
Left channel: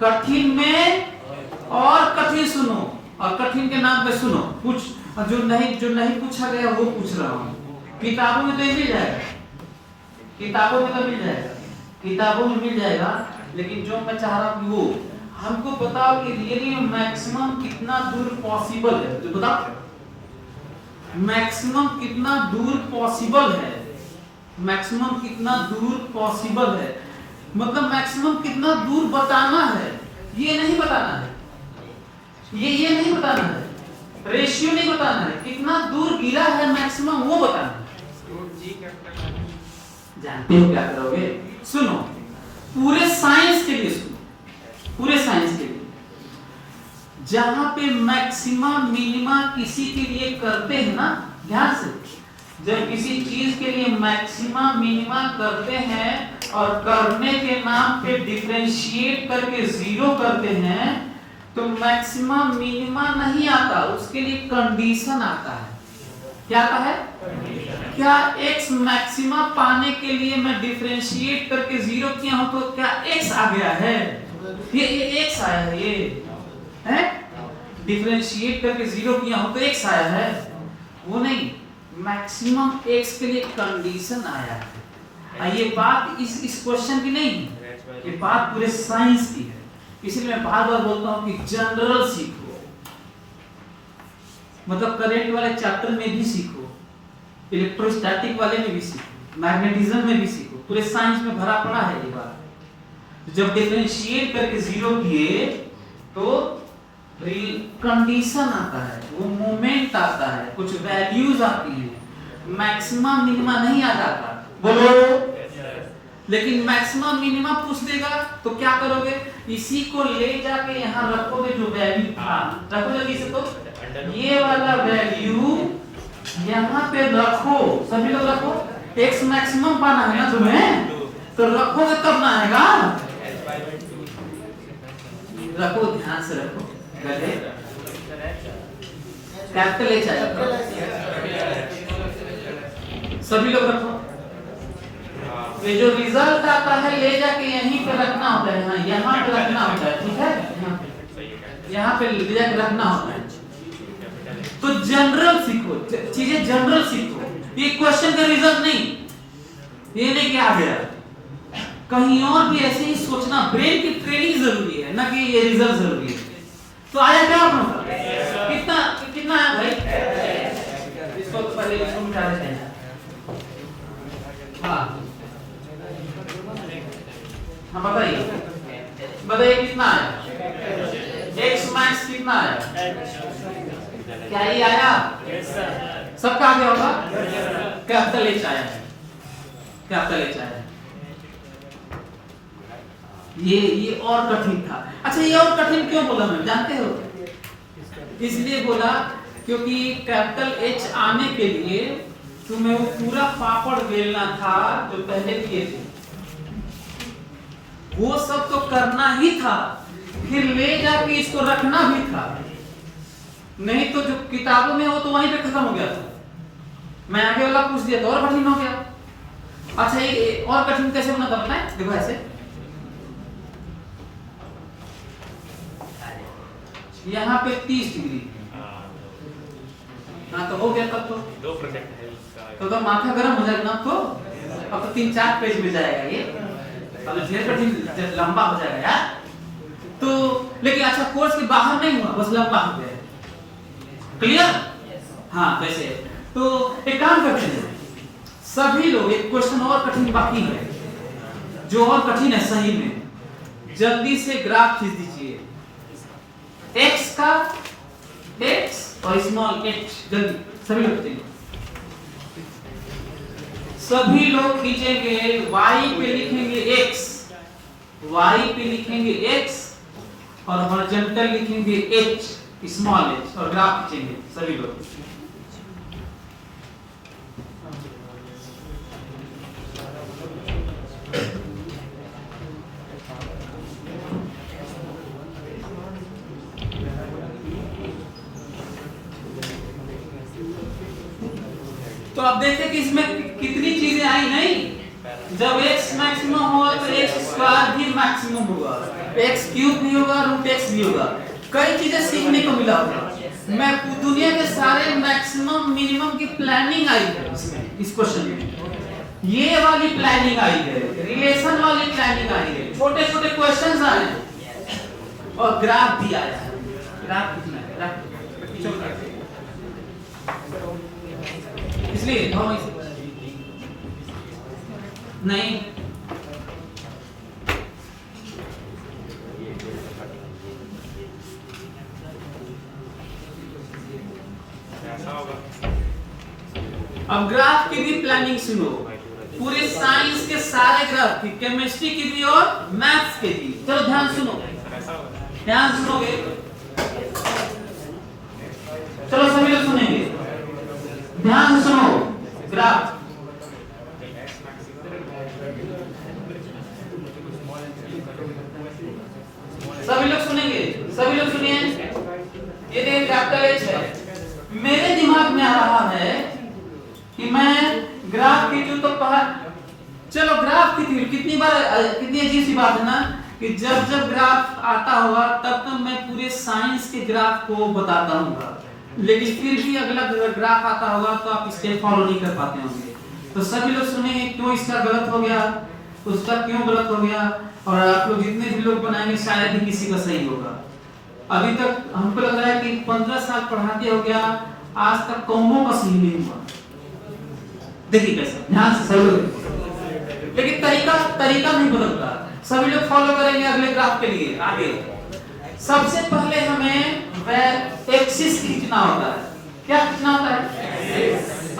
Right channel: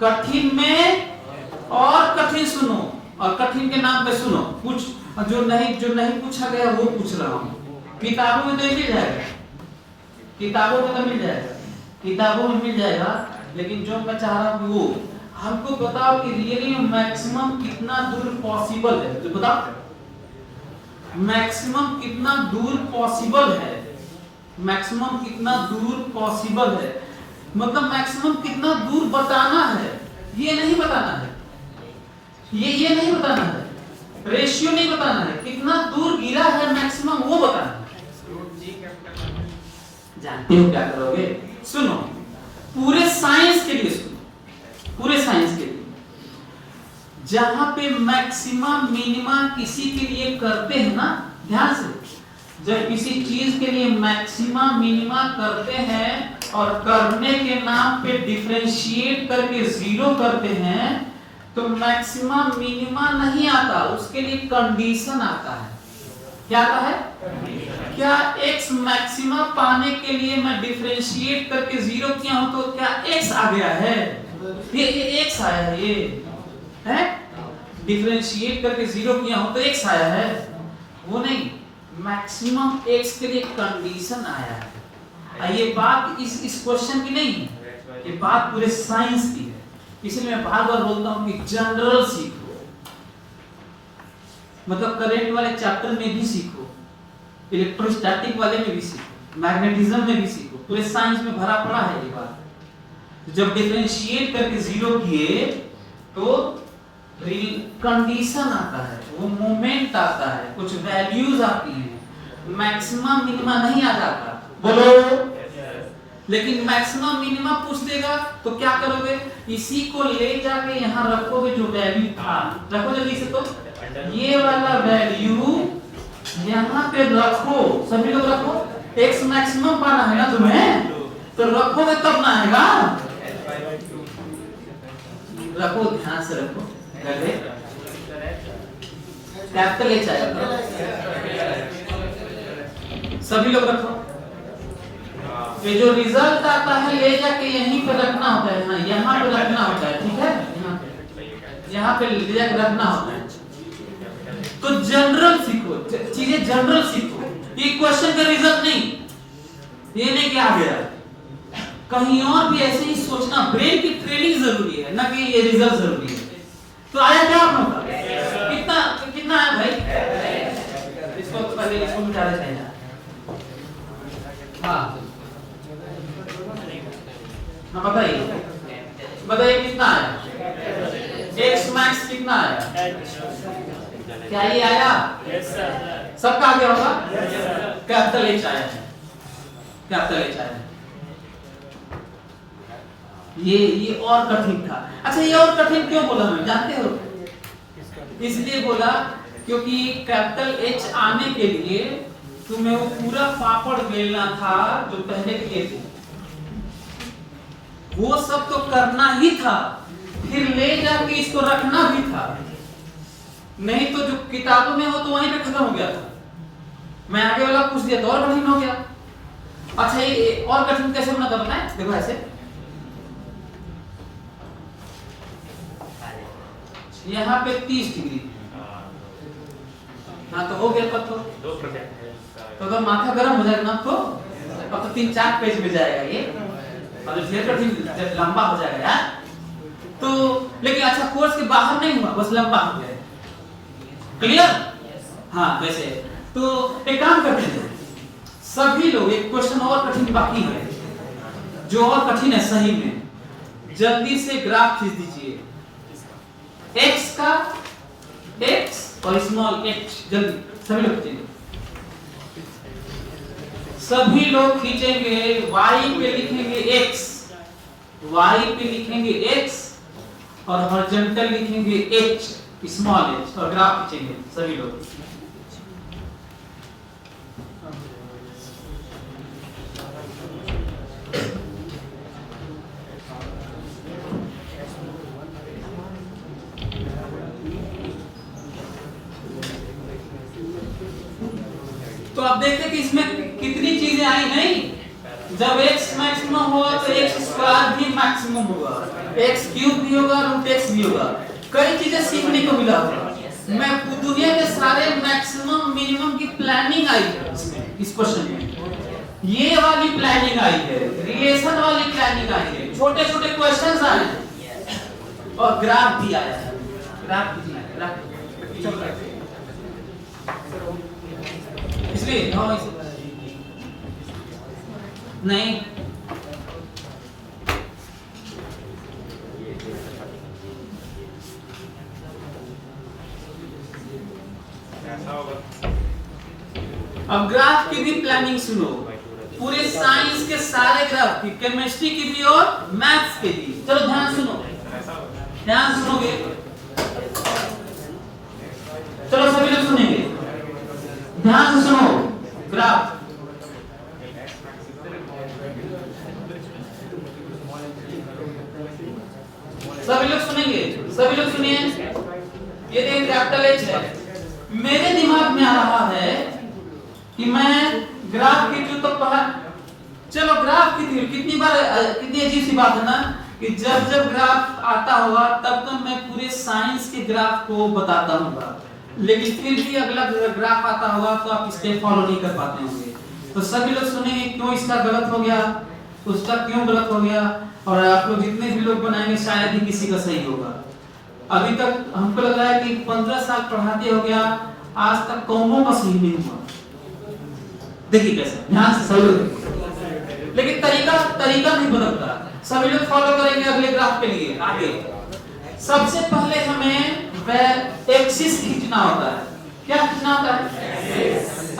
कठिन में और कठिन सुनो, और कठिन के नाम पे सुनो, कुछ जो नहीं पूछा गया वो पूछ रहा हूं। किताबों में तो मिल जाएगा, किताबों में तो मिल जाएगा, किताबों में मिल जाएगा, लेकिन जो मैं चाह रहा हूं वो हमको बताओ कि रियली मैक्सिमम कितना दूर पॉसिबल है, तो बताओ मैक्सिमम कितना दूर पॉसिबल है, मैक्सिमम कितना दूर पॉसिबल है, मतलब मैक्सिमम कितना दूर बताना है, ये नहीं बताना है, ये नहीं बताना है, रेशियो नहीं बताना है, कितना दूर गिरा है मैक्सिमम वो बताना है। जानते हो क्या करोगे, सुनो पूरे साइंस के लिए सुनो, पूरे साइंस के लिए जहां पे मैक्सिमा मिनिमा किसी के लिए करते हैं ना, ध्यान से, जब किसी चीज के लिए मैक्सिमा मिनिमा करते हैं और करने के नाम पे डिफरेंशिएट करके जीरो करते हैं, तो मैक्सिमा मिनिमा नहीं आता, उसके लिए कंडीशन आता है। क्या आता है, क्या x मैक्सिमा पाने के लिए मैं डिफरेंशिएट करके जीरो किया हूं तो क्या x आ गया है, ये x आया है, ये है डिफरेंशिएट करके जीरो किया हूं तो x आया है, वो नहीं, मैक्सिमम x के लिए कंडीशन आया है। ये बात इस क्वेश्चन की नहीं है, ये बात पूरे साइंस की है, इसलिए मैं बार बार बोलता हूं कि जनरल सीखो, मतलब करंट वाले चैप्टर में भी सीखो, इलेक्ट्रोस्टैटिक वाले में भी सीखो, मैग्नेटिज्म में भी सीखो, पूरे साइंस में भरा पड़ा है ये बात। जब डिफरेंशिएट करके जीरो किए तो कंडीशन आता है, वो मोमेंट आता है, कुछ वैल्यूज आती हैं, मैक्सिमम मिनिमा नहीं आ जाता, बोलो। लेकिन मैक्सिमम मिनिमा पूछ देगा तो क्या करोगे, इसी को ले जाके यहाँ रखोगे, जो वैल्यू था रखोगे इसे, तो ये वाला वैल्यू यहाँ पे रखो, सभी लोग रखो, x मैक्सिमम पाना है ना तुम्हें, तो रखोगे तब ना आएगा, रखो, ध्यान से रखो, कैपिटल H आएगा, सभी लोग रखो। ये जो रिजल्ट आता है ले जाके यहीं पे रखना होता है ना, यहाँ पे रखना होता है, ठीक है, यहाँ पे ले जाके रखना होता है। तो जनरल सीखो, चीजें जनरल सीखो, ये क्वेश्चन का रिजल्ट नहीं, ये नहीं कि आ गया, कहीं और भी ऐसे ही सोचना, ब्रेन की ट्रेनिंग जरूरी है ना, कि ये रिजल्ट जरूरी है। तो आया क्या आप लोग, कितना कितना है भाई, इसको पहले इसको मिटा देते हैं। हाँ बताइए, बताइए कितना आया, x मैक्स कितना आया, क्या ये आया, सबका आ गया होगा, कैपिटल H आया है, कैपिटल H आया है। ये और कठिन था। अच्छा, ये और कठिन क्यों बोला मैं, जानते हो, इसलिए बोला क्योंकि कैपिटल H आने के लिए तुम्हें वो पूरा पापड़ बेलना था जो पहले किए थे, वो सब तो करना ही था, फिर ले जाके इसको रखना भी था, नहीं तो जो किताबों में हो तो वहीं पे खत्म हो गया था। मैं आगे वाला पूछ दिया तो और कठिन हो गया। अच्छा, ये और कठिन कैसे बना था बताएं, देखो ऐसे, यहाँ पे 30 डिग्री, हाँ तो हो गया तब तो माथा गर्म हो जाएगा ना, तो अब तो 3-4 पेज में जाएगा ये, और ढेर कठिन लंबा हो जाएगा यार। तो लेकिन अच्छा, कोर्स के बाहर नहीं हुआ, बस लंबा हो गया, क्लियर, हाँ वैसे। तो एक काम करते हैं सभी लोग, एक क्वेश्चन और कठिन बाकी है, जो और कठिन है सही में, जल्दी से ग्राफ खींच दीजिए, x का, x और स्मॉल h, जल्दी सभी लोग खींचेंगे, सभी लोग खींचेंगे, y पे लिखेंगे x, y पे लिखेंगे x और हॉरिजॉन्टल लिखेंगे h, स्मॉल h, और ग्राफ खींचेंगे सभी लोग। तो आप देखते कि इसमें कितनी चीजें आई नहीं। जब x मैक्सिमम होगा तो x स्क्वायर भी मैक्सिमम होगा, x क्यूब भी होगा, रूट x भी होगा। कई चीजें सीखने को मिला होगा। मैं दुनिया के सारे मैक्सिमम मिनिमम की प्लानिंग आई है इसमें, इस क्वेश्चन में ये वाली प्लानिंग आई है, रिलेशन वाली प्लानिंग आई है, छोटे छोटे क्वेश्चंस आए हैं और ग्राफ भी आया है। ग्राफ कितना है? ग्राफ इसलिए नहीं अब ग्राफ की भी प्लानिंग सुनो, पूरे साइंस के सारे ग्राफ की, केमिस्ट्री की भी और मैथ्स के भी। चलो ध्यान सुनो, ध्यान सुनोगे, चलो सभी लोग सुनेंगे, ध्यान से सुनो। ग्राफ सभी लोग सुनेंगे, सभी लोग सुनिए। ये देखिए कैपिटल H है। मेरे दिमाग में आ रहा है कि मैं ग्राफ की तो पढ़ा, चलो ग्राफ की कितनी बार, कितनी अजीब सी बात है ना कि जब जब ग्राफ आता होगा तब तो मैं पूरे साइंस के ग्राफ को बताता हूँ, लेकिन फिर भी अगला ग्राफ आता होगा तो आप स्टेप फॉलो नहीं कर पाते होंगे। तो सभी लोग सुनेंगे क्यों इसका गलत हो गया, उसका क्यों गलत हो गया, और आप लोग जितने भी लोग बनाएंगे शायद ही किसी का सही होगा। अभी तक हमको लग रहा है कि 15 साल पढ़ाते हो गया, आज तक कौमों का सही नहीं हुआ। देखिए कैसा, ध्यान से सही लोग, लेकिन तरीका नहीं बदलता। सभी लोग फॉलो करेंगे अगले ग्राफ के लिए। आगे सबसे पहले हमें एक्सिस खींचना होता है। क्या खींचना होता है?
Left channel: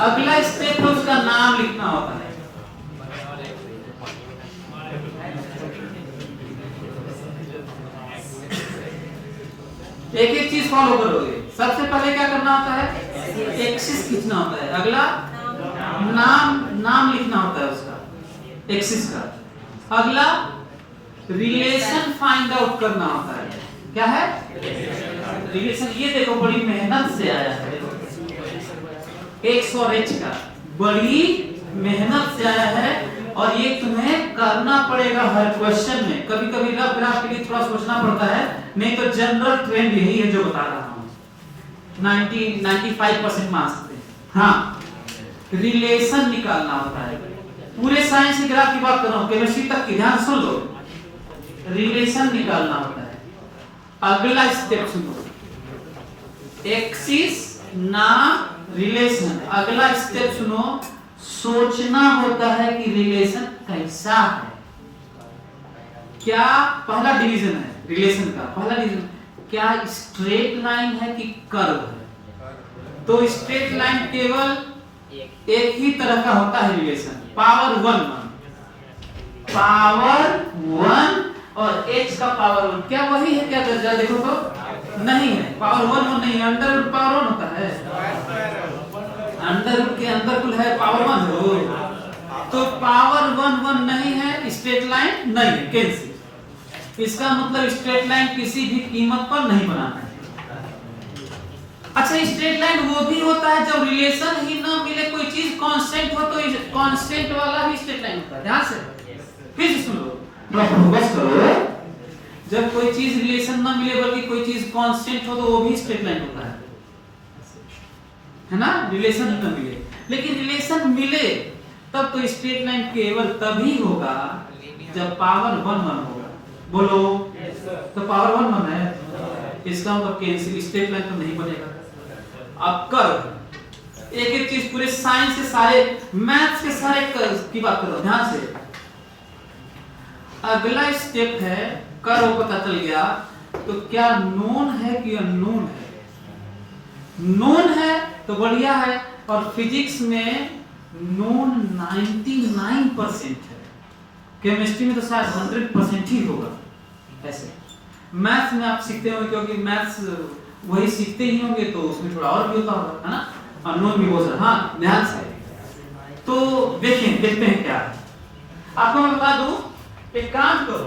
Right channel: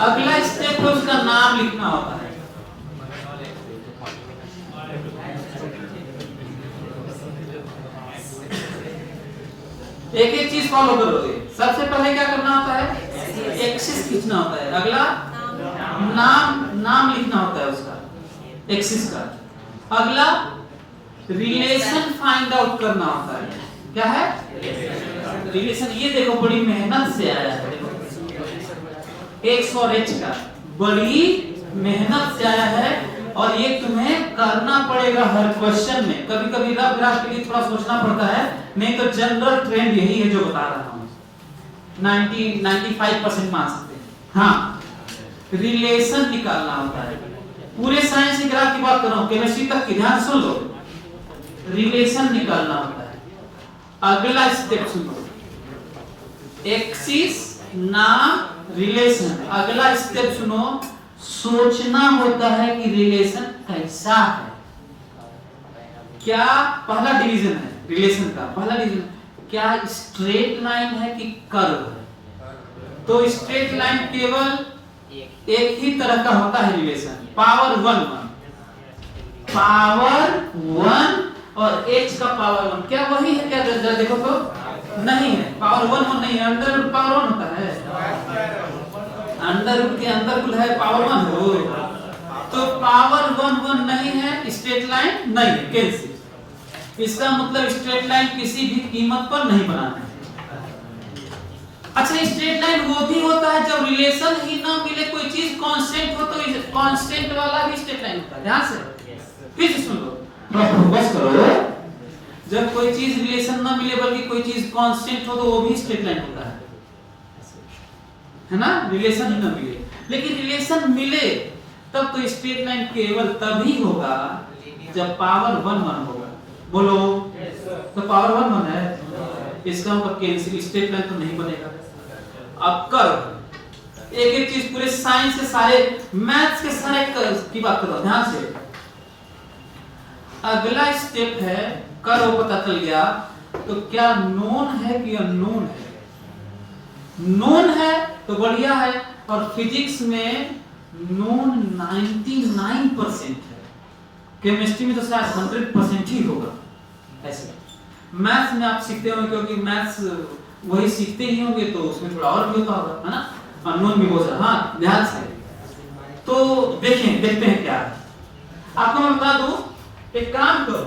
अगला स्टेप है उसका नाम लिखना होता है। एक एक चीज फॉलो करोगे। सबसे पहले क्या करना होता है? एक्सिस खींचना होता है। अगला नाम लिखना होता है उसका, एक्सिस का। अगला रिलेशन फाइंड आउट करना होता है। क्या है? रिलेशन। ये देखो बड़ी मेहनत से आया है, देखो x और h का बड़ी मेहनत से आया है, और ये तुम्हें करना पड़ेगा हर क्वेश्चन में। कभी कभी रफ ग्राफ के लिए थोड़ा सोचना पड़ता है, नहीं तो जनरल ट्रेंड यही है जो बता रहा हूँ। 95% मान सकते हैं। हाँ, रिलेशन निकालना होता है। पूरे साइंस के ग्राफ की बात कर रहा हूँ, केमिस्ट्री तक की, ध्यान सुन लो। रिलेशन निकालना होता है। अगला स्टेप सुनो, एक्सिस नाम रिलेशन। अगला स्टेप सुनो, सोचना होता है कि रिलेशन कैसा है। क्या पहला डिवीजन है रिलेशन का, पहला डिवीजन क्या स्ट्रेट लाइन है कि कर्व है। तो स्ट्रेट लाइन केवल एक ही तरह का होता है रिलेशन, पावर 1 और h का पावर 1। क्या वही है? क्या जरा देखो तो नहीं है, पावर 1 नहीं है। अंडर रूट पावर 1 होता है, अंडर रूट के अंदर कुल है पावर 1 हो, तो पावर 1 नहीं है, स्ट्रेट लाइन नहीं है, कैंसिल। इसका मतलब स्ट्रेट लाइन किसी भी कीमत पर नहीं बनाना है। अच्छा, स्ट्रेट लाइन वो भी होता है जब रिलेशन ही ना मिले, कोई चीज कांस्टेंट हो तो कांस्टेंट वाला भी स्ट्रेट लाइन होता है। ध्यान से फिर से सुन लो, फोकस करो। जब कोई चीज रिलेशन ना मिले बल्कि कोई चीज कांस्टेंट हो तो वो भी स्ट्रेट लाइन होता है ना। रिलेशन ही ना मिले, लेकिन रिलेशन मिले तब तो स्ट्रेट लाइन केवल तभी होगा जब पावर 1 होगा। बोलो, तो पावर 1 है, इसका मतलब कैंसिल, स्ट्रेट लाइन तो नहीं बनेगा। अब कर्व, एक एक चीज पूरे साइंस के सारे, मैथ्स के सारे कर्व की बात करो ध्यान से। अगला स्टेप है कर्व पता चल गया तो क्या नोन है कि अननोन है। नोन है तो बढ़िया है, और फिजिक्स में नोन 99% है, केमिस्ट्री में तो शायद 100% ही होगा। ऐसे मैथ्स में आप सीखते होंगे, क्योंकि मैथ्स वही सीखते ही होंगे तो उसमें थोड़ा और भी होता होगा, है ना, अननोन भी हो सकता। हाँ, ध्यान से तो देखते हैं क्या है। आपको मैं बता दूं, एक काम करो,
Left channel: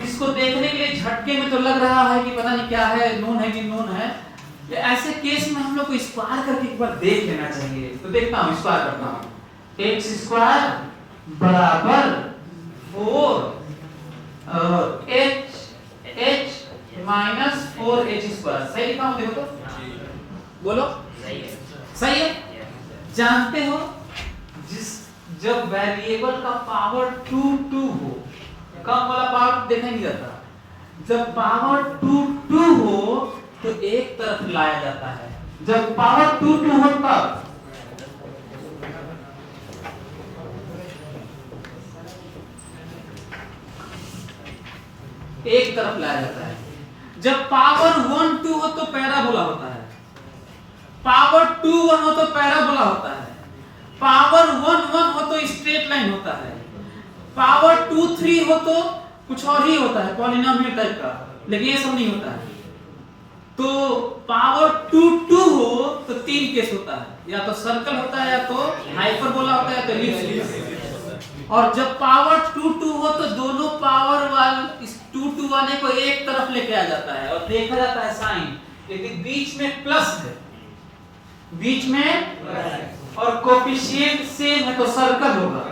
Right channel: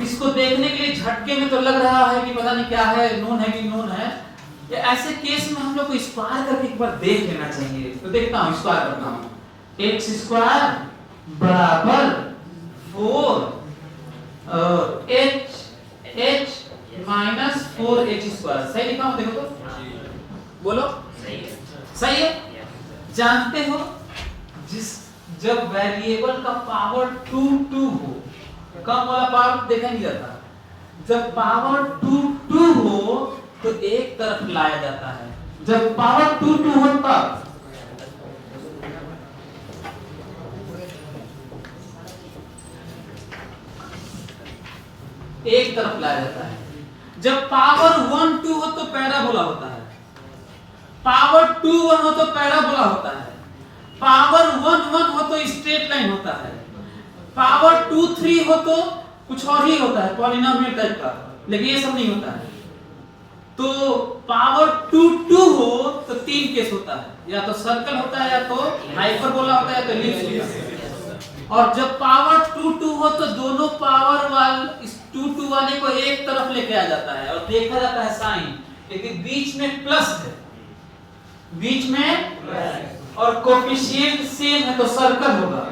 इसको देखने के लिए झटके में तो लग रहा है कि पता नहीं क्या है, नोन है कि नोन है, ऐसे केस में हम लोग को स्क्वायर करके एक बार देख लेना चाहिए। तो देखता हूं, स्क्वायर करता हूं। x स्क्वायर बराबर 4 h माइनस 4h स्क्वायर। सही लिखा हूं? देखो तो बोलो सही है। जानते हो जब वेरिएबल का पावर 2 हो, कम वाला पावर देखा नहीं जाता, जब पावर 2 हो तो एक तरफ लाया जाता है। जब पावर 2 हो तब एक तरफ लाया जाता है। जब पावर 1 हो तो पैराबोला होता है, पावर 2 हो तो पैराबोला होता है, पावर 1 हो तो स्ट्रेट लाइन होता है, पावर 2 3 हो तो कुछ और ही होता है, पॉलिनोमियल टाइप का। लेकिन ये सब नहीं होता है। तो पावर 2 हो तो 3 केस होता है, या तो सर्कल होता है, या तो हाइपरबोला होता है, या तो एलिप्स होता है। और जब पावर 2 हो तो दोनों पावर वाले इस 2 वाले को एक तरफ लेके आ जाता है और देखा जाता है साइन, लेकिन बीच में प्लस है, बीच में और कोफिशिएंट सेम है तो सर्कल होगा।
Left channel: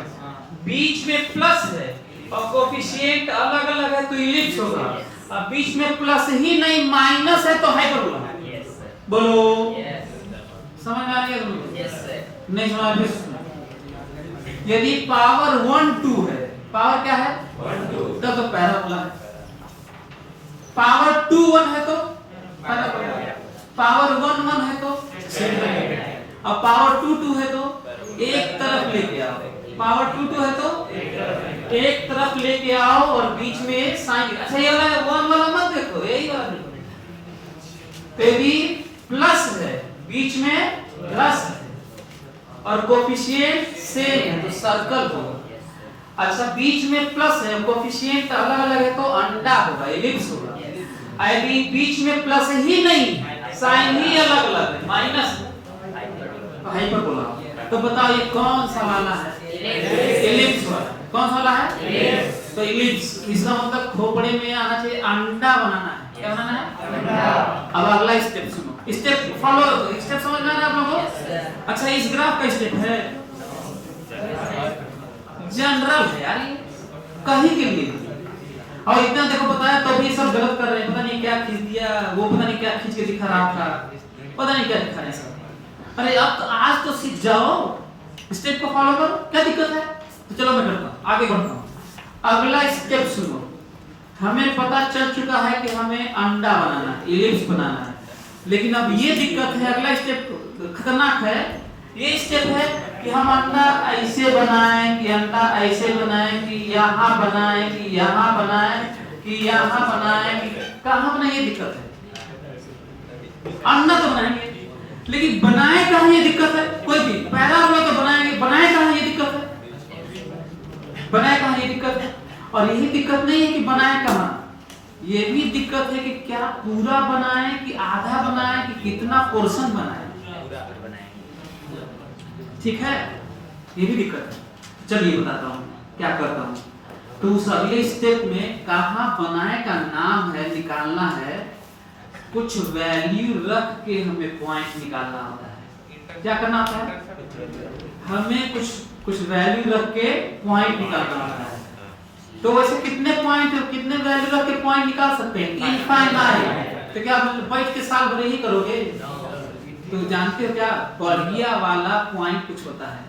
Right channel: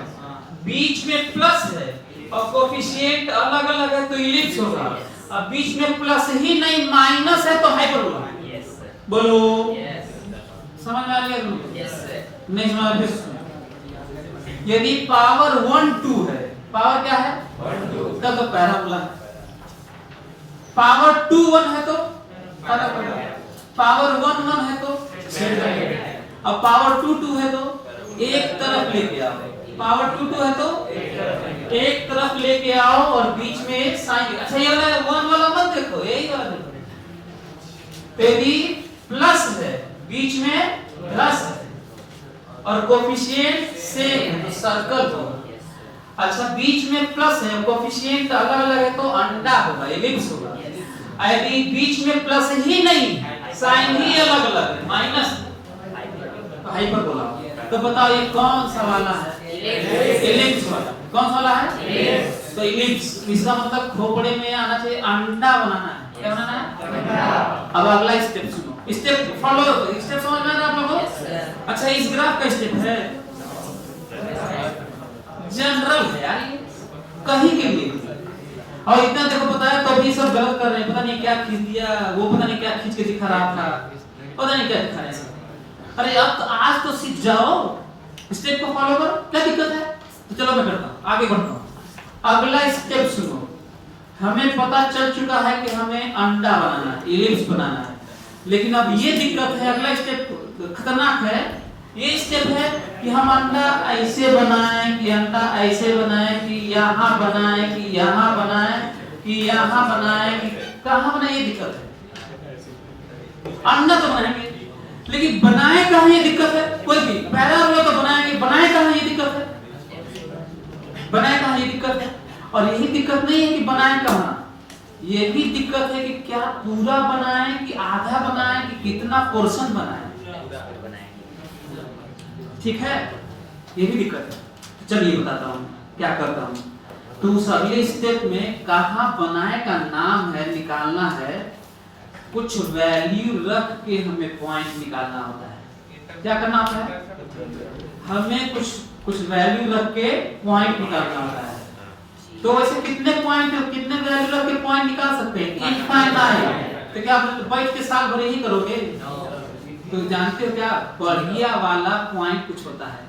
बीच में प्लस है और कोफिशिएंट अलग अलग है तो इलिप्स होगा। अब बीच में प्लस ही नहीं माइनस है तो हाइपरबोला। बोलो समझ में आ रही है? नहीं समझ में? यदि पावर 1 2 है, पावर क्या है 1 2, तब तो पैराबोला है। पावर 2 1 है तो पैराबोला, पावर 1 1 है तो अब पावर 2 2 है तो एक तरफ लेके आओ, पावर 2 2 है तो एक तरफ लेके आओ और बीच में एक साइन। अच्छा ये वाला 1 वाला मत देखो, यही वाला देखो, ये भी प्लस है, बीच में प्लस है और कोफिशिएंट सेम है तो सर्कल होगा। अच्छा बीच में प्लस है, कोफिशिएंट अलग अलग है तो अंडा होगा, एलिप्स होगा। यदि बीच में प्लस ही नहीं, साइन ही अलग अलग है, माइनस तो हाइपरबोला। तो बताओ ये कौन सा वाला है? एलिप्स वाला। कौन सा वाला है? तो एलिप्स। इसका मतलब खोपड़े में आना चाहिए, अंडा बनाना है। क्या बनाना है? अंडा। अब अगला स्टेप सुनो, स्टेप फॉलो, स्टेप समझ में आ रहा है आप लोगों को? अच्छा इस ग्राफ का स्टेप है जनरल है यार, कहीं के लिए। और इतना देखो पता है तो भी सब गलत कर रहे हैं, पता नहीं क्या खींच दिया, वो पता नहीं क्या खींच के दिखा रहा था, पता नहीं क्या दिखा रहे हैं। अरे अब तो आज तो सीख जाओ, स्टेप को फॉलो करो, क्या दिक्कत है? तो चलो मैं करता हूं, आगे बढ़ता हूं। अगला स्टेप सुनो, हमें पता चल चुका है कि हमें अंडा बनाना है, इलिप्स बनाना है। लेकिन अब ये दिक्कत है, अगला स्टेप खतरनाक है। ये स्टेप है कि हम अंडा ऐसे बनाएं, कि अंडा ऐसे बनाएं, कि यहाँ बनाएं, कि यहाँ बनाएं, कि यहाँ बनाएं, कहाँ बनाएं, ये दिक्कत है। अंडा तो बनाएंगे लेकिन बनाए कहाँ ये दिक्कत है। कोई भी पैराबोला तो बनाएंगे, बनाए कहाँ ये दिक्कत है, बनाए कहाँ ये दिक्कत है। और यही दिक्कत नहीं है कि बनाए कहाँ, ये भी दिक्कत है कि क्या पूरा बनाए कि आधा बनाए कि कितना पोर्शन बनाए। ठीक है, ये भी दिक्कत है। चलिए बताता हूँ क्या करता हूँ। तो उस अगले स्टेप में कहाँ बनाए का नाम है, निकालना है, कुछ वैल्यू रख के हमें पॉइंट निकालना होता है। क्या करना होता है? हमें कुछ वैल्यू रख के पॉइंट निकालना होता है। तो वैसे कितने पॉइंट और कितने वैल्यू रख के पॉइंट निकाल सकते हैं? इनफाइनाइट। तो क्या आप बैठ के साल भर ही करोगे? तो जानते हो क्या, बढ़िया वाला पॉइंट कुछ होता है,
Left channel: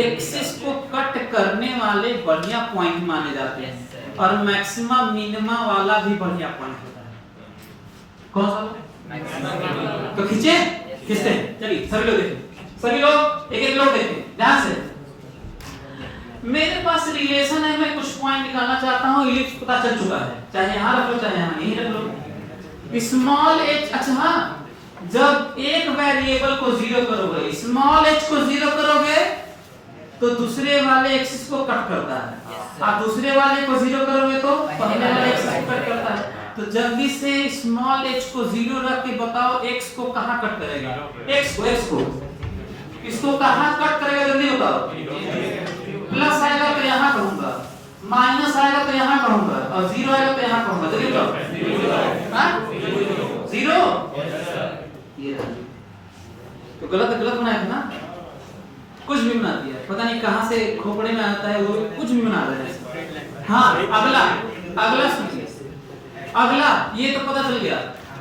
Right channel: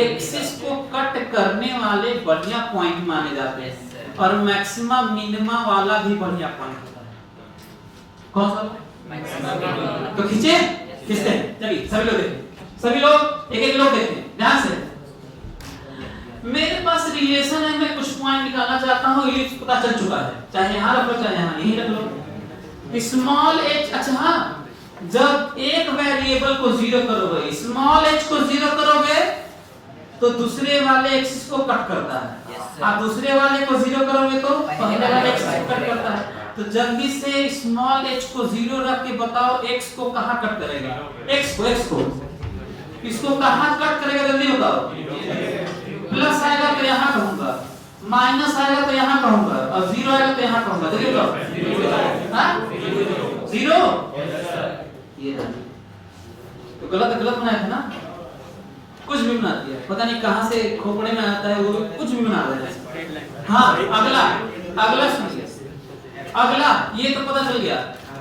एक्सिस को कट करने वाले बढ़िया पॉइंट माने जाते हैं, और मैक्सिमम मिनिमम वाला भी बढ़िया पॉइंट होता है। कौन सा? तो खींचे, खींचते हैं। चलिए सभी लोग देखें, सभी लोग एक एक लोग देखें ध्यान से। मेरे पास रिलेशन है, मैं कुछ पॉइंट निकालना चाहता हूँ, इलिप्स पता चल चुका है, चाहे यहाँ रख लो चाहे यहाँ यहीं रख लो। स्मॉल h, अच्छा हाँ, जब एक वेरिएबल को जीरो करोगे, स्मॉल h को जीरो करोगे तो दूसरे वाले एक्सिस को कट करता है, आप दूसरे वाले को जीरो करोगे तो पहले वाले एक्सिस को कट करता है। तो जल्दी से स्मॉल h को जीरो रख के बताओ x को कहाँ कट करेगा? x को इसको कहाँ कट करेगा जल्दी बताओ। प्लस आएगा तो यहाँ कहूंगा, माइनस आएगा तो यहाँ कहूंगा, और जीरो आएगा तो यहाँ कहूंगा। जल्दी बताओ। जीरो ये रहा। तो गलत बनाया था ना, कुछ भी बना दिया, पता नहीं कहां से खोपड़े में आता है, वो कुछ भी बना रहा है। हाँ अगला सुनिए, अगला ये तो पता चल गया।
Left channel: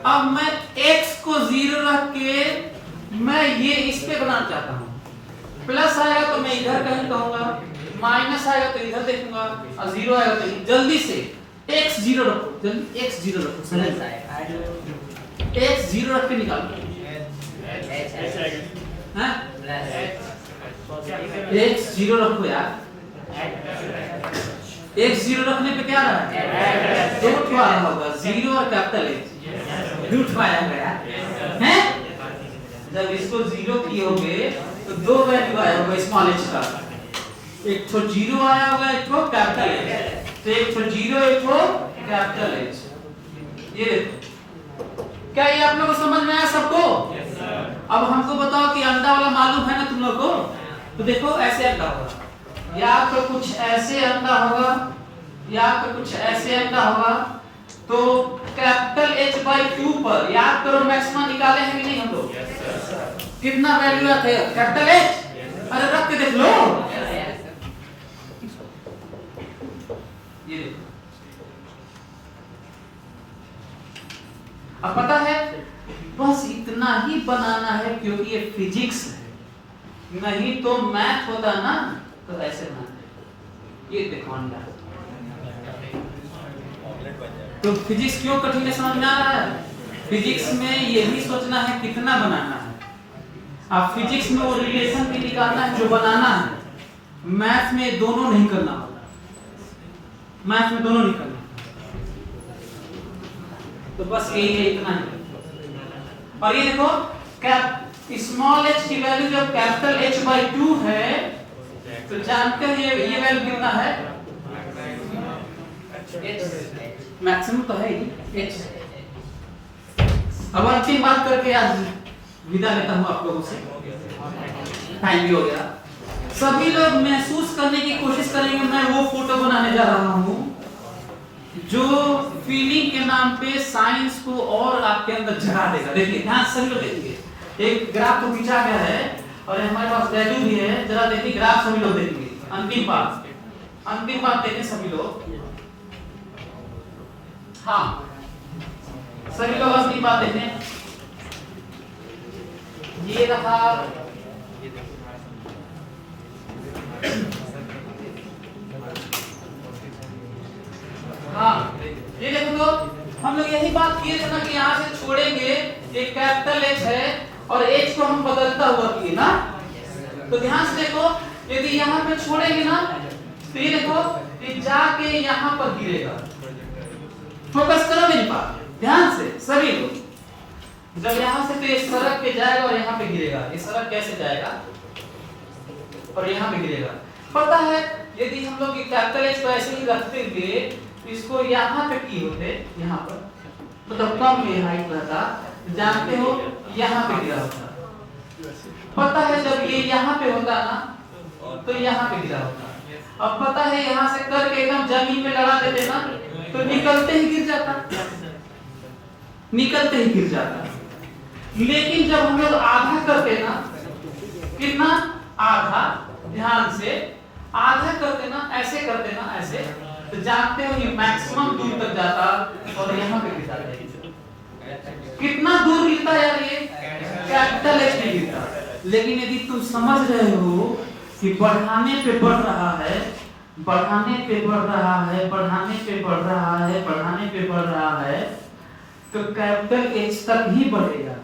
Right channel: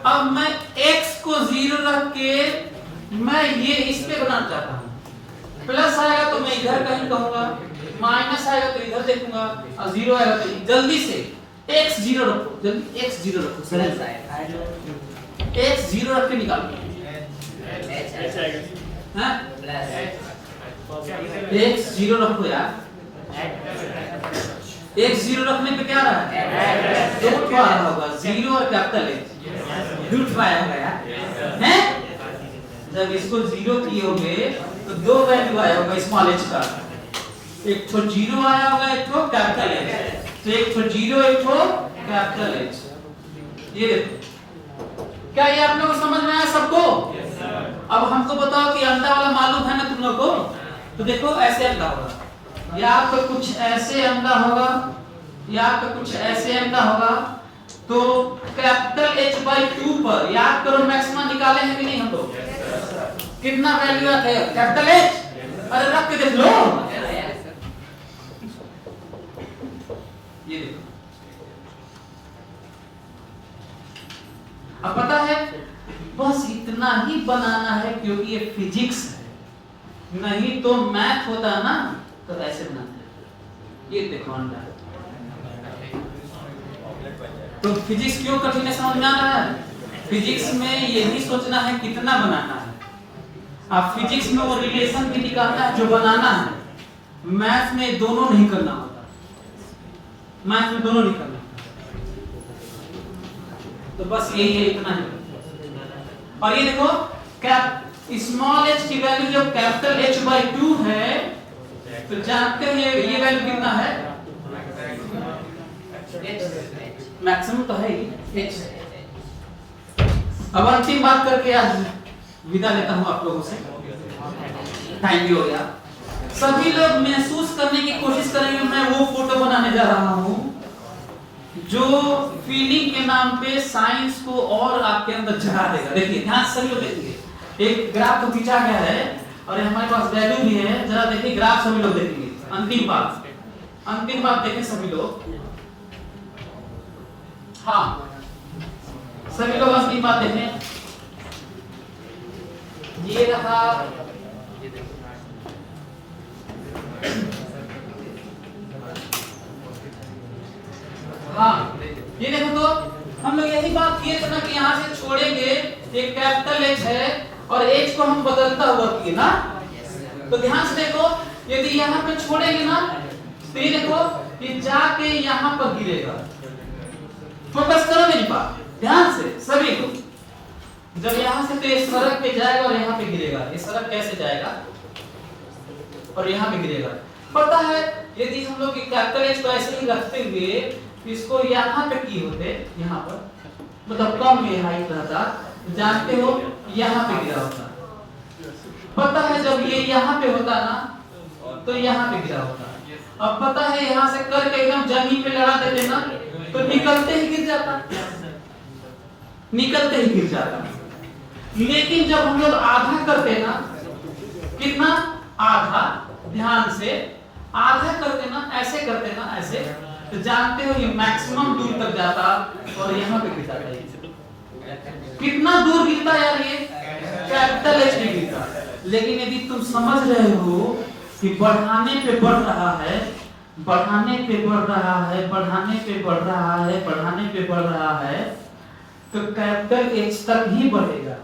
अब मैं x को 0 रख के मैं ये इस पे बनाना चाहता हूँ। प्लस आएगा तो मैं इधर कहीं कहूंगा, माइनस आएगा तो इधर देखूंगा, और 0 आएगा तो जल्दी से x 0 रखो, जल्दी x 0 रखो, सरल x 0 रख के निकालो। हाँ x 0 रखो यार, x 0 रखने पे क्या रहा है, एक क्या रहा होगा, 0 और कैपिटल H रूट आया होगा यार, हैं? जब इसको 0 किए होंगे तो दो वैल्यू आया होगा स्मॉल h का, एक तो 0 आया होगा, एक तो कैपिटल H, तो एक तो 0 एक तो कैपिटल H। ये देखो, क्या ये आप लोगों को समझ में आया सबको? अब हमको बताओ कि अंडा वाला मालूम है ना तुम लोग को? तो देखो ऐसे अंडा होगा, या तो कुछ ऐसे अंडा होगा, या तो कुछ ऐसे अंडा होगा। तो कैपिटल H/2 पर याद करो मैक्सिमम निकाले हैं कि नहीं हम लोग? कितना वैल्यू आता है कैपिटल H? अरे रख के देख लो, ये देखो। अब पता है बस इतना ही बनाना है क्योंकि ये फिजिक्स है, नहीं तो मैथ होता ना तो ऐसे बनाते। ये देखो अंडा, तो फिजिक्स क्यों कठिन है समझ में आ रहा है? फिजिक्स में यही सोचना है कितना बनाना है। अब फिजिक्स में वो रिलेशन भी निकालना है जो बनाना है, मैथ में दोनों नहीं करना होता, मैथ में दोनों नहीं करना। तो बस यही है, इतना ही। और ये देखो स्मॉल h की वैल्यू जब कैपिटल H/2 है तो जानते हैं ये वैल्यू कितना है, मैक्सिमम तो है ही h। अब अंतिम बात करके आज विदा लेता हूं आप लोगों से। थैंक यू यार, सभी लोग महसूस करने की कोशिश करेंगे। मैं वो फोटो बनाने जा रहा हूं जो फीलिंग के नाम पे साइंस को और आपके अंदर जगा देगा। देखिए ध्यान सभी लोग देखिए, एक ग्राफ तो खींचा गया है और हमारे पास वैल्यू भी है, जरा देखिए ग्राफ सभी लोग देखेंगे। अंतिम बात देखें सभी लोग, हाँ सभी लोग अंतिम बात देखें। ये रखा हाँ, ये देखो तो हम लोग यही बात किए थे ना कि यहाँ से छोड़ेंगे, एक कैपिटल H है और H को हम बदलता हुआ किए ना। तो ध्यान से देखो, यदि यहाँ पे छोड़ेंगे ना तो ये देखो ये जाके यहाँ पर गिरेगा। फोकस करो मेरी बात ध्यान से सभी लोग। जब यहाँ से तो ये सड़क पे जाएगा और यहाँ पे गिरेगा। ये सड़क कैसे जाएगा और यहाँ पे गिरेगा? पता है यदि हम लोग कैपिटल H को ऐसे ही रखते हुए इसको यहाँ पे की होते, यहाँ पर मतलब कम ये हाइट रहता, जानते हो यहाँ पे गिरा होता। पता है जब ये यहाँ पे होता ना तो यहाँ पे गिरा होता। अब पता है यहाँ से करके एकदम जमीन पे लगा देते ना तो निकलते ही गिर जाता, निकलते ही गिर जाता। लेकिन जब हम लोग आधा करते ना, कितना आधा, ध्यान से आधा करते ना, ऐसे करते ना ऐसे, तो जानते हो ये मैक्सिमम दूर तक जाता और यहाँ पे गिरता है। कितना दूर गिरता यार ये कैपिटल H में गिरता। लेकिन यदि तुम समझ रहे हो कि बढ़ाने पे बढ़ रहा है, बढ़ाने पे बढ़ रहा है, बढ़ाने पे बढ़ रहा है, बढ़ाने पे बढ़ रहा है, तो कैपिटल H तक ही बढ़ेगा।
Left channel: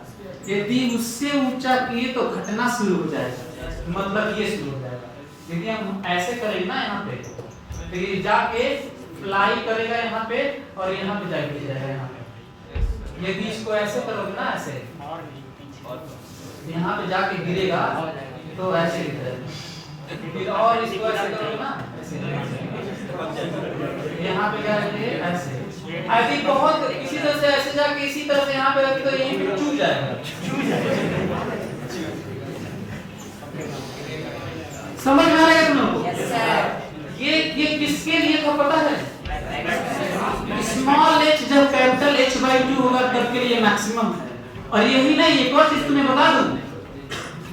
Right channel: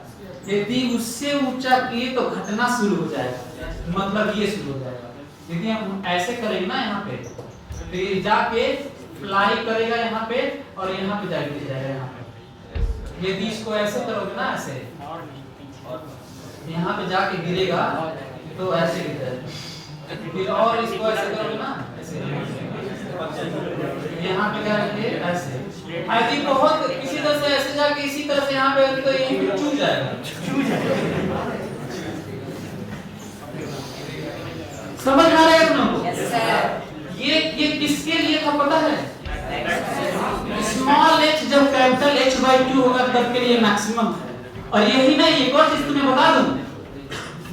यदि उससे ऊंचा किए तो घटना शुरू हो जाएगा, मतलब ये शुरू हो जाएगा। यदि हम ऐसे करेंगे ना यहाँ पे तो ये जाके फ्लाई करेगा यहाँ पे और यहाँ पे जाके जाएगा यहाँ पे। यदि इसको ऐसे करोगे ना ऐसे, यहाँ पे जाके गिरेगा तो ऐसे गिरेगा। फिर और इसको ऐसे करोगे ना ऐसे, यहाँ पे क्या रखेंगे ऐसे। यदि बहुत इसी तरह से ऐसे जाके इसी तरह से यहाँ पे तो ये चूक जाएगा। समझ में आ रहा है तुम लोग? ये किसके लिए था पता है? स्मॉल h जब कैपिटल H/2 होगा तब के लिए मैक्सिमम है। और यही नहीं, एक और चीज तुम्हें बता दूं,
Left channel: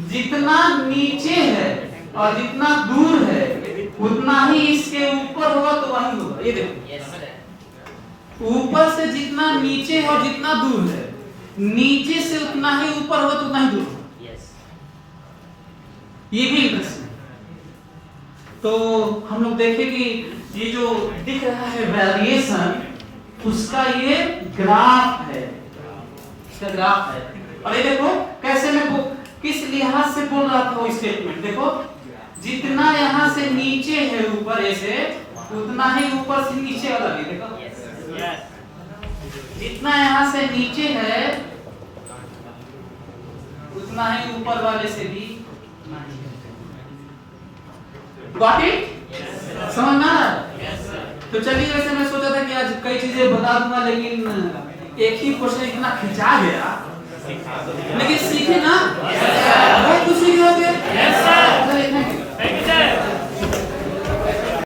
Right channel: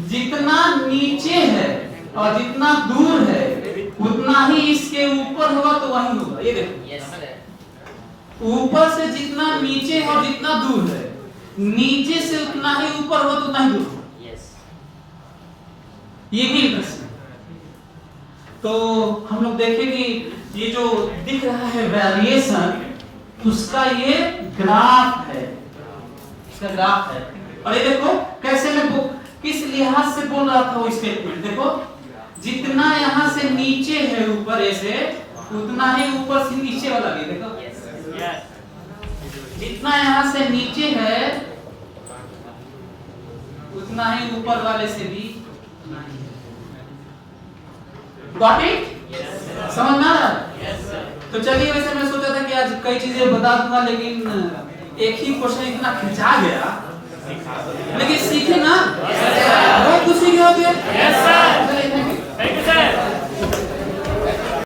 जितना नीचे है और जितना दूर है उतना ही इसके ऊपर होगा तो वही होगा। ये देखो, ऊपर से जितना नीचे और जितना दूर है, नीचे से उतना ही ऊपर हो तो उतना ही दूर हो। ये भी इंटरेस्टिंग। तो हम लोग देखें कि ये जो दिख रहा है वेरिएशन, उसका ये ग्राफ है, इसका ग्राफ है। और ये देखो कैसे मैं किस लिहाज से बोल रहा था वो स्टेटमेंट। देखो, जितना यहाँ से नीचे है ऊपर ऐसे, उतना ही ऊपर से नीचे वाला भी। देखो जितना यहाँ से नीचे है उतना ही ऊपर वाले से भी। Got it? समझ में आ रहा है? तो चलिए, वैसे मैं सोचा था कि आज कई चीजें बता दूंगा, लेकिन एक ही क्वेश्चन इतना खिंचा गया, लेकिन सीखे ना, बहुत खुशी हो गया। Thank you, sir.